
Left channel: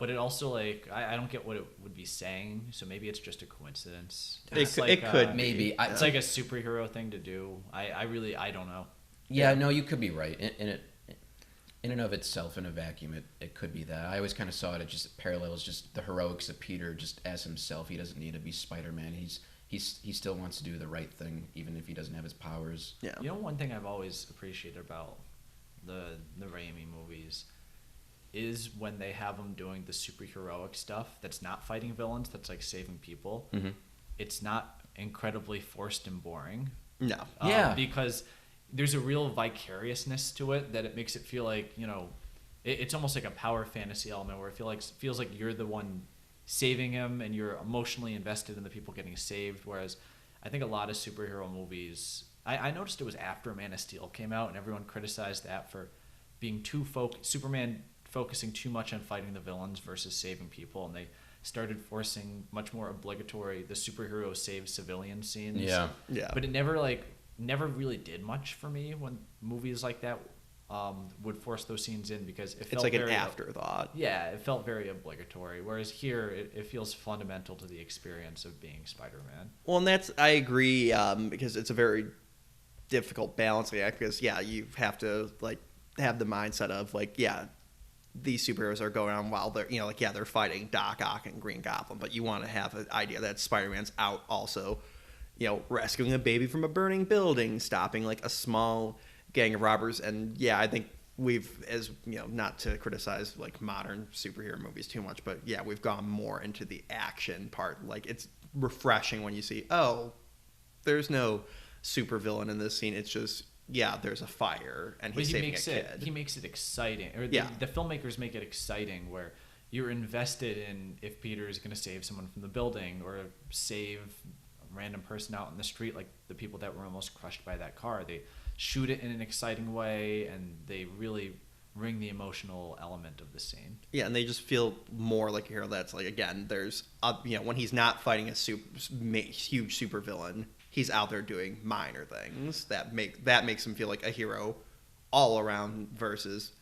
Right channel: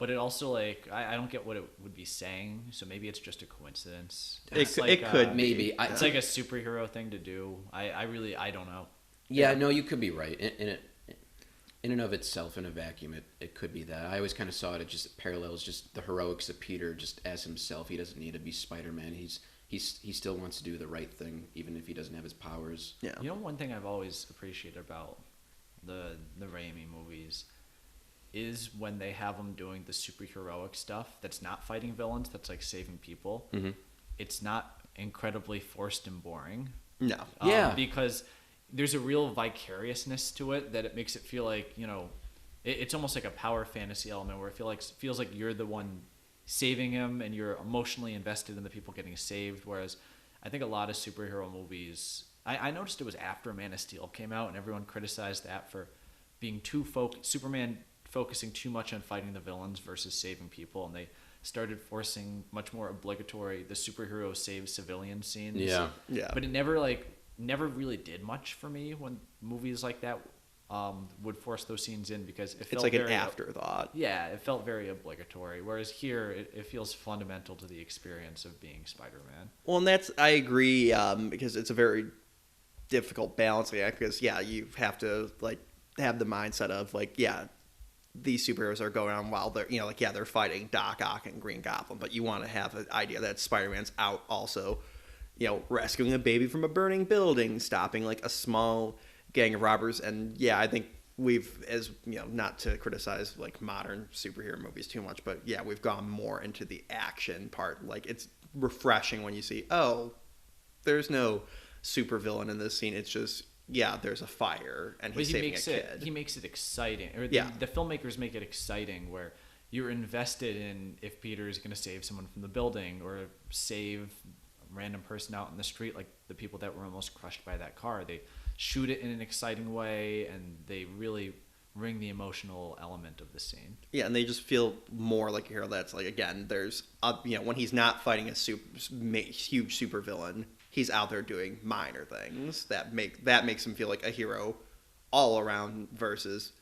but it also like I don't get what it would be saying, so maybe it's just a coincidence. It could be. Maybe. It's like a superhero thing to do. I don't know. Yeah, no, you could be right. In and of itself, in a vacuum, it could be that. I always kind of saw it just parallels just the heroics of Peter just as himself. He doesn't need to be Spider-Man. He still wants to do the right thing, even if he doesn't have his powers. Yeah. One thing I've always appreciated about the Raimi movies is when they have them doing the superheroic stuff that's not fighting villains, that's like saving people. Mm-hmm. It's not incredibly forced and boring. No. Because there's a real vicariousness to it that it makes it feel like, it's almost like a power fantasy element where it feels like you're the one saving him and you're emotionally invested in the people getting saved, whereas I think a lot of superhero movies, I noticed it was after Man of Steel came out and everyone criticized that for being Superman focusing too much on fighting the villains versus saving people, and they started forcing much more obligatory the superhero save civilian scenes. Yeah. But it never really did much for me when movies like that would force those scenes in because it's like an afterthought. Yeah, it felt very obligatory. Whereas here, it feels fundamental to the experience of being Spider-Man. Well, and I agree because it's a very difficult balancing act because you have to have the mindset of these superheroes are going on while they're they're fighting Doc Ock and Green Goblin, but you want to have an idea that Spider-Man's out also rescuing a baby from a burning building, stopping a small gang of robbers. And I think we've, as not to criticize modern superhero movies too much, but we've gone more into the action part. It's refreshing when you see, there's no supervillain in this scene. It's just there's a fire and he's saving a kid. He makes it exciting. The filmmakers make it exciting where you're invested in if Peter's going to save someone from the building or save a random person out in the street, like the people that were almost crushed by that car. They shoot it in an exciting way and they really bring the emotional element of the scene. Yeah, and they just feel more like a hero. That's again, there's when he's not fighting a huge supervillain, he's out there doing minor things that makes him feel like a hero all around versus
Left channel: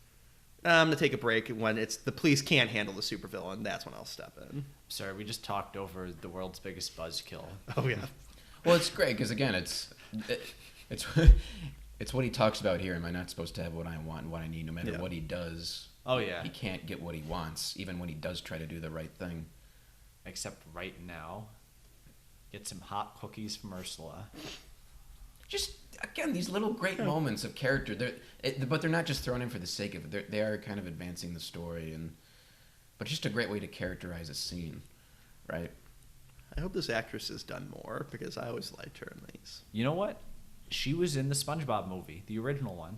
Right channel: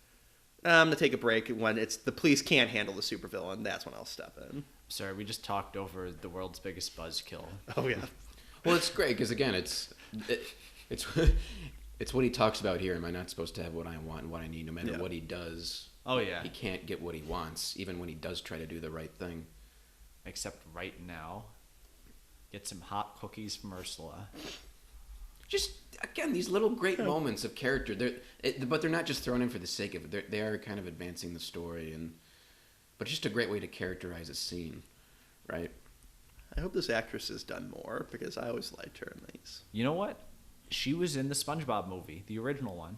I'm gonna take a break when it's the police can't handle the supervillain. That's when I'll step in. Sorry, we just talked over the world's biggest buzzkill. Oh yeah. Well, it's great because again, it's it's what he talks about here. Am I not supposed to have what I want, what I need, no matter what he does? Oh yeah. He can't get what he wants, even when he does try to do the right thing. Except right now, get some hot cookies from Ursula. Just again, these little great moments of character. But they're not just thrown in for the sake of it. They're kind of advancing the story, but just a great way to characterize a scene, right? I hope this actress has done more because I always liked her in these. You know what? She was in the SpongeBob movie, the original one.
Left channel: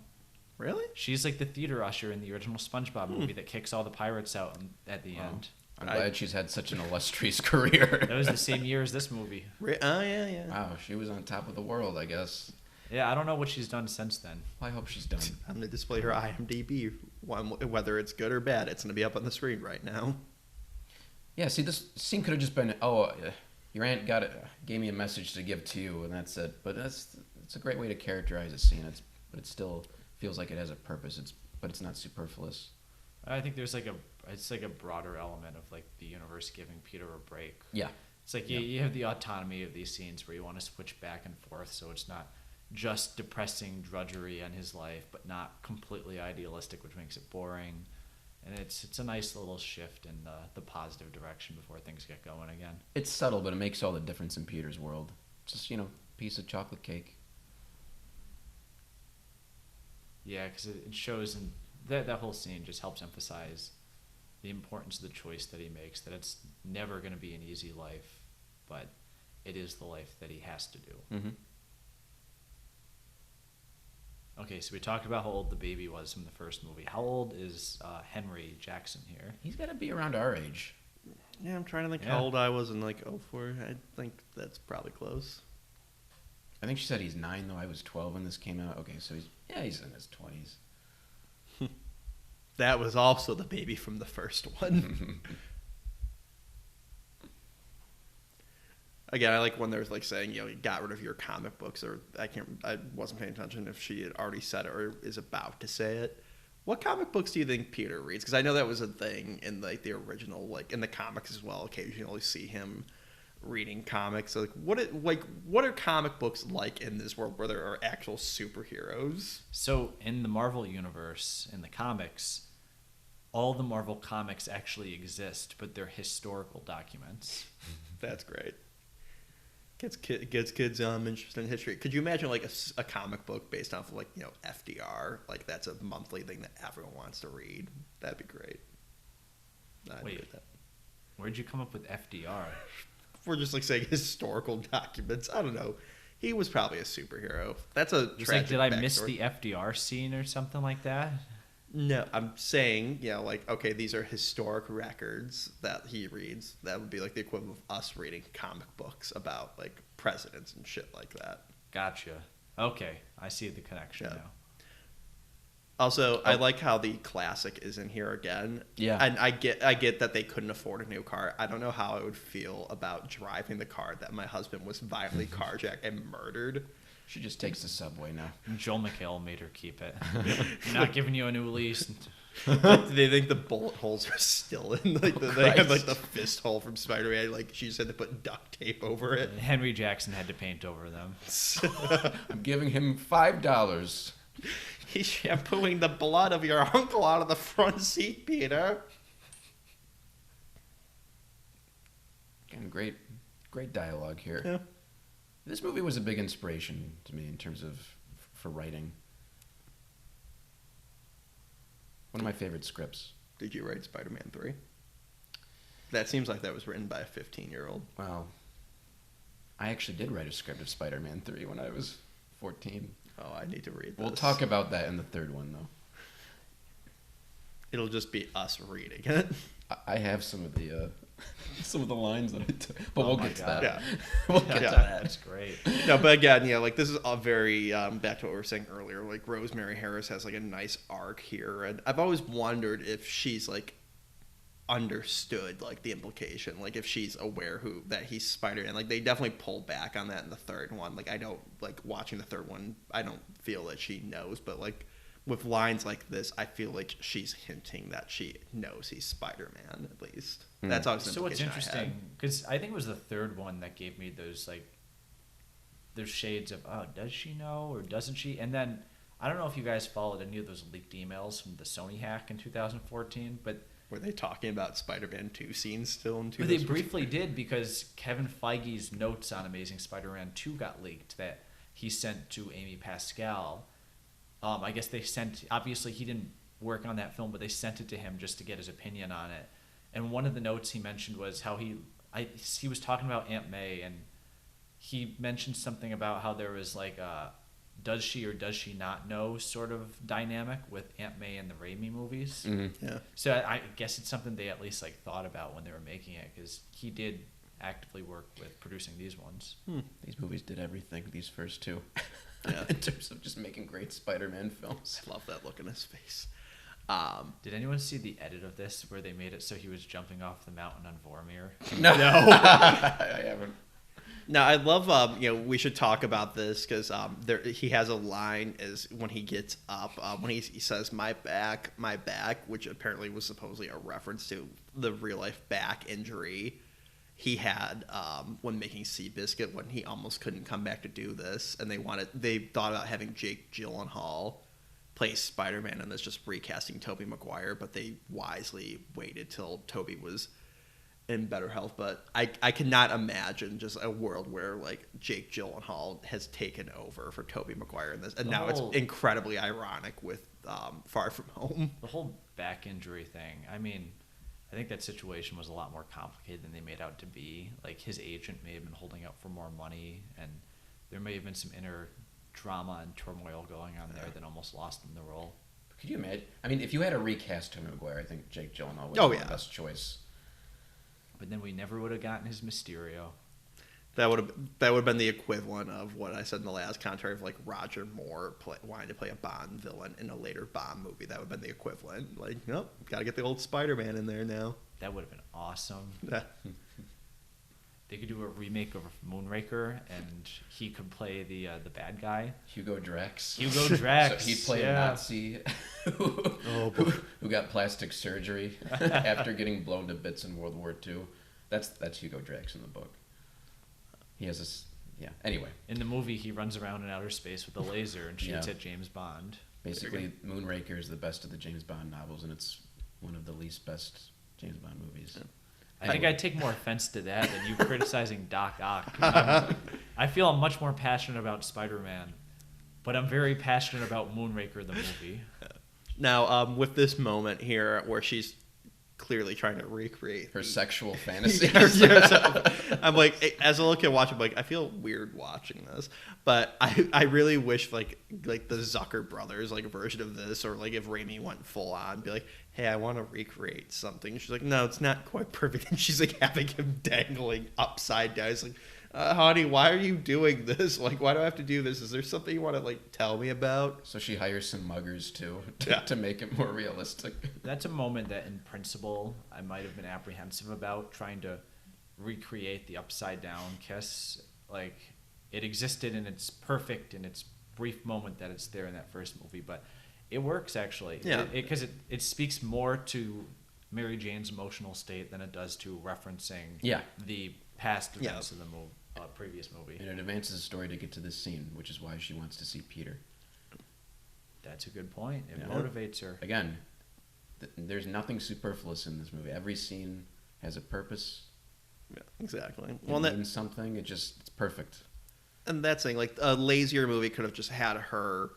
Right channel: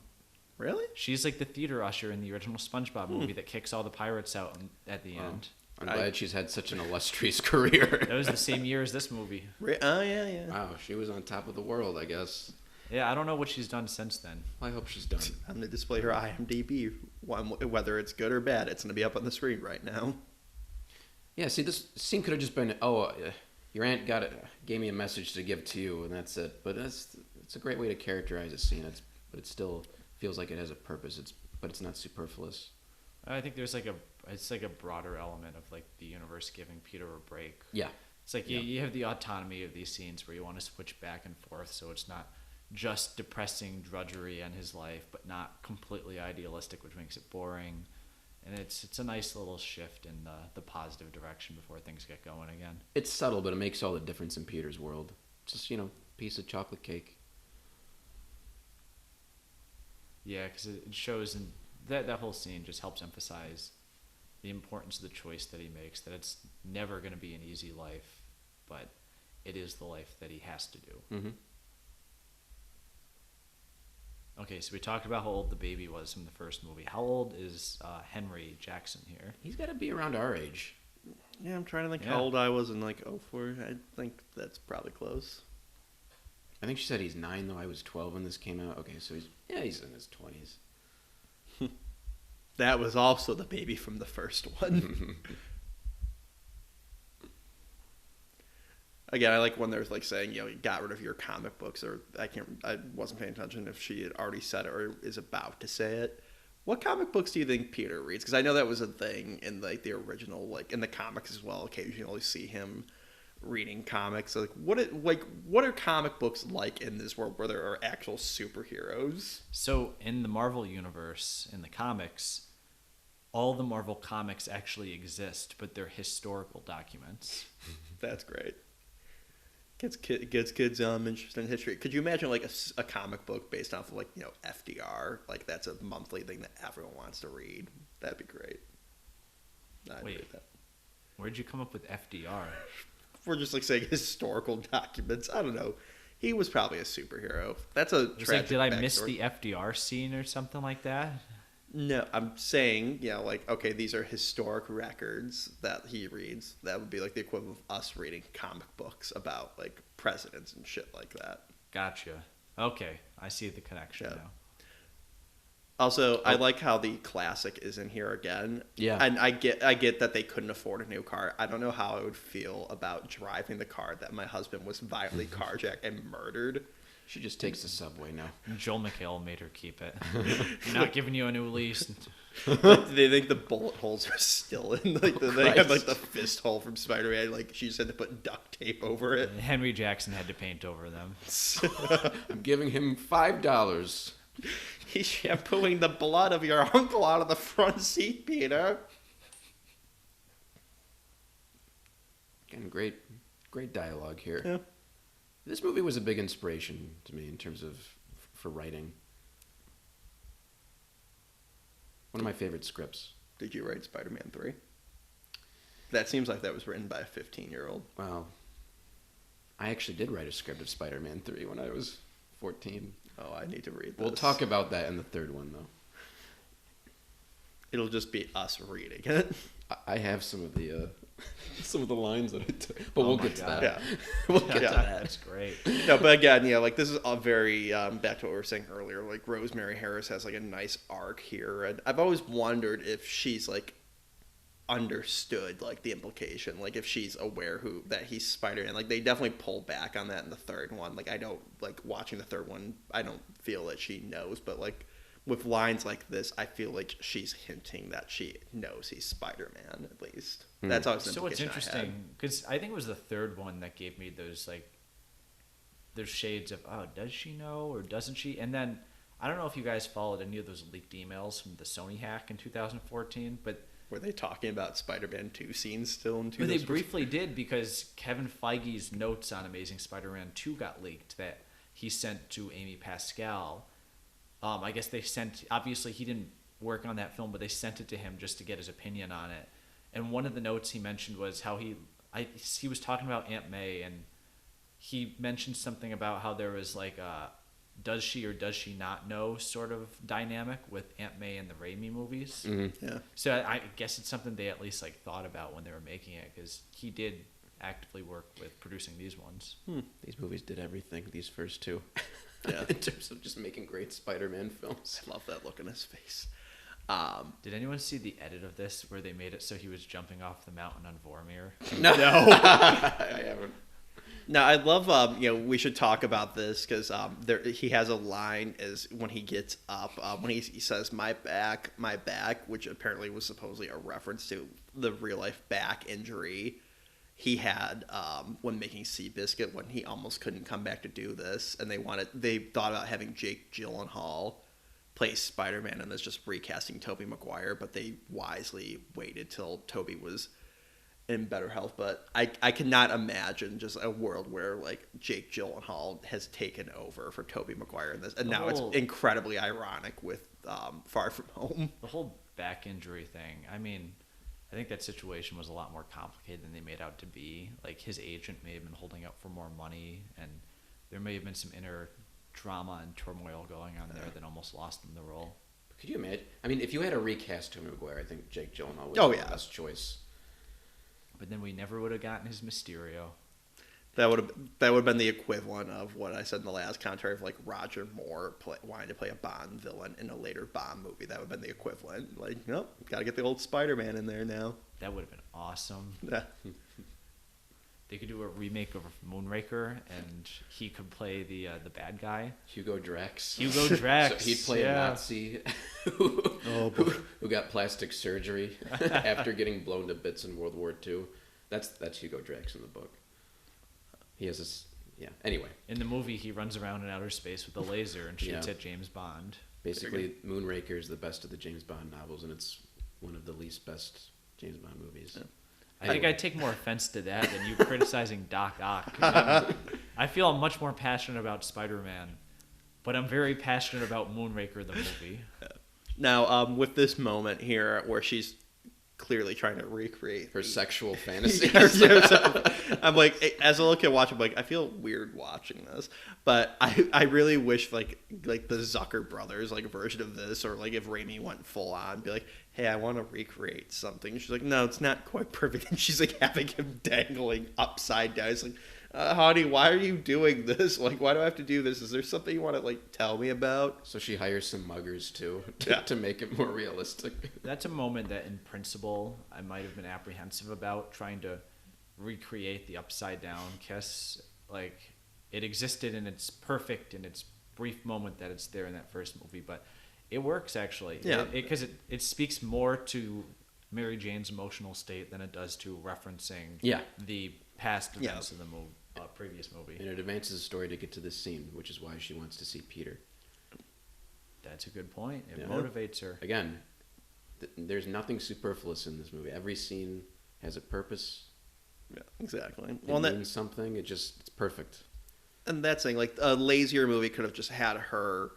Really? She's like the theater usher in the original SpongeBob movie that kicks all the pirates out at the end. I'm glad she's had such an illustrious career. It was the same year as this movie. Oh yeah. Wow, she was on top of the world, I guess. Yeah, I don't know what she's done since then. I hope she's done. I'm gonna display her IMDb. Whether it's good or bad, it's gonna be up on the screen right now. Yeah, see, this scene could have just been, your aunt gave me a message to give to you, and that's it. But it's a great way to characterize a scene, but it still feels like it has a purpose. But it's not superfluous. I think there's like a broader element of like the universe giving Peter a break. Yeah. It's like you have the autonomy of these scenes where you want to switch back and forth, so it's not just depressing drudgery in his life, but not completely idealistic, which makes it boring. And it's a nice little shift in the positive direction before things get going again. It's subtle, but it makes all the difference in Peter's world. It's just, piece of chocolate cake. Yeah, because it shows, and that whole scene just helps emphasize the importance of the choice that he makes, that it's never going to be an easy life, but it is the life that he has to do. Mm-hmm. Okay, so we talked about how old the baby was in the first movie. How old is Henry Jackson here? He's got to be around our age. Yeah, I'm trying to think how old I was in like '04. I think that's probably close. I think she said he's 9 when I was 12 when this came out. Okay, so he's in his 20s. That was also the baby from the first one. Again, I like when there's like saying, you got rid of your comic books, or I wasn't paying attention if she had already said it or is about to say it. What comic books do you think Peter reads? Because I know that was a thing in like the original, like in the comics as well. Occasionally see him reading comics. So, what are comic books like in this world where there are actual superheroes? So in the Marvel universe, in the comics, all the Marvel comics actually exist, but they're historical documents. That's great. Gets kids interested in history. Could you imagine like a comic book based off of like FDR? Like that's a monthly thing that everyone wants to read. That'd be great. I'd read that. Where'd you come up with FDR? We're just like saying historical documents. I don't know. He was probably a superhero. That's a tragic did I miss backstory. the FDR scene or something like that? No, I'm saying, like, okay, these are historic records that he reads. That would be like the equivalent of us reading comic books about like presidents and shit like that. Gotcha. Okay, I see the connection. Yeah. Also, I like how the classic is in here again. Yeah. And I get that they couldn't afford a new car. I don't know how I would feel about driving the car that my husband was violently carjacked and murdered. She just takes the subway now. And Joel McHale made her keep it. Not giving you a new lease. Like, they think the bullet holes are still in. Like, they had like the fist hole from Spider-Man. Like, she just had to put duct tape over it. Henry Jackson had to paint over them. I'm giving him $5. He's shampooing the blood of your uncle out of the front seat, Peter. Great dialogue here. Yeah. This movie was a big inspiration to me in terms of for writing. One of my favorite scripts. Did you write Spider-Man 3? That seems like that was written by a 15-year-old. Wow. I actually did write a script of Spider-Man 3 when I was 14. Oh, I need to read this. We'll talk about that in the third one, though. It'll just be us reading it. I have some of the lines that I took, but we'll get to that. Yeah. We'll get to Yeah. that. That's great. No, but again, like this is a very back to what we were saying earlier. Like Rosemary Harris has like a nice arc here, and I've always wondered if she's like understood like the implication, like if she's aware that he's Spider-Man. Like they definitely pull back on that in the third one. Like I don't like watching the third one. I don't feel that she knows, but like with lines like this, I feel like she's hinting that she knows he's Spider-Man, at least. That's always an implication I had. Because I think it was the third one that gave me those shades of, oh, does she know or doesn't she? And then I don't know if you guys followed any of those leaked emails from the Sony hack in 2014, but were they talking about Spider-Man 2 scenes still in they 2014? briefly did, because Kevin Feige's notes on Amazing Spider-Man 2 got leaked that he sent to Amy Pascal. I guess they sent, obviously he didn't work on that film, but they sent it to him just to get his opinion on it. And one of the notes he mentioned was how he was talking about Aunt May, and he mentioned something about how there was like a does she or does she not know sort of dynamic with Aunt May in the Raimi movies. Mm-hmm. Yeah. So I guess it's something they at least like thought about when they were making it, because he did actively work with producing these ones. These movies did everything, these first two. Yeah. In terms of just making great Spider-Man films. I love that look in his face. Did anyone see the edit of this where they made it so he was jumping off the mountain on Vormir? No. No, I love. We should talk about this because he has a line is when he gets up when he says my back, which apparently was supposedly a reference to the real life back injury he had when making Seabiscuit, when he almost couldn't come back to do this, and they thought about having Jake Gyllenhaal play Spider-Man, and that's just recasting Tobey Maguire, but they wisely waited till Tobey was in better health. But I cannot imagine just a world where like Jake Gyllenhaal has taken over for Tobey Maguire in this, and now it's incredibly ironic with Far From Home. The whole back injury thing. I mean, I think that situation was a lot more complicated than they made out to be. Like his agent may have been holding up for more money, and there may have been some inner drama and turmoil going on that almost lost him the role. Could you imagine? I mean, if you had to recast Tobey Maguire, I think Jake Gyllenhaal Oh, would be yeah. the best choice. Then we never would have gotten his Mysterio. That would have been the equivalent of what I said in the last commentary of like Roger Moore wanting to play a Bond villain in a later Bond movie. That would have been the equivalent. Like, nope, got to get the old Spider-Man in there now. That would have been awesome. Yeah. They could do a remake of Moonraker, and he can play the bad guy. Hugo Drax. Hugo Drax. So he'd play a Nazi Oh boy. who got plastic surgery after getting blown to bits in World War II. That's Hugo Drax in the book. He has this. Yeah. Anyway. In the movie, he runs around in outer space with a laser and shoots at James Bond. Basically, Moonraker is the best of the James Bond novels, and it's one of the least best James Bond movies. Yeah. I think I take more offense to that than you criticizing Doc Ock. I feel much more passionate about Spider-Man, but I'm very passionate about Moonraker the movie. Now, with this moment here where she's clearly trying to recreate Her sexual fantasy. I'm like, as a little kid watching, I'm like, I feel weird watching this, but I really wish like the Zucker brothers like version of this, or like if Raimi went full on, be like, hey, I want to recreate something. She's like, no, it's not quite perfect, and she's like having him dangling upside down. It's like, honey, why are you doing this? Like, why do I have to do this? Is there something you want to like tell me about? So she hires some muggers too Yeah. to make it more realistic. That's a moment that, in principle, I might have been apprehensive about, trying to recreate the upside down kiss. Like, it existed and it's perfect in its brief moment that it's there in that first movie, but it works actually. Yeah. Because it speaks more to Mary Jane's emotional state than it does to referencing the past events of the previous movie. It advances the story to get to this scene, which is why she wants to see Peter. That's a good point. It Yeah. motivates her. Again, there's nothing superfluous in this movie. Every scene has a purpose. Yeah, exactly. Well, And something, it's perfect. and that's thing, like a lazier movie could have just had her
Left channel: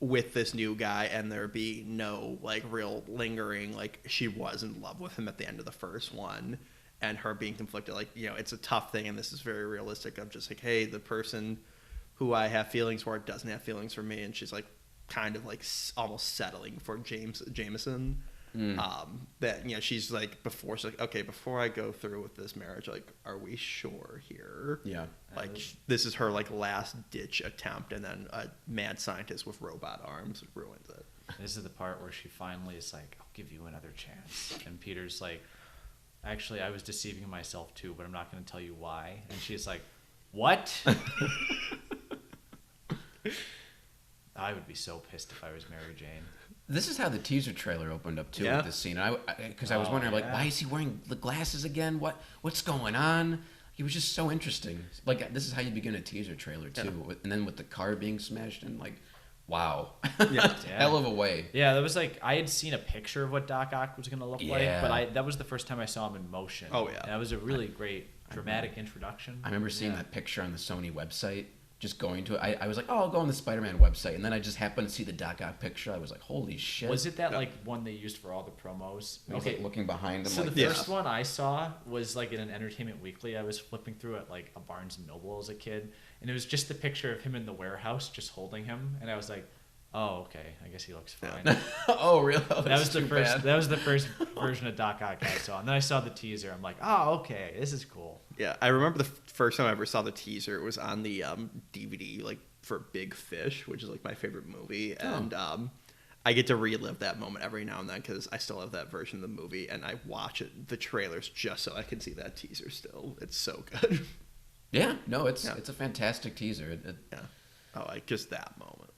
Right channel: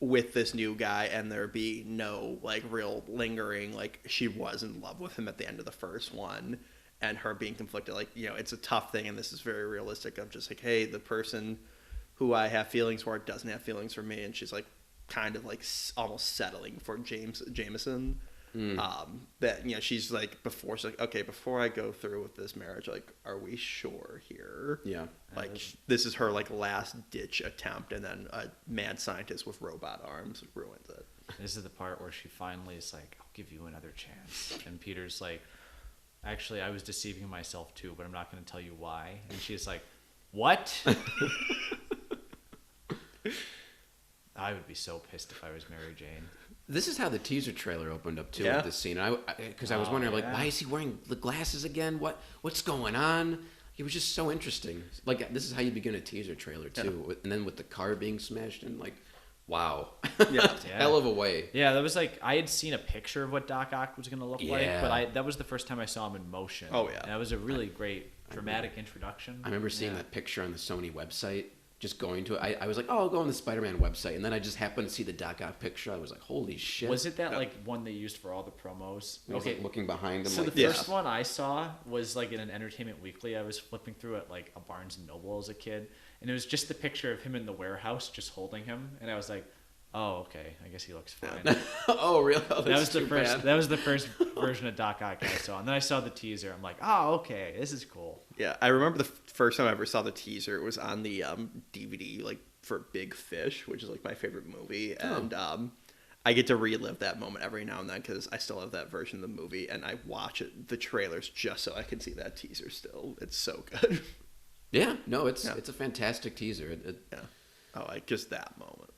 with this new guy and there be no like real lingering, like she was in love with him at the end of the first one and her being conflicted. Like, it's a tough thing, and this is very realistic of just like, hey, the person who I have feelings for doesn't have feelings for me, and she's like kind of like almost settling for Jameson. That she's like, she's like, okay, before I go through with this marriage, like, are we sure here? Yeah. Like, this is her like last ditch attempt, and then a mad scientist with robot arms ruins it. This is the part where she finally is like, I'll give you another chance. And Peter's like, actually, I was deceiving myself too, but I'm not going to tell you why. And she's like, what? I would be so pissed if I was Mary Jane. This is how the teaser trailer opened up too. Yeah. The scene, because I was wondering, like, why is he wearing the glasses again? What's going on? It was just so interesting. Like, this is how you begin a teaser trailer too, and then with the car being smashed, and like, wow, Yeah. hell of a way. Yeah, it was like I had seen a picture of what Doc Ock was going to look like, but that was the first time I saw him in motion. Oh yeah. That was a really great dramatic introduction. I remember seeing that picture on the Sony website. Just going to it, I was like, oh, I'll go on the Spider-Man website, and then I just happened to see the Doc Ock picture. I was like, holy shit! Was it that like one they used for all the promos? I was like looking behind him. So like, the first one I saw was like in an Entertainment Weekly. I was flipping through at like a Barnes and Noble as a kid, and it was just a picture of him in the warehouse, just holding him, and I was like, oh, okay, I guess he looks fine. oh, really? Oh, That was the first version of Doc Ock I saw, and then I saw the teaser. I'm like, oh, okay, this is cool. Yeah, I remember the first time I ever saw the teaser. It was on the DVD, like for Big Fish, which is like my favorite movie, and I get to relive that moment every now and then because I still have that version of the movie, and I watch the trailers just so I can see that teaser. Still, it's so good. Yeah, no, it's a fantastic teaser. Just that moment.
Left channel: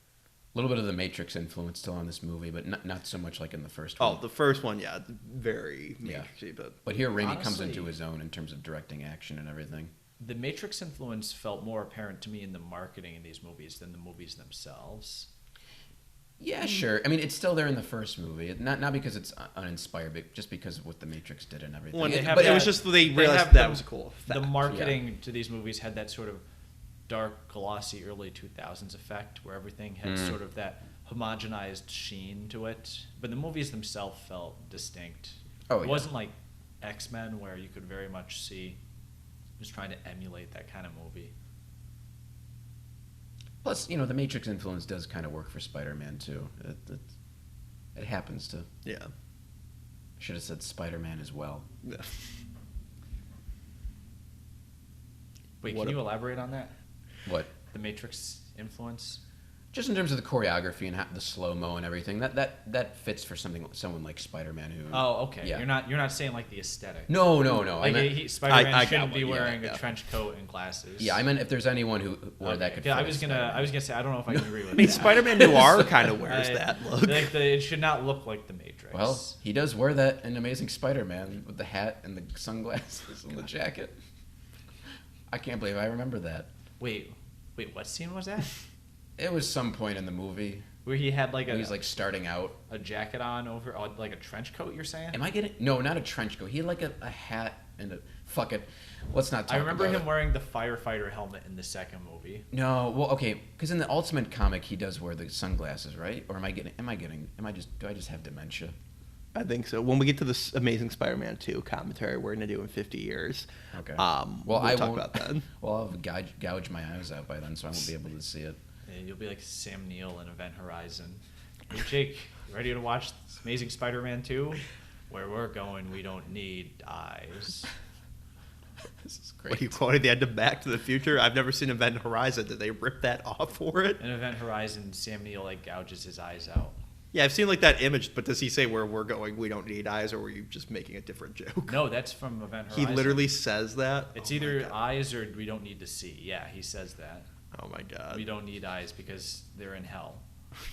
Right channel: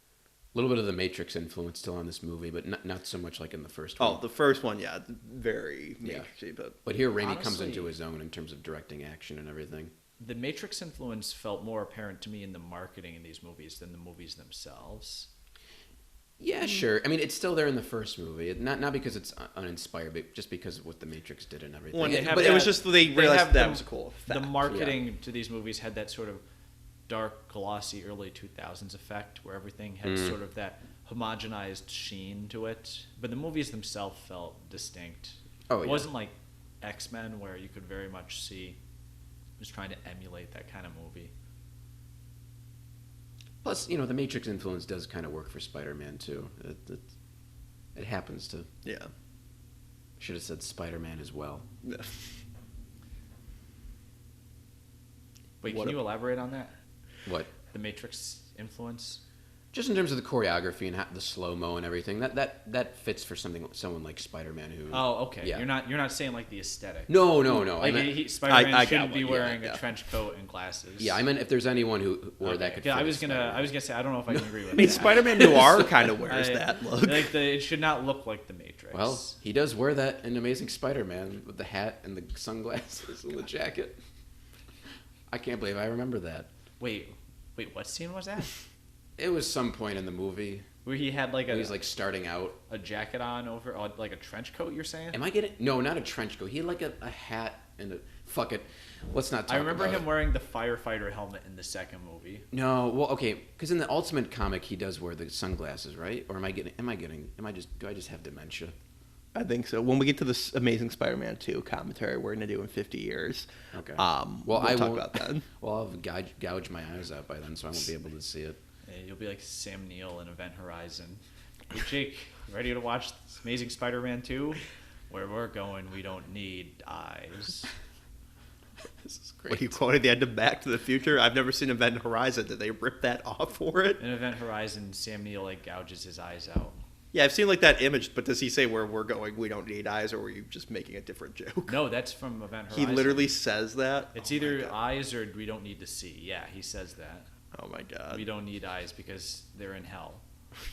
A little bit of the Matrix influence still on this movie, but not so much like in the first Oh, one. the first one, yeah, very Matrixy, but here Raimi comes into his own in terms of directing action and everything. The Matrix influence felt more apparent to me in the marketing in these movies than the movies themselves. Yeah, sure. I mean, it's still there in the first movie. Not because it's uninspired, but just because of what the Matrix did and everything. but it was just they realized that was a cool effect. The marketing to these movies had that sort of dark, glossy, early 2000s effect where everything had sort of that homogenized sheen to it. But the movies themselves felt distinct. It wasn't like X-Men where you could very much see just trying to emulate that kind of movie. Plus, the Matrix influence does kind of work for Spider-Man too. It happens to. Yeah. Should have said Spider-Man as well. Yeah. Wait, What can you elaborate on that? What? The Matrix influence? Just in terms of the choreography and the slow-mo and everything, that fits for someone like Spider-Man. Oh, okay. Yeah. You're not saying like the aesthetic. No. Like I got should what be you wearing meant, yeah. a trench coat and glasses. Yeah, I mean, if there's anyone who wore that, could Yeah, I fit was gonna say I don't know if I agree with. I mean, Spider-Man Noir kind of wears that look. It should not look like the Matrix. Well, he does wear that in Amazing Spider-Man with the hat and the sunglasses and the jacket. I can't believe I remember that. Wait, what scene was that? It was some point in the movie Where he had like he's like starting out. a jacket on over like a trench coat. You're saying? Am I getting? No, not a trench coat. He had like a hat and a fuck it. Let's not talk I remember about him wearing the firefighter helmet in the second movie. No, well, okay, because in the Ultimate comic he does wear the sunglasses, right? Or do I just have dementia? I think so. When we get to this Amazing Spider-Man 2 commentary we're going to do in 50 years, Okay. we'll talk about that. Well, I'll gouge my eyes out by then, so I won't be able to see it. Yeah, you'll be like Sam Neill in Event Horizon. Jake, you ready to watch Amazing Spider-Man 2? Where we're going, we don't need eyes. What are you quoting at the end of Back to the Future? I've never seen Event Horizon. Did they rip that off for it? In Event Horizon, Sam Neill like gouges his eyes out. Yeah, I've seen like that image, but does he say where we're going, we don't need eyes, or were you just making a different joke? No, that's from Event Horizon. He literally says that? It's Oh my either god. eyes or we don't need to see. Yeah, he says that. Oh my god. We don't need eyes because they're in hell.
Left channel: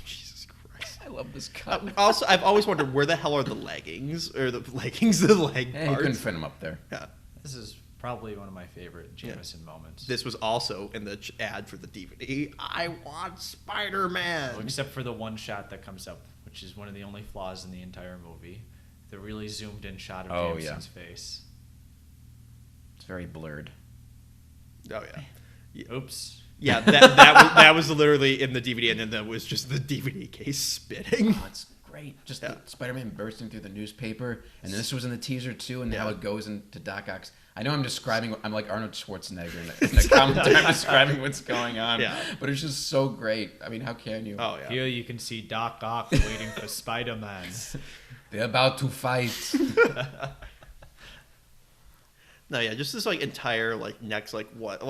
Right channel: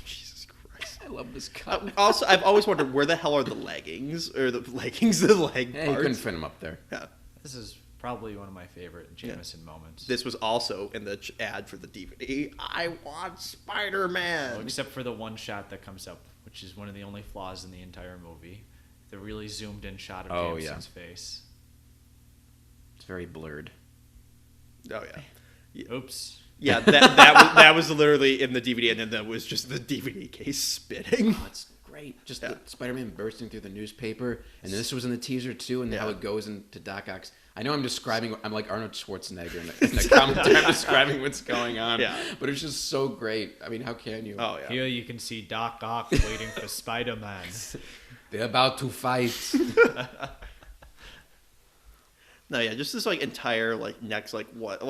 Jesus Christ. I love this. Also, I've always wondered where the hell are the leggings, or the leggings, the leg You can parts. fit him up there. Yeah. This is probably one of my favorite Yeah. Jameson moments. This was also in the ad for the DVD. I want Spider-Man. Except for the one shot that comes up, which is one of the only flaws in the entire movie. The really zoomed in shot of Oh, Jameson's face. It's very blurred. Oh yeah. Oops. Yeah, that was literally in the DVD, and then that was just the DVD case spitting. That's great. Just Yeah. Spider-Man bursting through the newspaper, and this was in the teaser too, and Yeah. how it goes into Doc Ock's. I know I'm describing. I'm like Arnold Schwarzenegger. I'm describing what's going on. Yeah. But it's just so great. I mean, how can you? Oh yeah. Here you can see Doc Ock waiting for Spider-Man. They're about to fight. No, yeah, just this like entire like next like what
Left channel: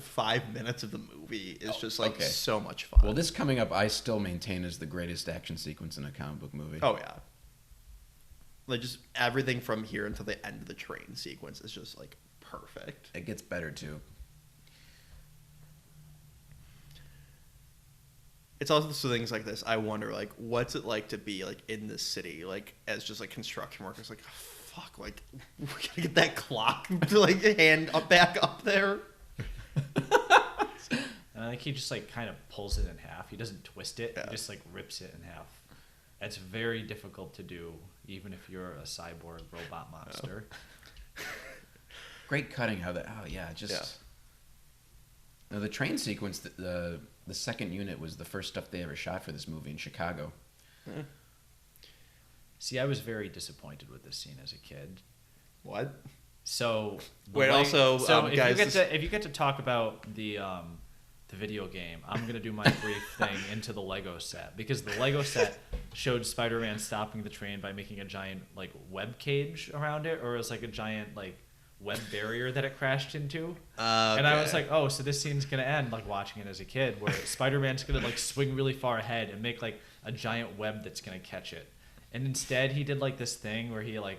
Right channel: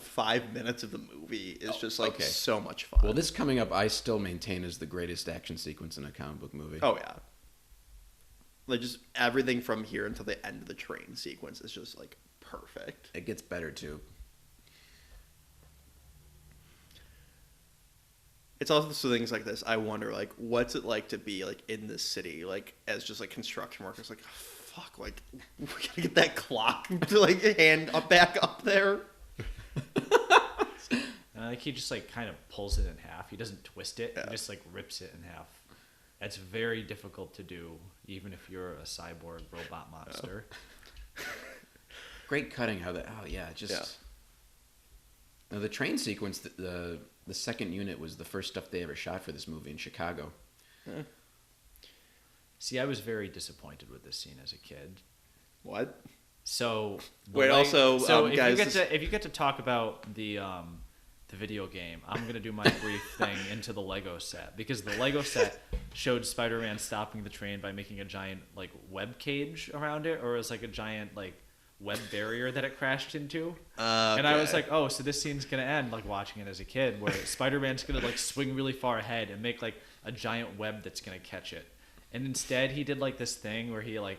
5 minutes of the movie is just like Okay. so much fun. Well, this coming up, I still maintain is the greatest action sequence in a comic book movie. Oh yeah. Like just everything from here until the end of the train sequence is just like perfect. It gets better too. It's also things like this. I wonder, like, what's it like to be like in this city, like as just like construction workers? Like, fuck, like we're gonna get that clock to like hand up back up there. He just like kind of pulls it in half. He doesn't twist it. Yeah. He just like rips it in half. It's very difficult to do, even if you're a cyborg robot monster. Great cutting of it. Oh yeah, just Yeah. The train sequence. The second unit was the first stuff they ever shot for this movie in Chicago. See, I was very disappointed with this scene as a kid. What? So Wait. Also, guys, if you get to talk about the video game, I'm going to do my brief thing into the Lego set, because the Lego set showed Spider-Man stopping the train by making a giant like web cage around it, or it was like a giant like web barrier that it crashed into. And I was like, oh, so this scene's gonna end like watching it as a kid, where Spider-Man's gonna like swing really far ahead and make like a giant web that's gonna catch it. And instead, he did like this thing where he like,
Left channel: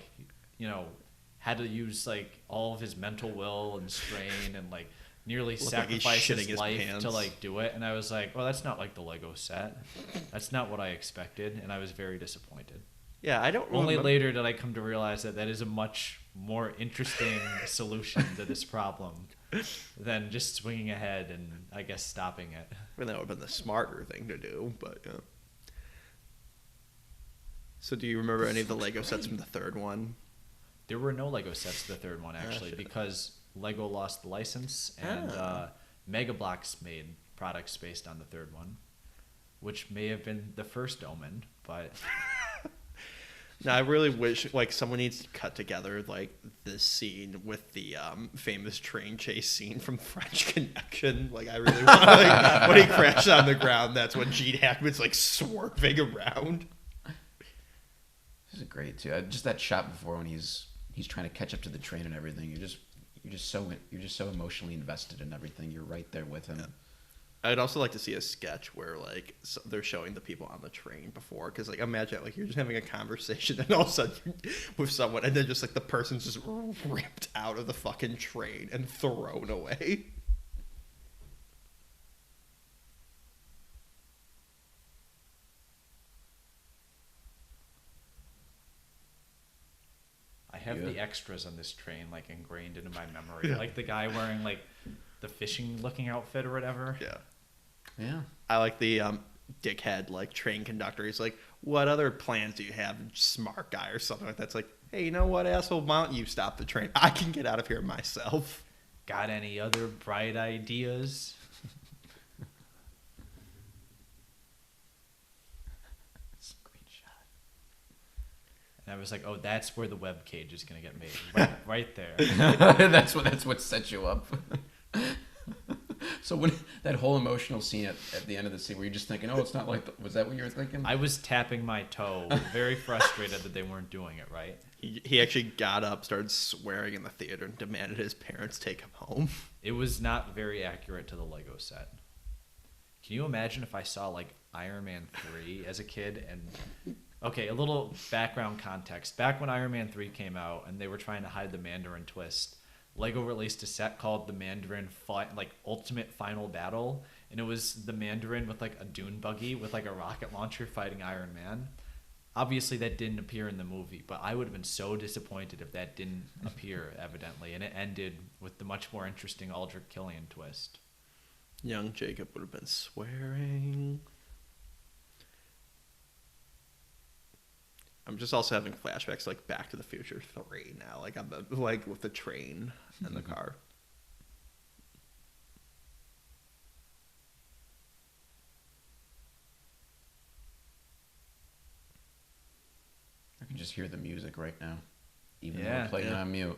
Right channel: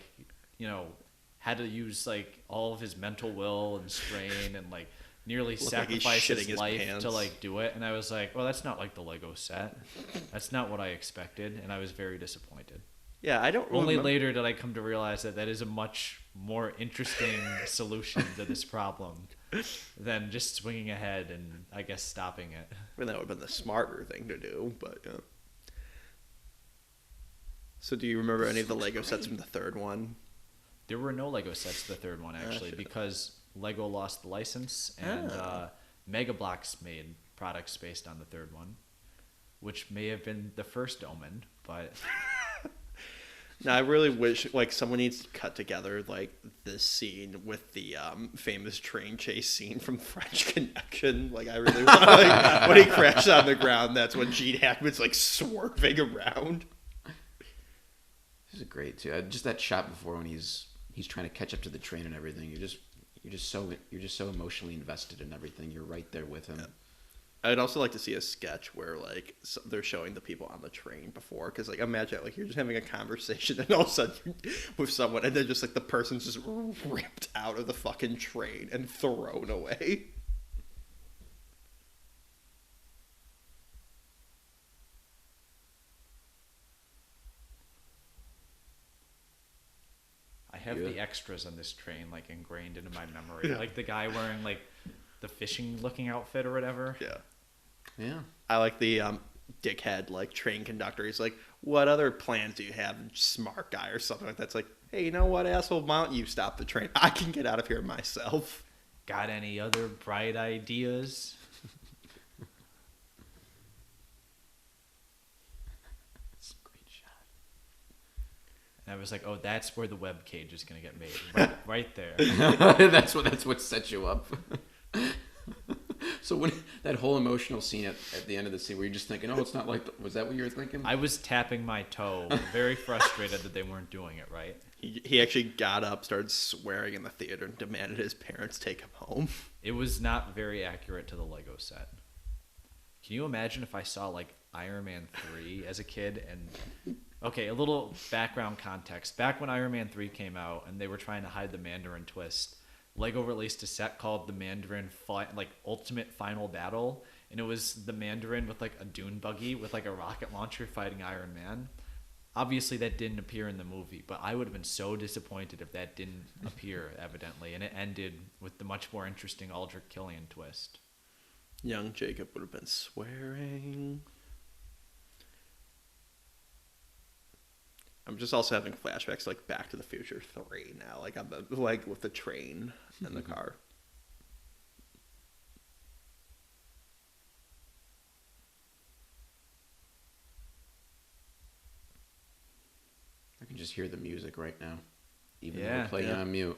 had to use like all of his mental will and strain and like nearly looked like he's sacrifice shitting his life pants to like do it. And I was like, well, that's not like the Lego set. That's not what I expected, and I was very disappointed. Yeah, I don't Only remember. later did I come to realize that is a much more interesting solution to this problem than just swinging ahead and, I guess, stopping it. I mean, that would have been the smarter thing to do, but yeah. So, do you remember any of the Lego sets from the third one? There were no Lego sets for the third one, actually, because Lego lost the license, and Mega Bloks made products based on the third one, which may have been the first Omen, but... Now, I really wish, like, someone needs to cut together, like, this scene with the famous train chase scene from French Connection. Like, I really want to, like, when he crashes on the ground, that's when Gene Hackman's, like, swerving around. This is great, too. Just that shot before when he's trying to catch up to the train and everything. You're just so emotionally invested in everything. You're right there with him. Yeah. I'd also like to see a sketch where, like, they're showing the people on the train before. Because, like, imagine, like, you're just having a conversation and all of a sudden with someone, and then just, like, the person's just ripped out of the fucking train and thrown away. I have the extras on this train, like, ingrained into my memory. Yeah. Like the guy wearing, like, the fishing-looking outfit or whatever. Yeah. Yeah. I like the dickhead, like, train conductor. He's like, what other plans do you have? Smart guy or something like that. It's like, hey, you know what, asshole? Why don't you stop the train? I can get out of here myself. Got any other bright ideas? I was like, oh, that's where the web cage is going to get moved. Right there. that's what sets you up. So when that whole emotional scene at the end of the scene, where you're just thinking, oh, it's not like, was that what you were thinking? I was tapping my toe, very frustrated that they weren't doing it right. He actually got up, started swearing in the theater, and demanded his parents take him home. It was not very accurate to the Lego set. Can you imagine if I saw like Iron Man 3 as a kid? And okay, a little background context. Back when Iron Man 3 came out and they were trying to hide the Mandarin twist, Lego released a set called the Mandarin Ultimate Final Battle, and it was the Mandarin with like a dune buggy with like a rocket launcher fighting Iron Man. Obviously, that didn't appear in the movie, but I would have been so disappointed if that didn't appear, evidently, and it ended with the much more interesting Aldrich Killian twist. Young Jacob would have been swearing. I'm just also having flashbacks like Back to the Future 3 now, like on the with the train and the car. I can just hear the music right now, even though Yeah. we played it on mute.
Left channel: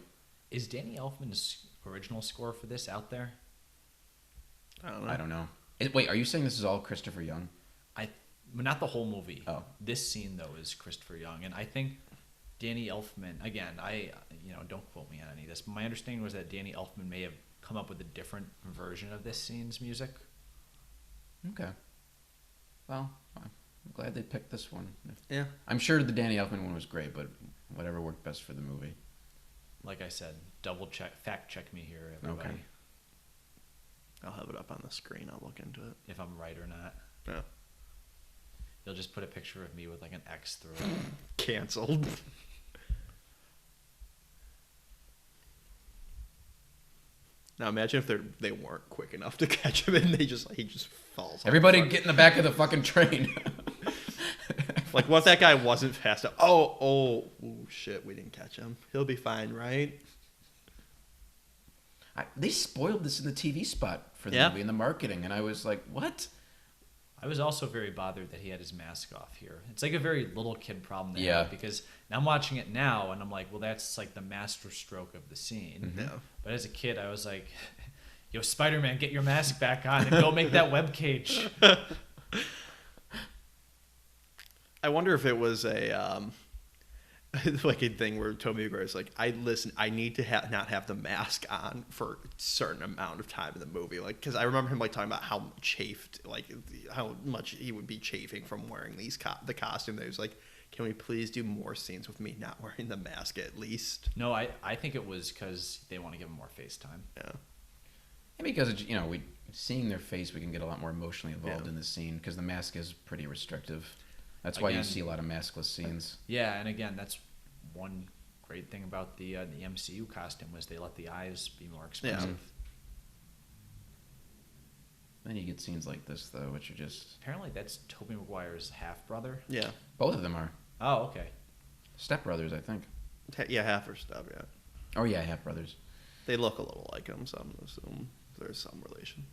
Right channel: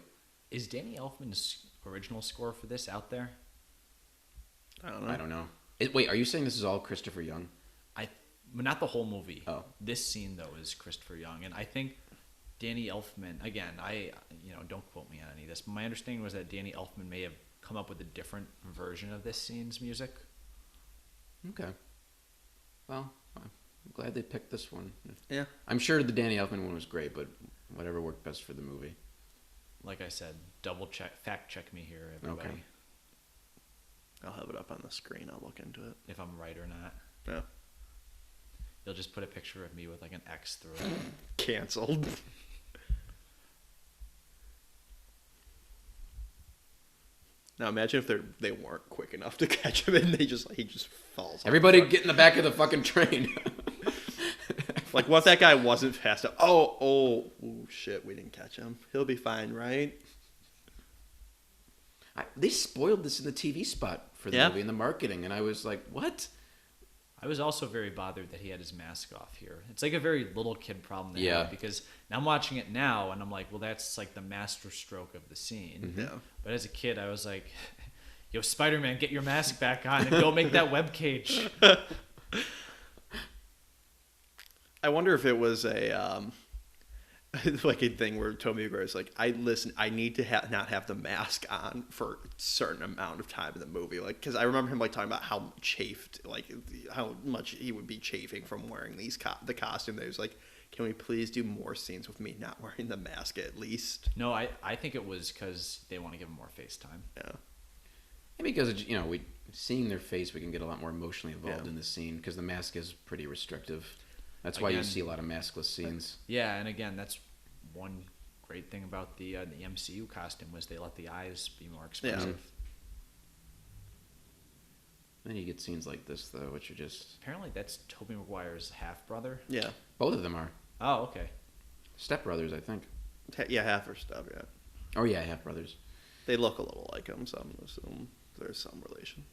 Is Danny Elfman's original score for this out there? I don't I know. don't know. Wait, are you saying this is all Christopher Young? Well, not the whole movie. Oh. This scene though is Christopher Young, and I think Danny Elfman. Again, don't quote me on any of this, but my understanding was that Danny Elfman may have come up with a different version of this scene's music. Okay. Well, fine. I'm glad they picked this one. Yeah. I'm sure the Danny Elfman one was great, but whatever worked best for the movie. Like I said, double check, fact check me here, everybody. Okay. I'll have it up on the screen. I'll look into it. If I'm right or not. Yeah. they'll just put a picture of me with like an X through it. Canceled. Now imagine if they weren't quick enough to catch him and he just falls off. Everybody get in the back of the fucking train. Like, what if that guy wasn't fast enough? Oh, shit, we didn't catch him. He'll be fine, right? They spoiled this in the TV spot for the movie in the marketing, and I was like, what? I was also very bothered that he had his mask off here. It's like a very little kid problem. Yeah. Because I'm watching it now, and I'm like, well, that's like the master stroke of the scene. Yeah. But as a kid, I was like, yo, Spider-Man, get your mask back on. Don't make that web cage. I wonder if it was a like a thing where Tobey Maguire's like, I need to not have the mask on for a certain amount of time in the movie, like, because I remember him like talking about how chafed, like how much he would be chafing from wearing the costume. That he was like, can we please do more scenes with me not wearing the mask at least? No, I think it was because they want to give him more face time. Yeah. Because we seeing their face, we can get a lot more emotionally involved in the scene because the mask is pretty restrictive. That's why you see a lot of maskless scenes. Yeah, and again, that's one great thing about the MCU costume was they let the eyes be more expressive. Yeah. Then you get scenes like this, though, which are just... Apparently that's Tobey Maguire's half-brother. Yeah. Both of them are. Oh, okay. Step-brothers, I think. Yeah, half or stuff, yeah. Oh, yeah, half-brothers. They look a little like him, so I'm going to assume there's some relation.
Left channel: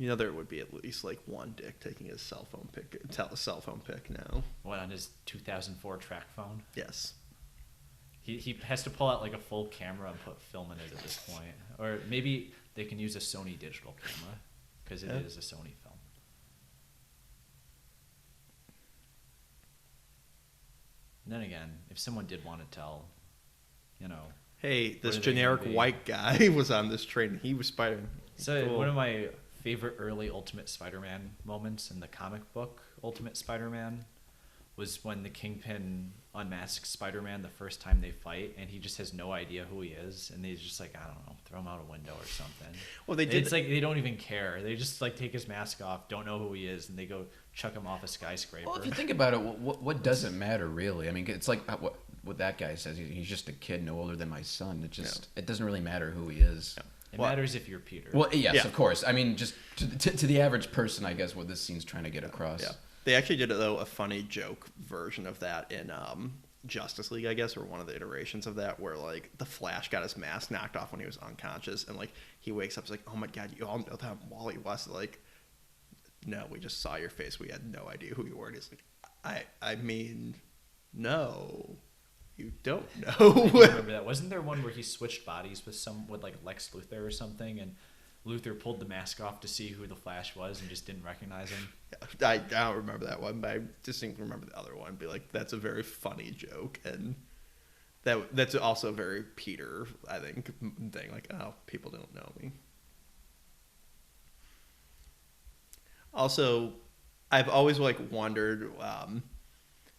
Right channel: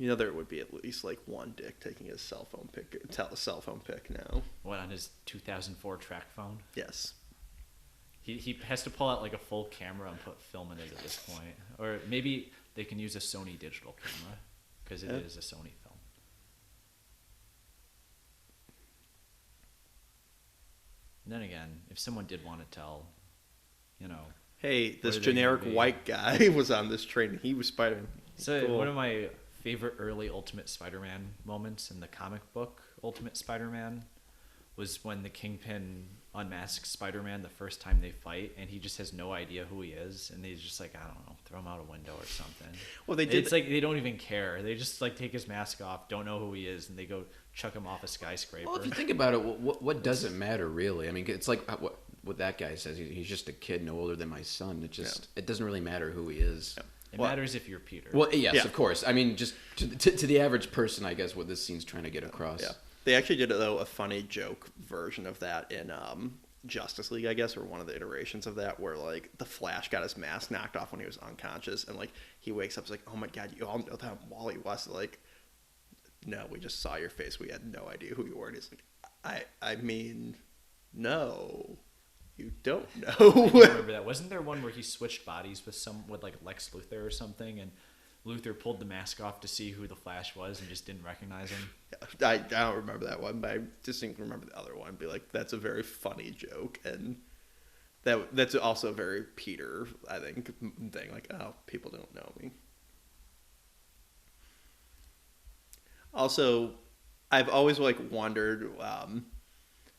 There would be at least like one dick taking his cell phone pic now. What, on his 2004 track phone? Yes. He has to pull out like a full camera and put film in his phone. Or maybe they can use a Sony digital camera because it is a Sony phone. And then again, if someone did want to tell, hey, this generic white guy was on this train. He was Spider-Man. So cool. One of my favorite early Ultimate Spider-Man moments in the comic book Ultimate Spider-Man was when the Kingpin unmasks Spider-Man the first time they fight, and he just has no idea who he is, and he's just like, I don't know, throw him out a window or something. Well, they did. It's like they don't even care. They just like take his mask off, don't know who he is, and they go chuck him off a skyscraper. Well, if you think about it, what does it matter really? I mean, it's like what that guy says. He's just a kid no older than my son. It doesn't really matter who he is. Yeah. It matters if you're Peter. Well, yes, of course. I mean, just to the average person, I guess, what this scene's trying to get across. Yeah. They actually did, though, a funny joke version of that in Justice League, I guess, or one of the iterations of that, where, like, the Flash got his mask knocked off when he was unconscious, and, like, he wakes up, he's like, oh, my God, you all know that Wally West. Like, no, we just saw your face. We had no idea who you were. And he's like, I mean, no, you don't know. Yeah, wasn't there one where he switched bodies with like Lex Luthor or something, and Luthor pulled the mask off to see who the Flash was and just didn't recognize him? Yeah, I don't remember that one, but I distinctly remember the other one. Be like, that's a very funny joke, and that's also a very Peter, I think, thing. Like, oh, people don't know me. Also, I've always like wondered.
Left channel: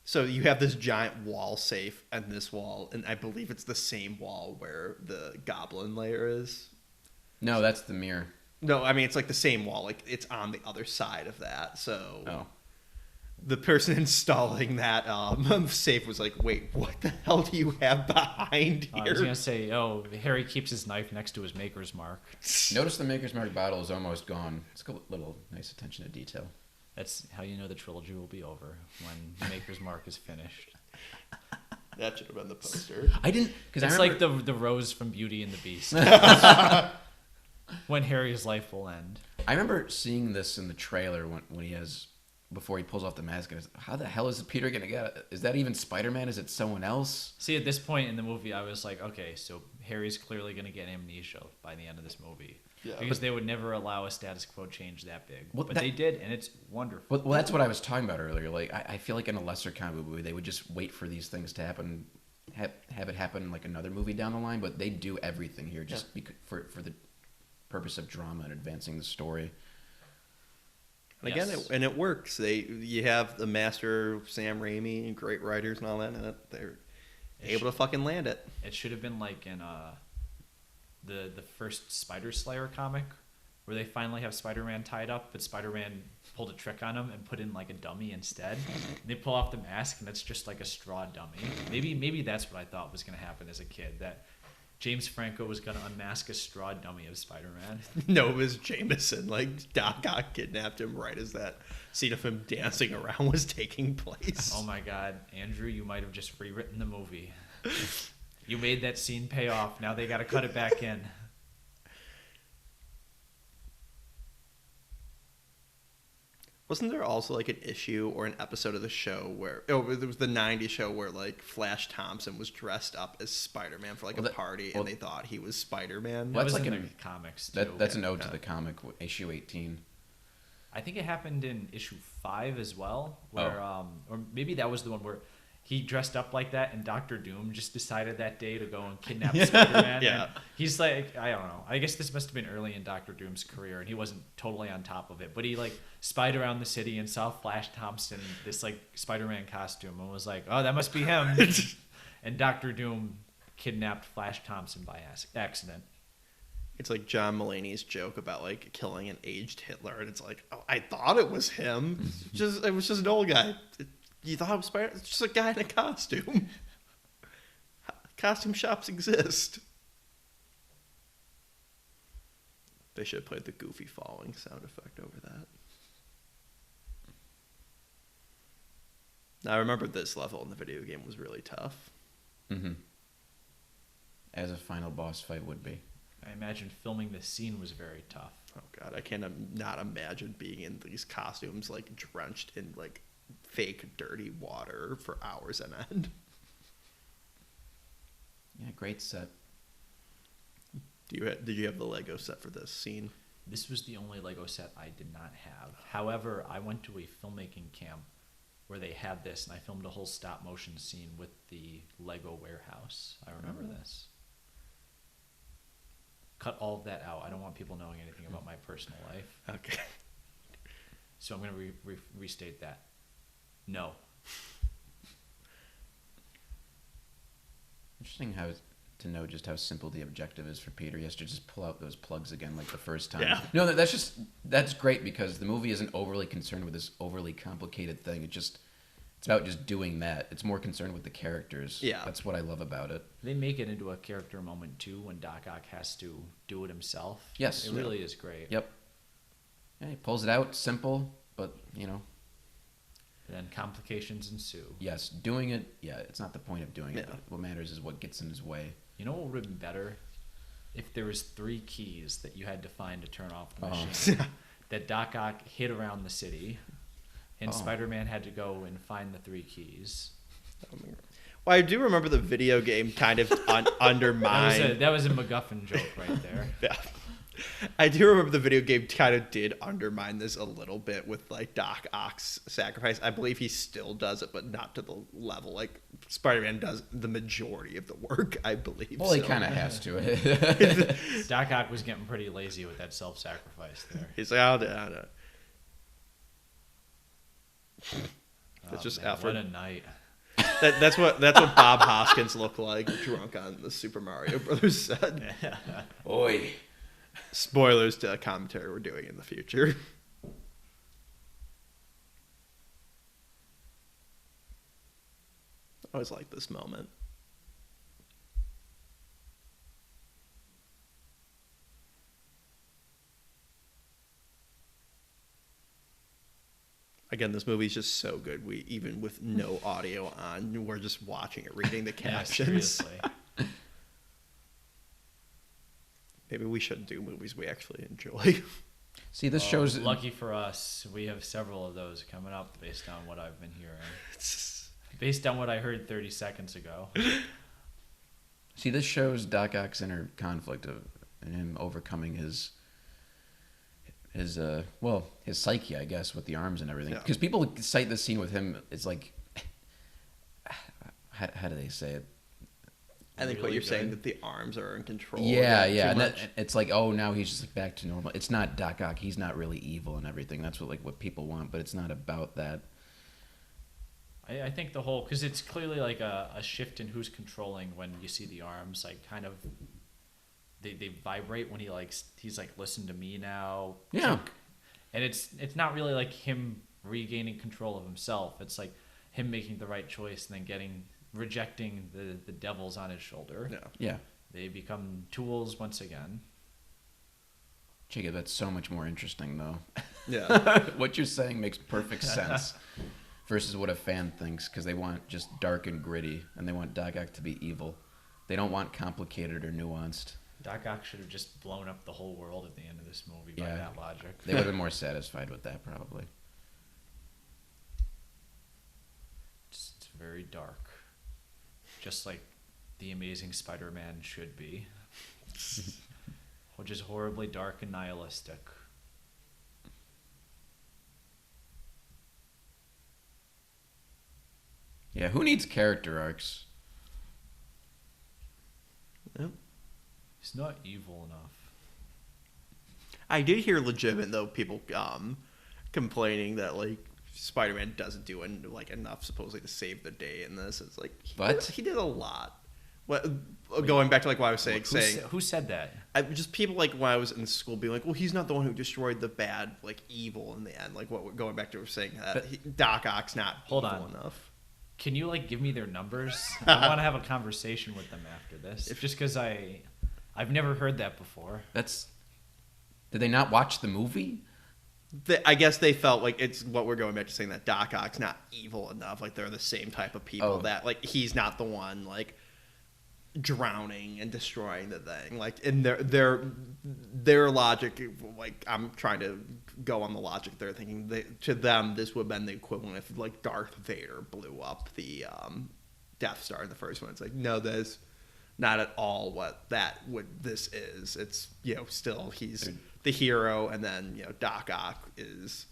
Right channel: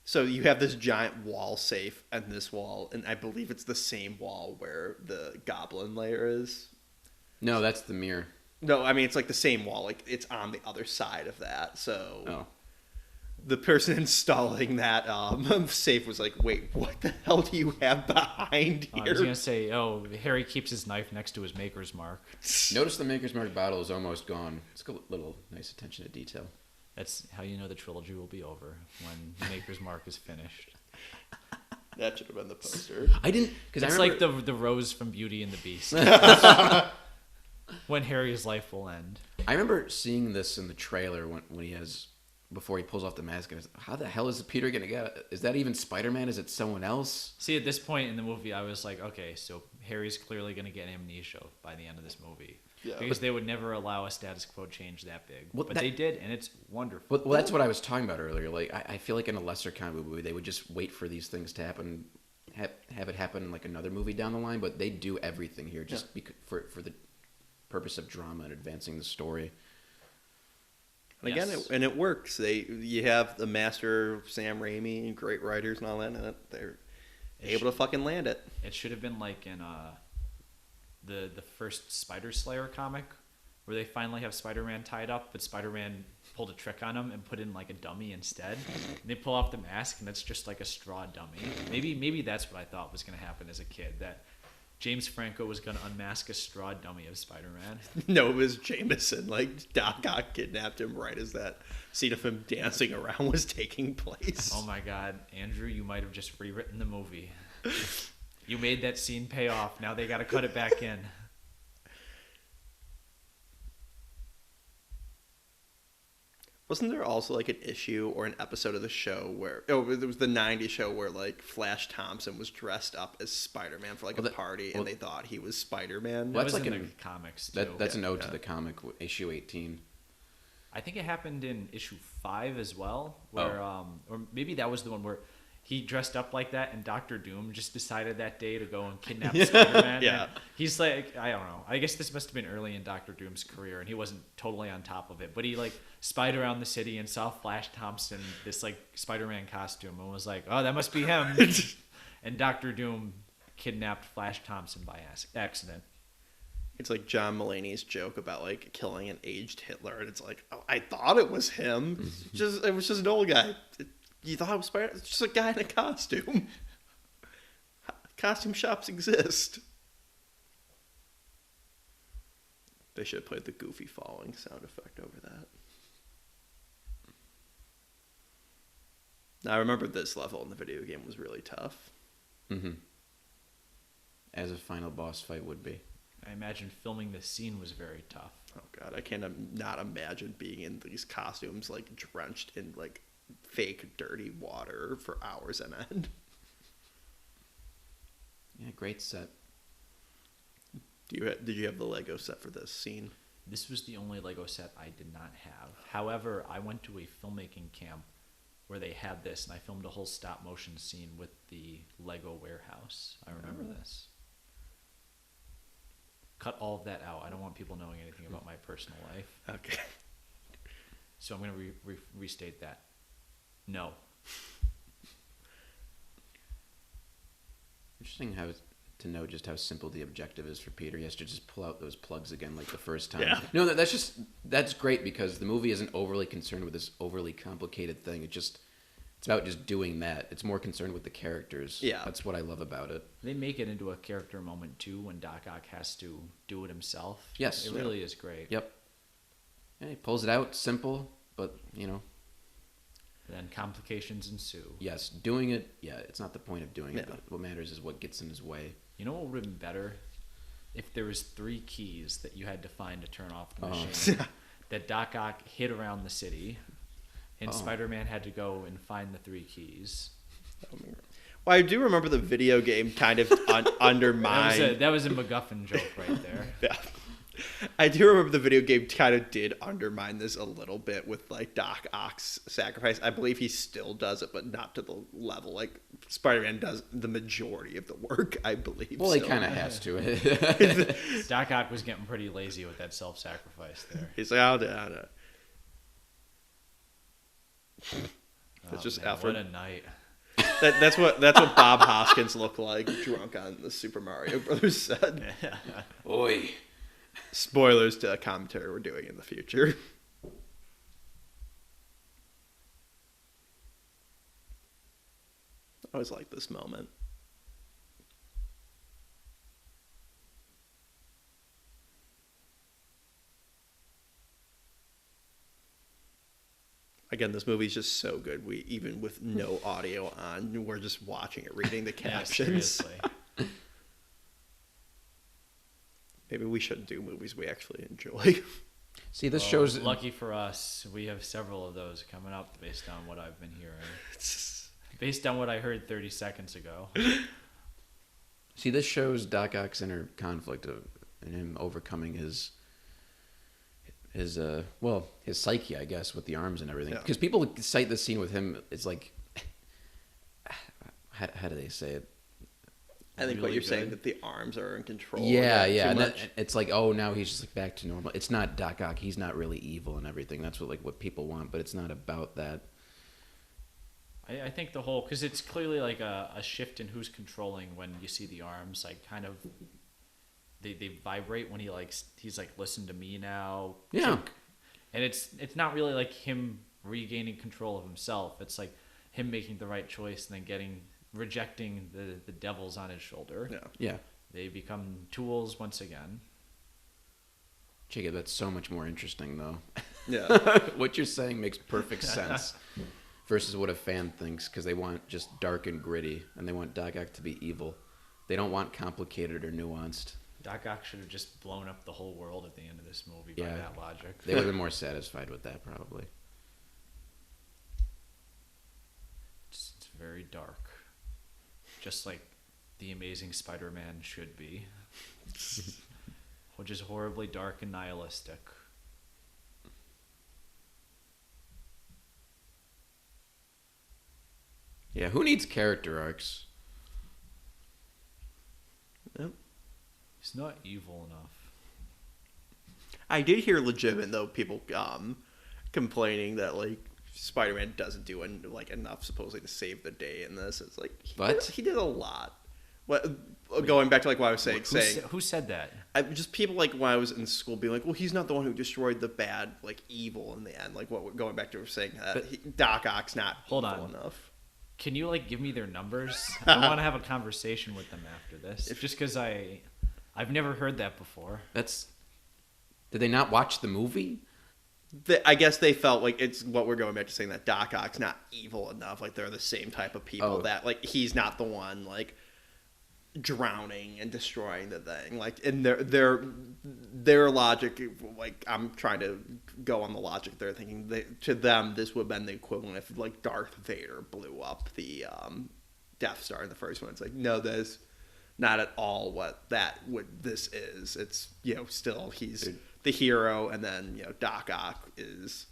So you have this giant wall safe and this wall, and I believe it's the same wall where the Goblin lair is. No, that's the mirror. No, I mean it's like the same wall. Like it's on the other side of that. So the person installing that safe was like, "Wait, what the hell do you have behind here?" I was gonna say, Harry keeps his knife next to his Maker's Mark. Notice the Maker's Mark bottle is almost gone. It's got a little nice attention to detail. That's how you know the trilogy will be over. The Maker's Mark is finished. That should have been the poster. I did because I remember like the rose from Beauty and the Beast. When Harry's life will end. I remember seeing this in the trailer when he has before he pulls off the mask. I was, how the hell is Peter gonna get? Is that even Spider-Man? Is it someone else? See, at this point in the movie, I was like, okay, so Harry's clearly gonna get amnesia by the end of this movie. Yeah. Because they would never allow a status quo change that big. Well, but they did, and it's wonderful. Well, that's what I was talking about earlier. Like, I feel like in a lesser kind of movie, they would just wait for these things to happen, have it happen in like another movie down the line. But they do everything here just for the purpose of drama and advancing the story. And again, it works. You have the master Sam Raimi, great writers and all that, and they're able to fucking land it. It should have been like in the first Spider Slayer comic, where they finally have Spider-Man tied up, but Spider-Man pulled a trick on him and put in like a dummy instead. And they pull off the mask and it's just like a straw dummy. Maybe that's what I thought was going to happen as a kid. That James Franco was going to unmask a straw dummy as Spider-Man. No, it was Jameson. Like, Doc Ock kidnapped him right as that scene of him dancing around was taking place. Oh my God, Andrew, you might have just rewritten the movie. You made that scene pay off. Now they got to cut it back in. Wasn't there also like an issue or an episode of the show where it was the '90s show where like Flash Thompson was dressed up as Spider-Man for like a party and they thought he was Spider-Man? Well, That that's was like in an the comics. that's Okay, an ode yeah. to the comic issue 18. I think it happened in issue 5 as well, where or maybe that was the one where he dressed up like that, and Doctor Doom just decided that day to go and kidnap Spider-Man. Yeah. He's like, I don't know. I guess this must have been early in Doctor Doom's career. He wasn't totally on top of it, but he like spied around the city and saw Flash Thompson in this like Spider-Man costume and was like, oh, that must be him. And Doctor Doom kidnapped Flash Thompson by accident. It's like John Mulaney's joke about like killing an aged Hitler, and it's like, oh, I thought it was him. It was just an old guy. You thought it was Spider? It's just a guy in a costume. Costume shops exist. They should have played the Goofy falling sound effect over that. Now, I remember this level in the video game was really tough. Mm-hmm. As a final boss fight would be. I imagine filming this scene was very tough. Oh god, I can't not imagine being in these costumes like drenched in like fake dirty water for hours on end. Yeah, great set. Did you have the Lego set for this scene? This was the only Lego set I did not have. However, I went to a filmmaking camp where they had this, and I filmed the whole stop motion scene with the Lego warehouse. I remember this. Cut all of that out. I don't want people knowing anything about my personal life. Okay. So I'm going to restate that. No. Interesting to know just how simple the objective is for Peter. He has to just pull out those plugs again like the first time. Yeah. No, that's great because the movie isn't overly concerned with this overly complicated thing. It's about just doing that. It's more concerned with the characters. Yeah. That's what I love about it. They make it into a character moment too when Doc Ock has to do it himself. Yes. It Yeah. really is great. Yep. Yeah, he pulls it out, simple, but Then complications ensue. yes, doing it. Yeah, it's not the point of doing it. Yeah. What matters is what gets in his way. You know what would be better? If there was 3 keys that you had to find to turn off the light that Doc Ock hid around the city, and Spider-Man had to go and find the 3 keys. Well, I do remember the video game kind of undermined. That was a MacGuffin joke right there. Yeah. I do remember the video game kind of did undermine this a little bit with like Doc Ock's sacrifice. I believe he still does it, but not to the level like Spider-Man does the majority of the work, I believe. Well, So he kind of has to. Doc Ock was getting pretty lazy with that self-sacrifice. he's like, I'll do it. It's just Alfred. What a night. That's what Bob Hoskins looked like drunk on the Super Mario Brothers set. Oi. Spoilers to a commentary we're doing in the future. I always like this moment. Again, this movie's just so good. We even with no audio on, we're just watching it, reading the captions. Maybe we should do movies we actually enjoy. See, this Well, shows. lucky for us, we have several of those coming up based on what I've been hearing. Based on what I heard 30 seconds ago. See, this shows Doc Ock's inner conflict of him overcoming his psyche, I guess, with the arms and everything. Yeah. Because people cite this scene with him. It's like, how do they say it? I think what you're saying that the arms are in control again too much. It's like, oh, now he's just back to normal. It's not Doc Ock. He's not really evil and everything. That's what people want, but it's not about that. I think the whole, because it's clearly like a shift in who's controlling when you see the arms, like kind of, they vibrate when he's like, listen to me now. Yeah. And it's not really like him regaining control of himself. It's like him making the right choice and then rejecting the devils on his shoulder. Yeah. Yeah. They become tools once again. Jacob, that's so much more interesting, though. Yeah. What you're saying makes perfect sense versus what a fan thinks, because they want it just dark and gritty, and they want Doc Ock to be evil. They don't want complicated or nuanced. Doc Ock should have just blown up the whole world at the end of this movie by that logic. They would have been more satisfied with that, probably. It's very dark. Just like The Amazing Spider-Man should be. Which is horribly dark and nihilistic. Yeah, who needs character arcs? Yep. It's not evil enough. I did hear legitimate though people complaining that like Spider-Man doesn't do enough supposedly to save the day in this. It's like he did a lot. What going back to like what I was saying Who said that? just people like when I was in school being like, well, he's not the one who destroyed the bad like evil in the end. Like what going back to saying that Doc Ock's not evil enough. Can you like give me their numbers? I want to have a conversation with them after this. Just because I've never heard that before. Did they not watch the movie? I guess they felt like it's what we're going back to saying that Doc Ock's not evil enough. Like they're the same type of people that like he's not the one like drowning and destroying the thing. Like in their logic, like I'm trying to go on the logic. They're thinking to them this would have been the equivalent if like Darth Vader blew up the Death Star in the first one. It's like no, that's not at all what this is. It's still he's the hero, and then Doc Ock is.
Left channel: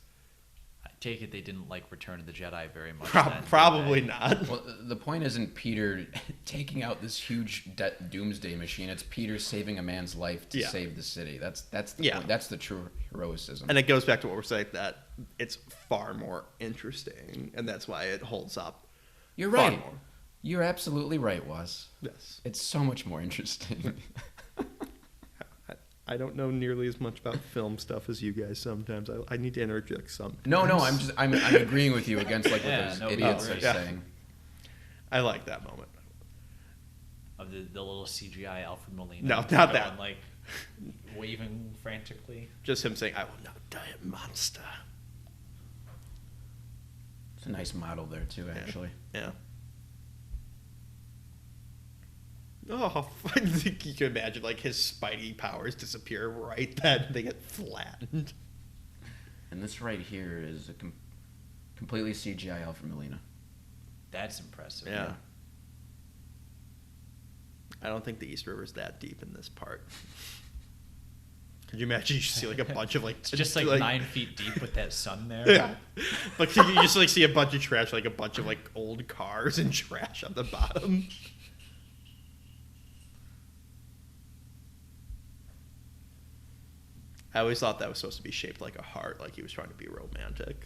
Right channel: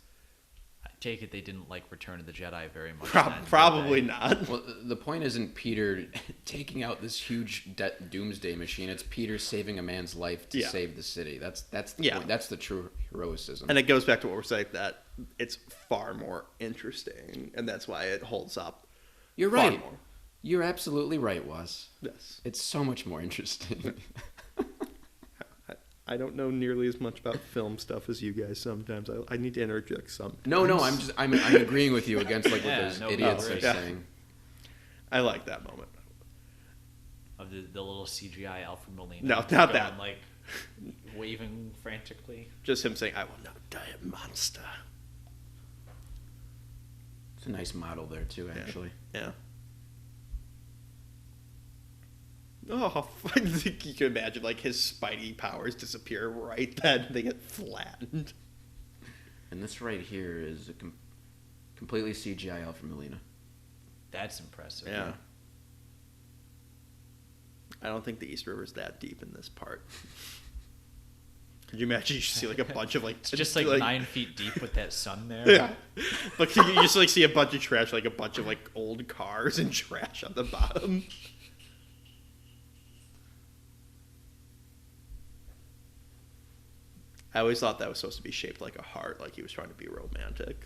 I take it they didn't like Return of the Jedi very much. Probably not. Well, the point isn't Peter taking out this huge doomsday machine. It's Peter saving a man's life to save the city. That's the true heroicism. And it goes back to what we're saying, that it's far more interesting, and that's why it holds up. You're far right. more. You're absolutely right, Waz. Yes. It's so much more interesting. I don't know nearly as much about film stuff as you guys sometimes. I need to interject sometimes. No, I'm agreeing with you against like those idiots. Yeah. I like that moment. Of the little CGI Alpha Marine. No, not that. Like waving frantically. Just him saying, "I will not die a monster." It's a nice model there too, actually. Yeah. Oh, I think you can imagine like his Spidey powers disappear right then. They get flattened. And this right here is a completely CGI Alpha Melina. That's impressive. Yeah. I don't think the East River's that deep in this part. Could you imagine you see like a bunch of like It's just like 9 feet deep with that sun there. yeah, like you just like see a bunch of trash, like a bunch of like old cars and trash on the bottom. I always thought that was supposed to be shaped like a heart, like he was trying to be romantic.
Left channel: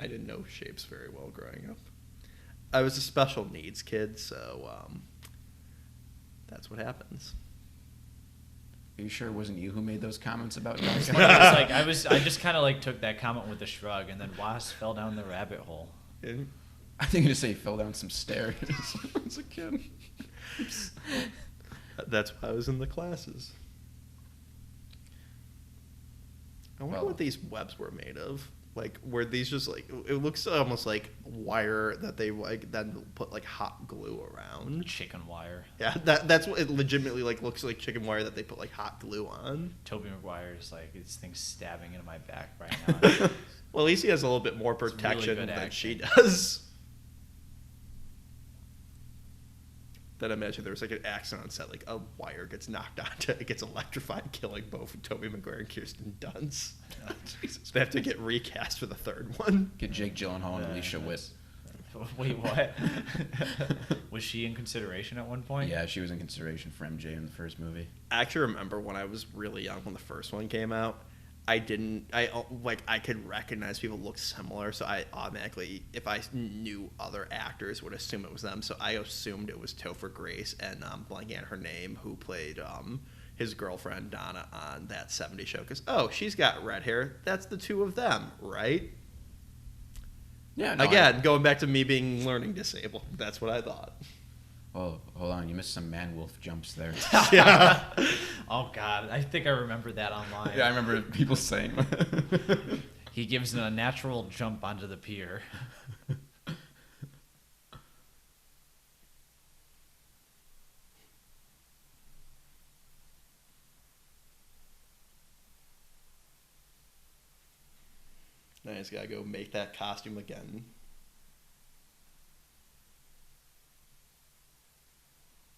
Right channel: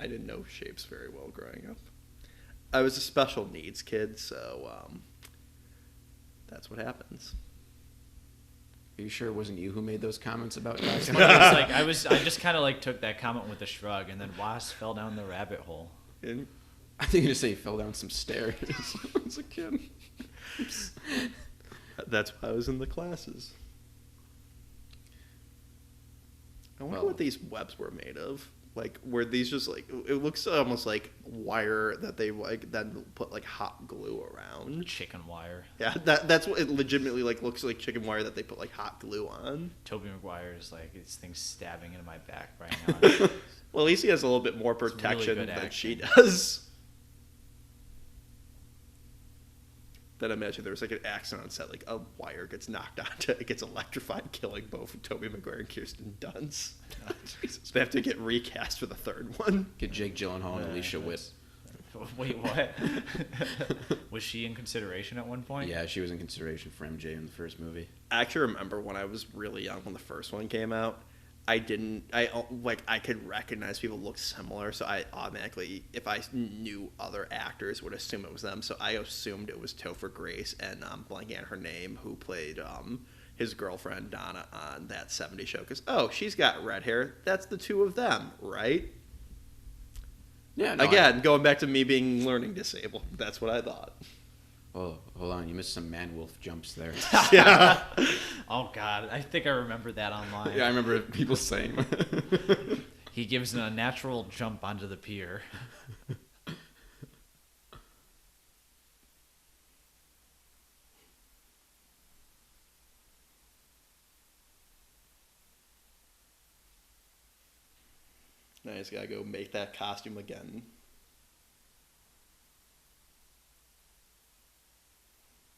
I didn't know shapes very well growing up. I was a special needs kid, so that's what happens. Are you sure it wasn't you who made those comments about it? I just kind of like took that comment with a shrug, and then Wasp fell down the rabbit hole. And I think you just say he fell down some stairs. As a kid. that's why I was in the classes. I wonder what these webs were made of. Like, were these just like, it looks almost like wire that they like then put like hot glue around. Chicken wire. Yeah, that's what it legitimately like looks like, chicken wire that they put like hot glue on. Tobey Maguire's like, this thing's stabbing in my back right now. Well, at least he has a little bit more protection than she does. Then imagine there was like an accident on set, like a wire gets knocked onto it, gets electrified, killing both Tobey Maguire and Kirsten Dunst. They have to get recast for the third one. Get Jake Gyllenhaal and Alicia Witt. Wait, what? Was she in consideration at one point? Yeah, she was in consideration for MJ in the first movie. I actually remember when I was really young, when the first one came out, I could recognize people looked similar, so I automatically, if I knew other actors, would assume it was them. So I assumed it was Topher Grace and blanking on her name, who played his girlfriend Donna on that '70s show because she's got red hair. That's the two of them, right? Yeah, no, Again, going back to me being learning disabled. That's what I thought. Oh, hold on, you missed some man wolf jumps there. Yeah. Oh God, I think I remember that online. Yeah, I remember people saying that. He gives a natural jump onto the pier. Now he's got to go make that costume again.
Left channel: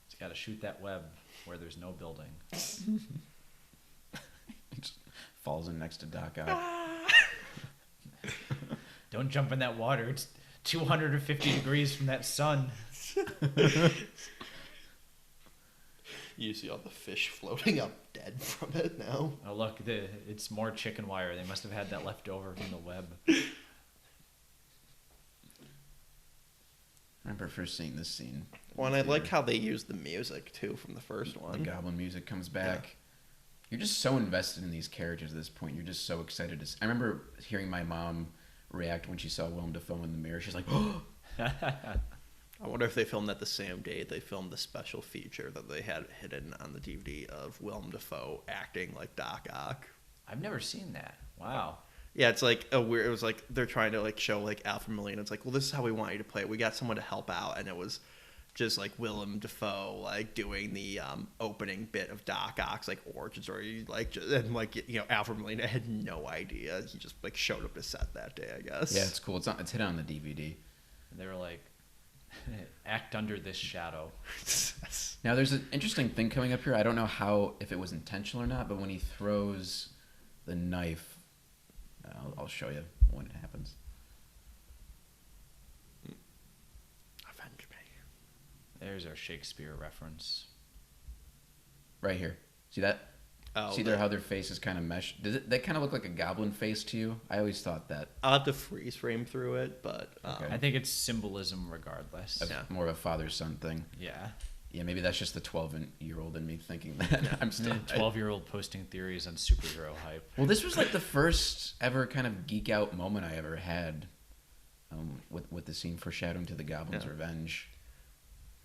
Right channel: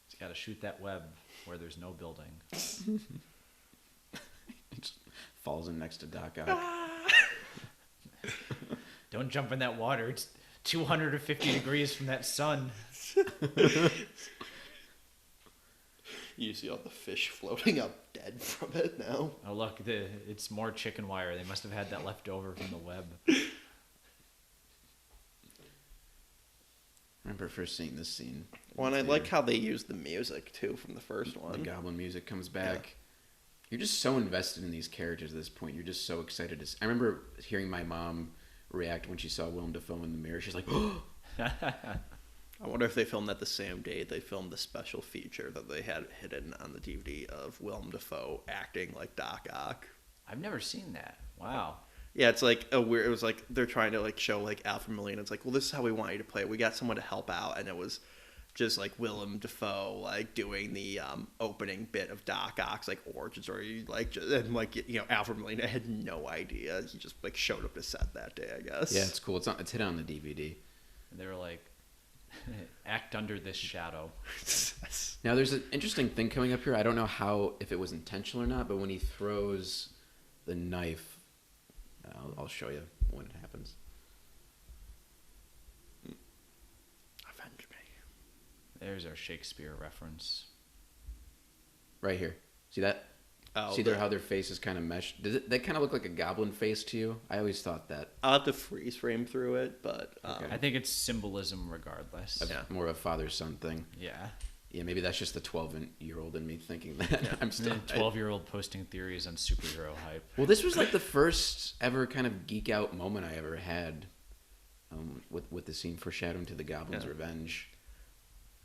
He's got to shoot that web where there's no building. Falls in next to Doc Ock. Don't jump in that water. It's 250 degrees from that sun. You see all the fish floating up dead from it now. I love that it's more chicken wire. They must have had that left over from the web. I remember first seeing this scene. Well, and I like how they used the music, too, from the first one. Goblin music comes back. Yeah. You're just so invested in these characters at this point. You're just so excited. I remember hearing my mom react when she saw Willem Dafoe in the mirror. She's like, oh! I wonder if they filmed that the same day they filmed the special feature that they had hidden on the DVD of Willem Dafoe acting like Doc Ock. I've never seen that. Wow. Yeah, it's like a weird. It was like they're trying to like show like Alfred Molina. It's like, well, this is how we want you to play it. We got someone to help out, and it was just like Willem Dafoe like doing the opening bit of Doc Ock's like origin story, like just, and like Alfred Molina had no idea. He just like showed up to set that day, I guess. Yeah, it's cool. It's hidden on the DVD. They're like, act under this shadow. Yes. Now, there's an interesting thing coming up here. I don't know if it was intentional or not, but when he throws the knife, I'll show you when it happens. Avenge me. There's a Shakespeare reference. Right here. See that? Oh, See how their faces kind of mesh? They kind of look like a goblin face to you? I always thought that. I'll have to freeze frame through it, but I think it's symbolism regardless. That's Yeah. more of a father-son thing. Yeah. Yeah, maybe that's just the 12-year-old in me thinking that. Yeah. I'm still. 12-year-old posting theories on superhero hype. Well, this was like the first ever kind of geek out moment I ever had with the scene foreshadowing to the Goblin's Revenge.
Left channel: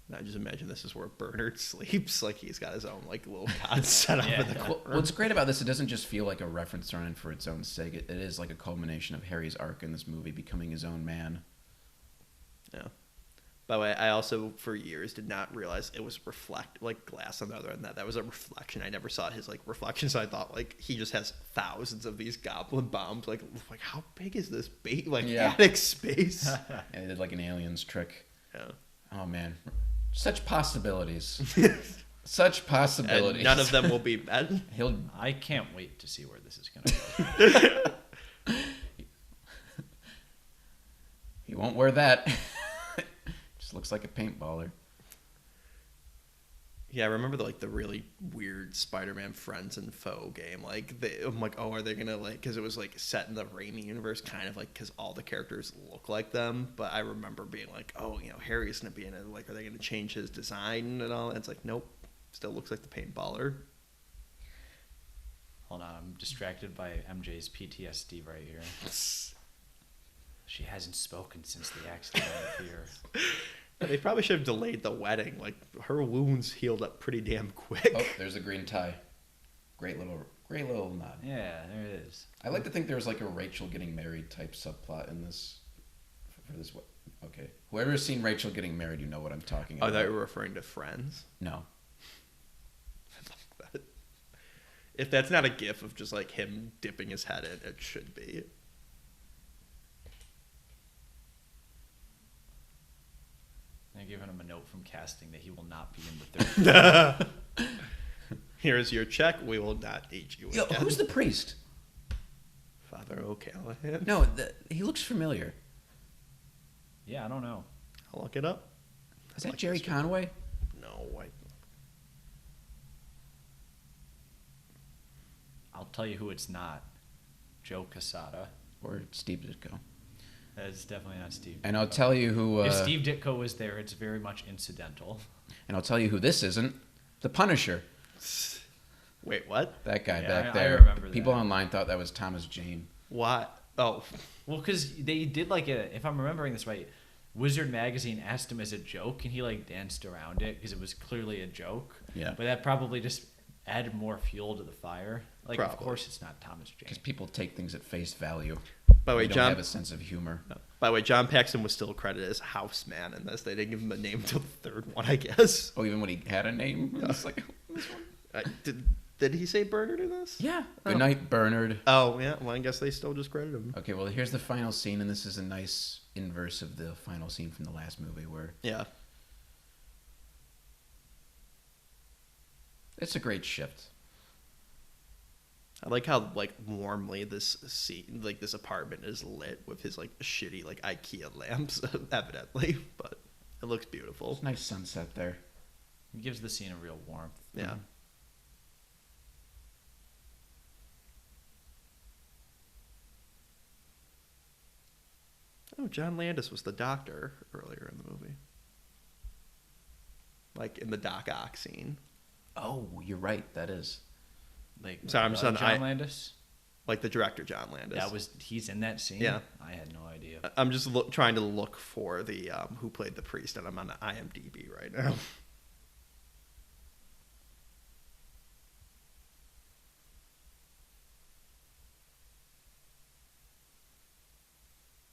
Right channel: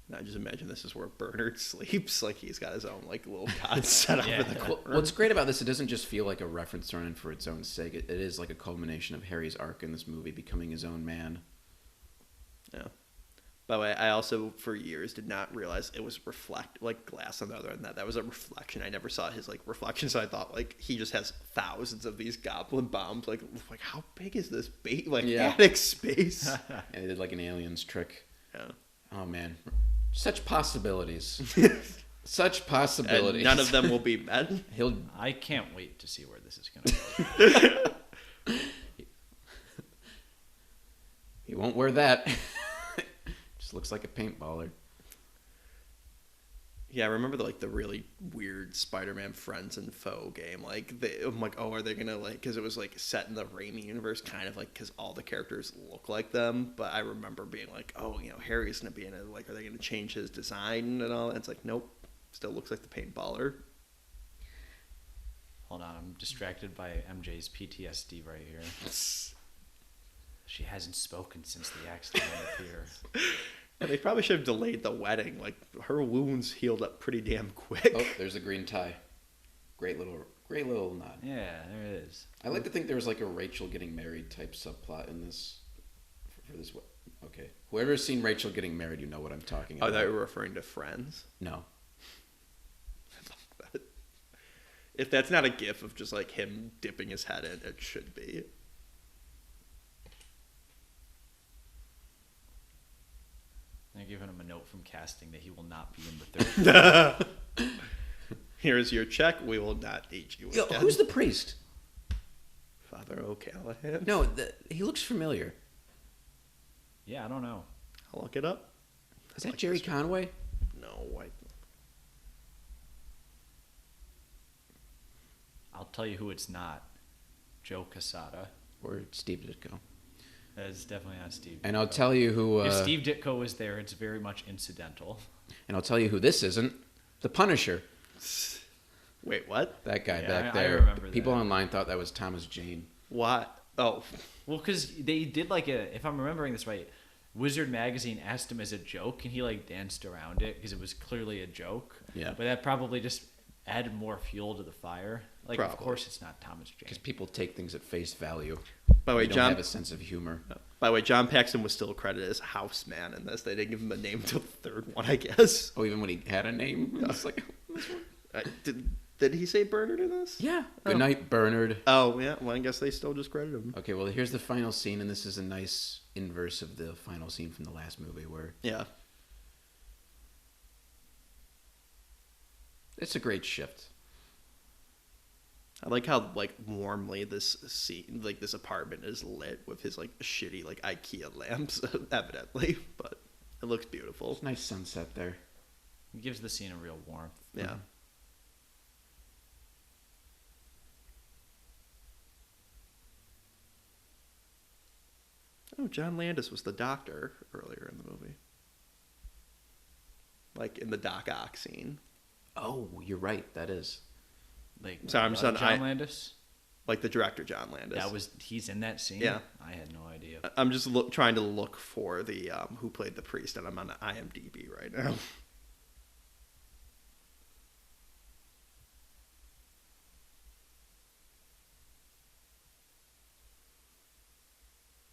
now just imagine this is where Bernard sleeps. Like he's got his own like little cot set up in the corner. What's great about this, it doesn't just feel like a reference thrown in for its own sake. It is like a culmination of Harry's arc in this movie, becoming his own man. Yeah. By the way, I also for years did not realize it was like glass on the other end. That was a reflection. I never saw his like reflection, so I thought like he just has thousands of these goblin bombs. Like how big is this attic space? It is like an alien's trick. Yeah. Oh man, such possibilities. Such possibilities. And none of them will be met. I can't wait to see where this is going. He won't wear that. Just looks like a paintballer. Yeah, I remember the really weird Spider-Man Friends and Foe game. I'm like, oh, are they gonna because it was like set in the Raimi universe, kind of like because all the characters look like them. But I remember being like, oh, Harry's gonna be in it. Like, are they gonna change his design and all? And it's like, nope, still looks like the paintballer. Hold on, I'm distracted by MJ's PTSD right here. She hasn't spoken since the accident. Yeah, they probably should have delayed the wedding. Like her wounds healed up pretty damn quick. Oh, there's a green tie. Great little nod. Yeah, there it is. I like to think there was like a Rachel getting married type subplot in this. For this, okay, whoever's seen Rachel getting married, you know what I'm talking Oh, about. that you were referring to Friends. No. I like that. If that's not a gif of just like him dipping his head in, it should be. Here's your check. We will not need you again. Who's the priest? Father O'Callahan. No, he looks familiar. Yeah, I don't know. I'll look it up. Is that Jerry Conway? No, I'll tell you who it's not. Joe Quesada. Or Steve Ditko. That is definitely not Steve. And I'll tell you who... if Steve Ditko was there, it's very much incidental. And I'll tell you who this isn't. The Punisher. Wait, what? That guy Yeah, back I there. remember People that. online thought that was Thomas Jane. What? Oh, Well, because they did like if I'm remembering this right, Wizard Magazine asked him as a joke, and he like danced around it because it was clearly a joke. Yeah. But that probably just added more fuel to the fire. Like, Probably. Of course, it's not Thomas Jane. Because people take things at face value. by the way, They John. have a sense of humor. By the way, John Paxton was still credited as Houseman in this. They didn't give him a name until the third one, I guess. Oh, even when he had a name? Yeah. It's like, Did he say Bernard in this? yeah. Oh. Good night, Bernard. Oh, yeah. Well, I guess they still just credit him. Okay, well, here's the final scene, and this is a nice inverse of the final scene from the last movie, where Yeah. it's a great shift. I like how like warmly this scene, like this apartment is lit with his like shitty like IKEA lamps, evidently, but it looks beautiful. It's a nice sunset there. It gives the scene a real warmth. Yeah. Oh, John Landis was the doctor earlier in the movie. Like in the Doc Ock scene. Oh, you're right, that is. Like, Sorry, I'm just on John I Landis? like the director John Landis. He's in that scene. Yeah. I had no idea. I'm just trying to look for the who played the priest, and I'm on IMDb right now.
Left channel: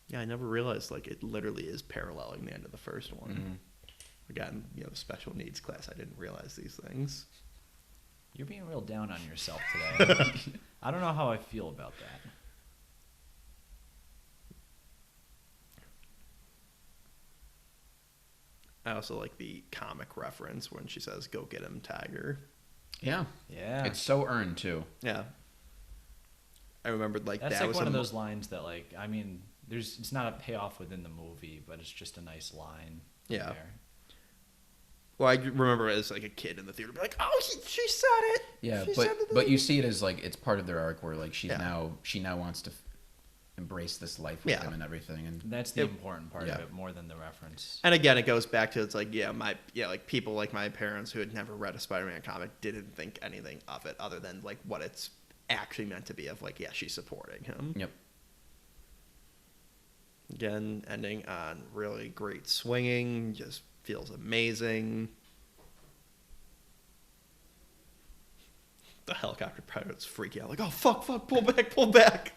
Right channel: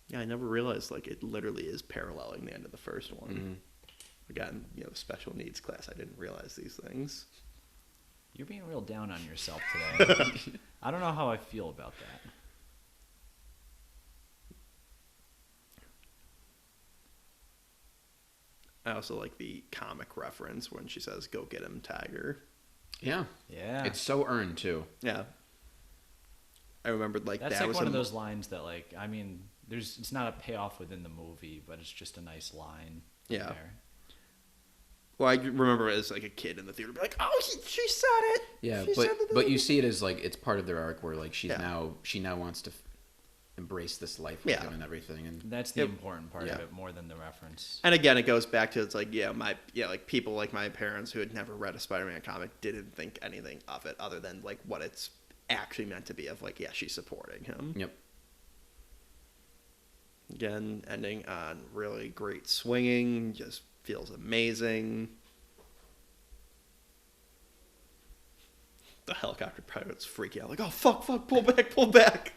Yeah, I never realized like it literally is paralleling the end of the first one. Mhm. Again, you know, the special needs class. I didn't realize these things. You're being real down on yourself today. I don't know how I feel about that. I also like the comic reference when she says, "Go get him, Tiger." Yeah. Yeah. It's so earned, too. Yeah, I remembered like That's that like was one a of mo- those lines that, like, I mean, it's not a payoff within the movie, but it's just a nice line. yeah. Well, I remember as like a kid in the theater, be like, "Oh, she said it. Yeah, she said it." but you see it as like it's part of their arc where like Yeah. she now wants to embrace this life Yeah. and everything. And And that's the It- important part yeah. of it, more than the reference. And again, it goes back to it's like like people like my parents who had never read a Spider-Man comic didn't think anything of it other than like what it's actually meant to be of like she's supporting him. Yep. Again, ending on really great swinging, just feels amazing. The helicopter pilots freak out like, "Oh fuck, pull back."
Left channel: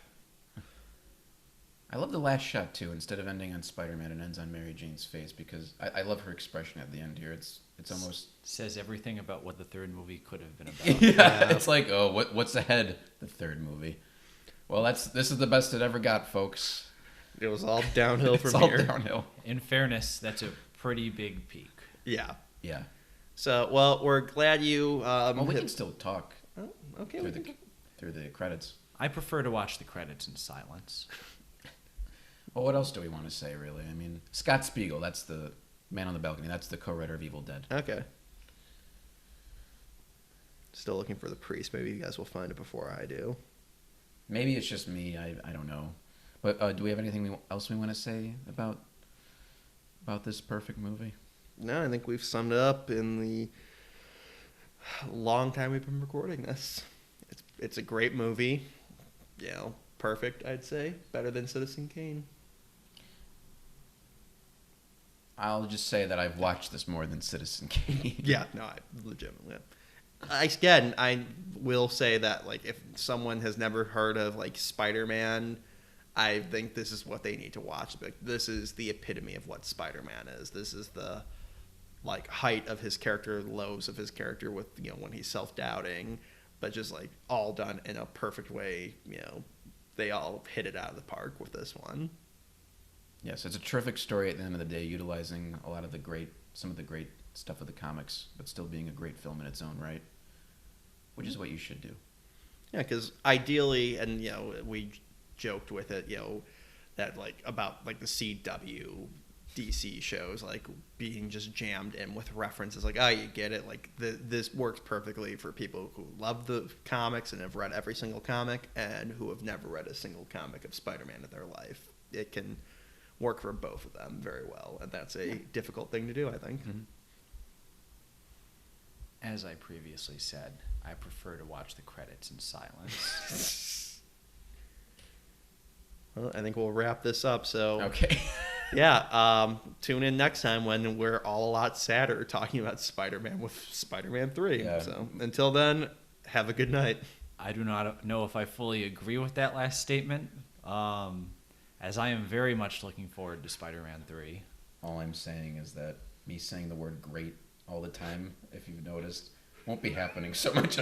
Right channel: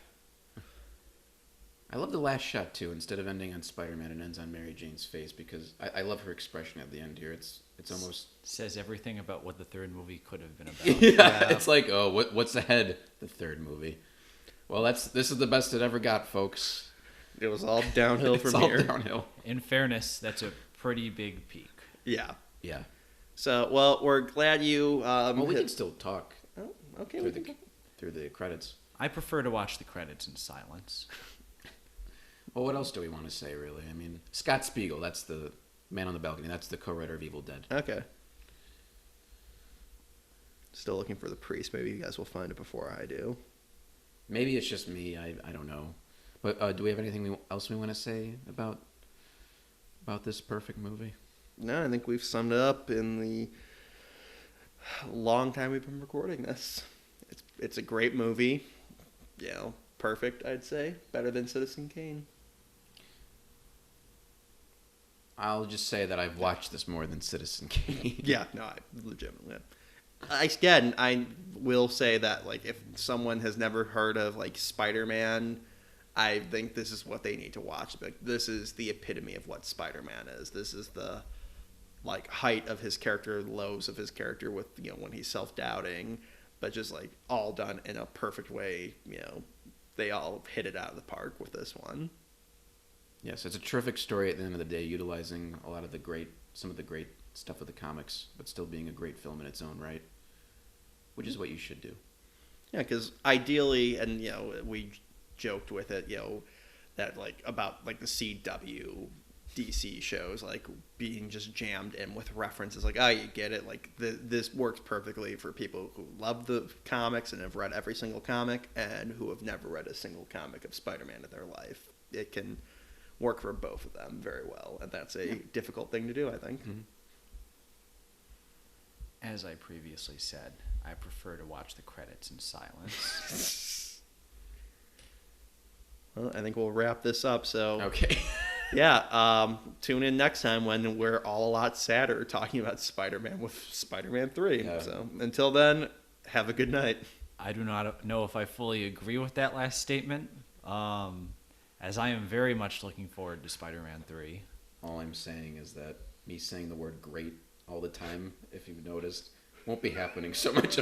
I love the last shot too. Instead of ending on Spider-Man, it ends on Mary Jane's face because I love her expression at the end here. It's almost Says everything about what the third movie could have been. yeah, Yeah. It's like, oh, what's ahead? The third movie. Well, this is the best it ever got, folks. It was all downhill It's from all here. downhill. In fairness, that's a pretty big peak. Yeah. Yeah. So, well, we're glad you Well, we hit. can still talk Oh, okay, we can talk. through the credits. I prefer to watch the credits in silence. Well, what else do we want to say, really? I mean, Scott Spiegel, that's the man on the balcony. That's the co-writer of Evil Dead. Okay. Still looking for the priest. Maybe you guys will find it before I do. Maybe it's just me. I don't know. But do we have anything else we want to say about this perfect movie? No, I think we've summed it up in the long time we've been recording this. It's a great movie. You know, perfect, I'd say. Better than Citizen Kane. I'll just say that I've watched this more than Citizen Kane. Yeah, no, I legitimately. I will say that like if someone has never heard of like Spider-Man, I think this is what they need to watch. Like this is the epitome of what Spider-Man is. This is the like height of his character, lows of his character with when he's self-doubting, but just like all done in a perfect way. They all hit it out of the park with this one. Yes, it's a terrific story at the end of the day, utilizing a lot of some of the great stuff of the comics, but still being a great film in its own right, which is what you should do. Yeah, because ideally, and we joked with it, that like about like the CW DC shows like being just jammed in with references, like you get it, like this works perfectly for people who love the comics and have read every single comic, and who have never read a single comic of Spider-Man in their life. It can work for both of them very well, and that's a difficult thing to do, I think. As I previously said, I prefer to watch Well, I think we'll wrap this up. So, Okay. yeah, tune in next time when we're all a lot sadder talking about Spider-Man with Spider-Man 3. Yeah. So, until then, have a good night. I do not know if I fully agree with that last statement, as I am very much looking forward to Spider-Man 3. All I'm saying is that me saying the word great all the time, if you've noticed, won't be happening so much.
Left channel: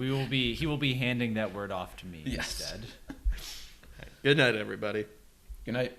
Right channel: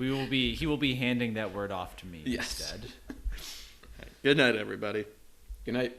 He will be handing that word off to me. Yes. Good night, everybody. Good night.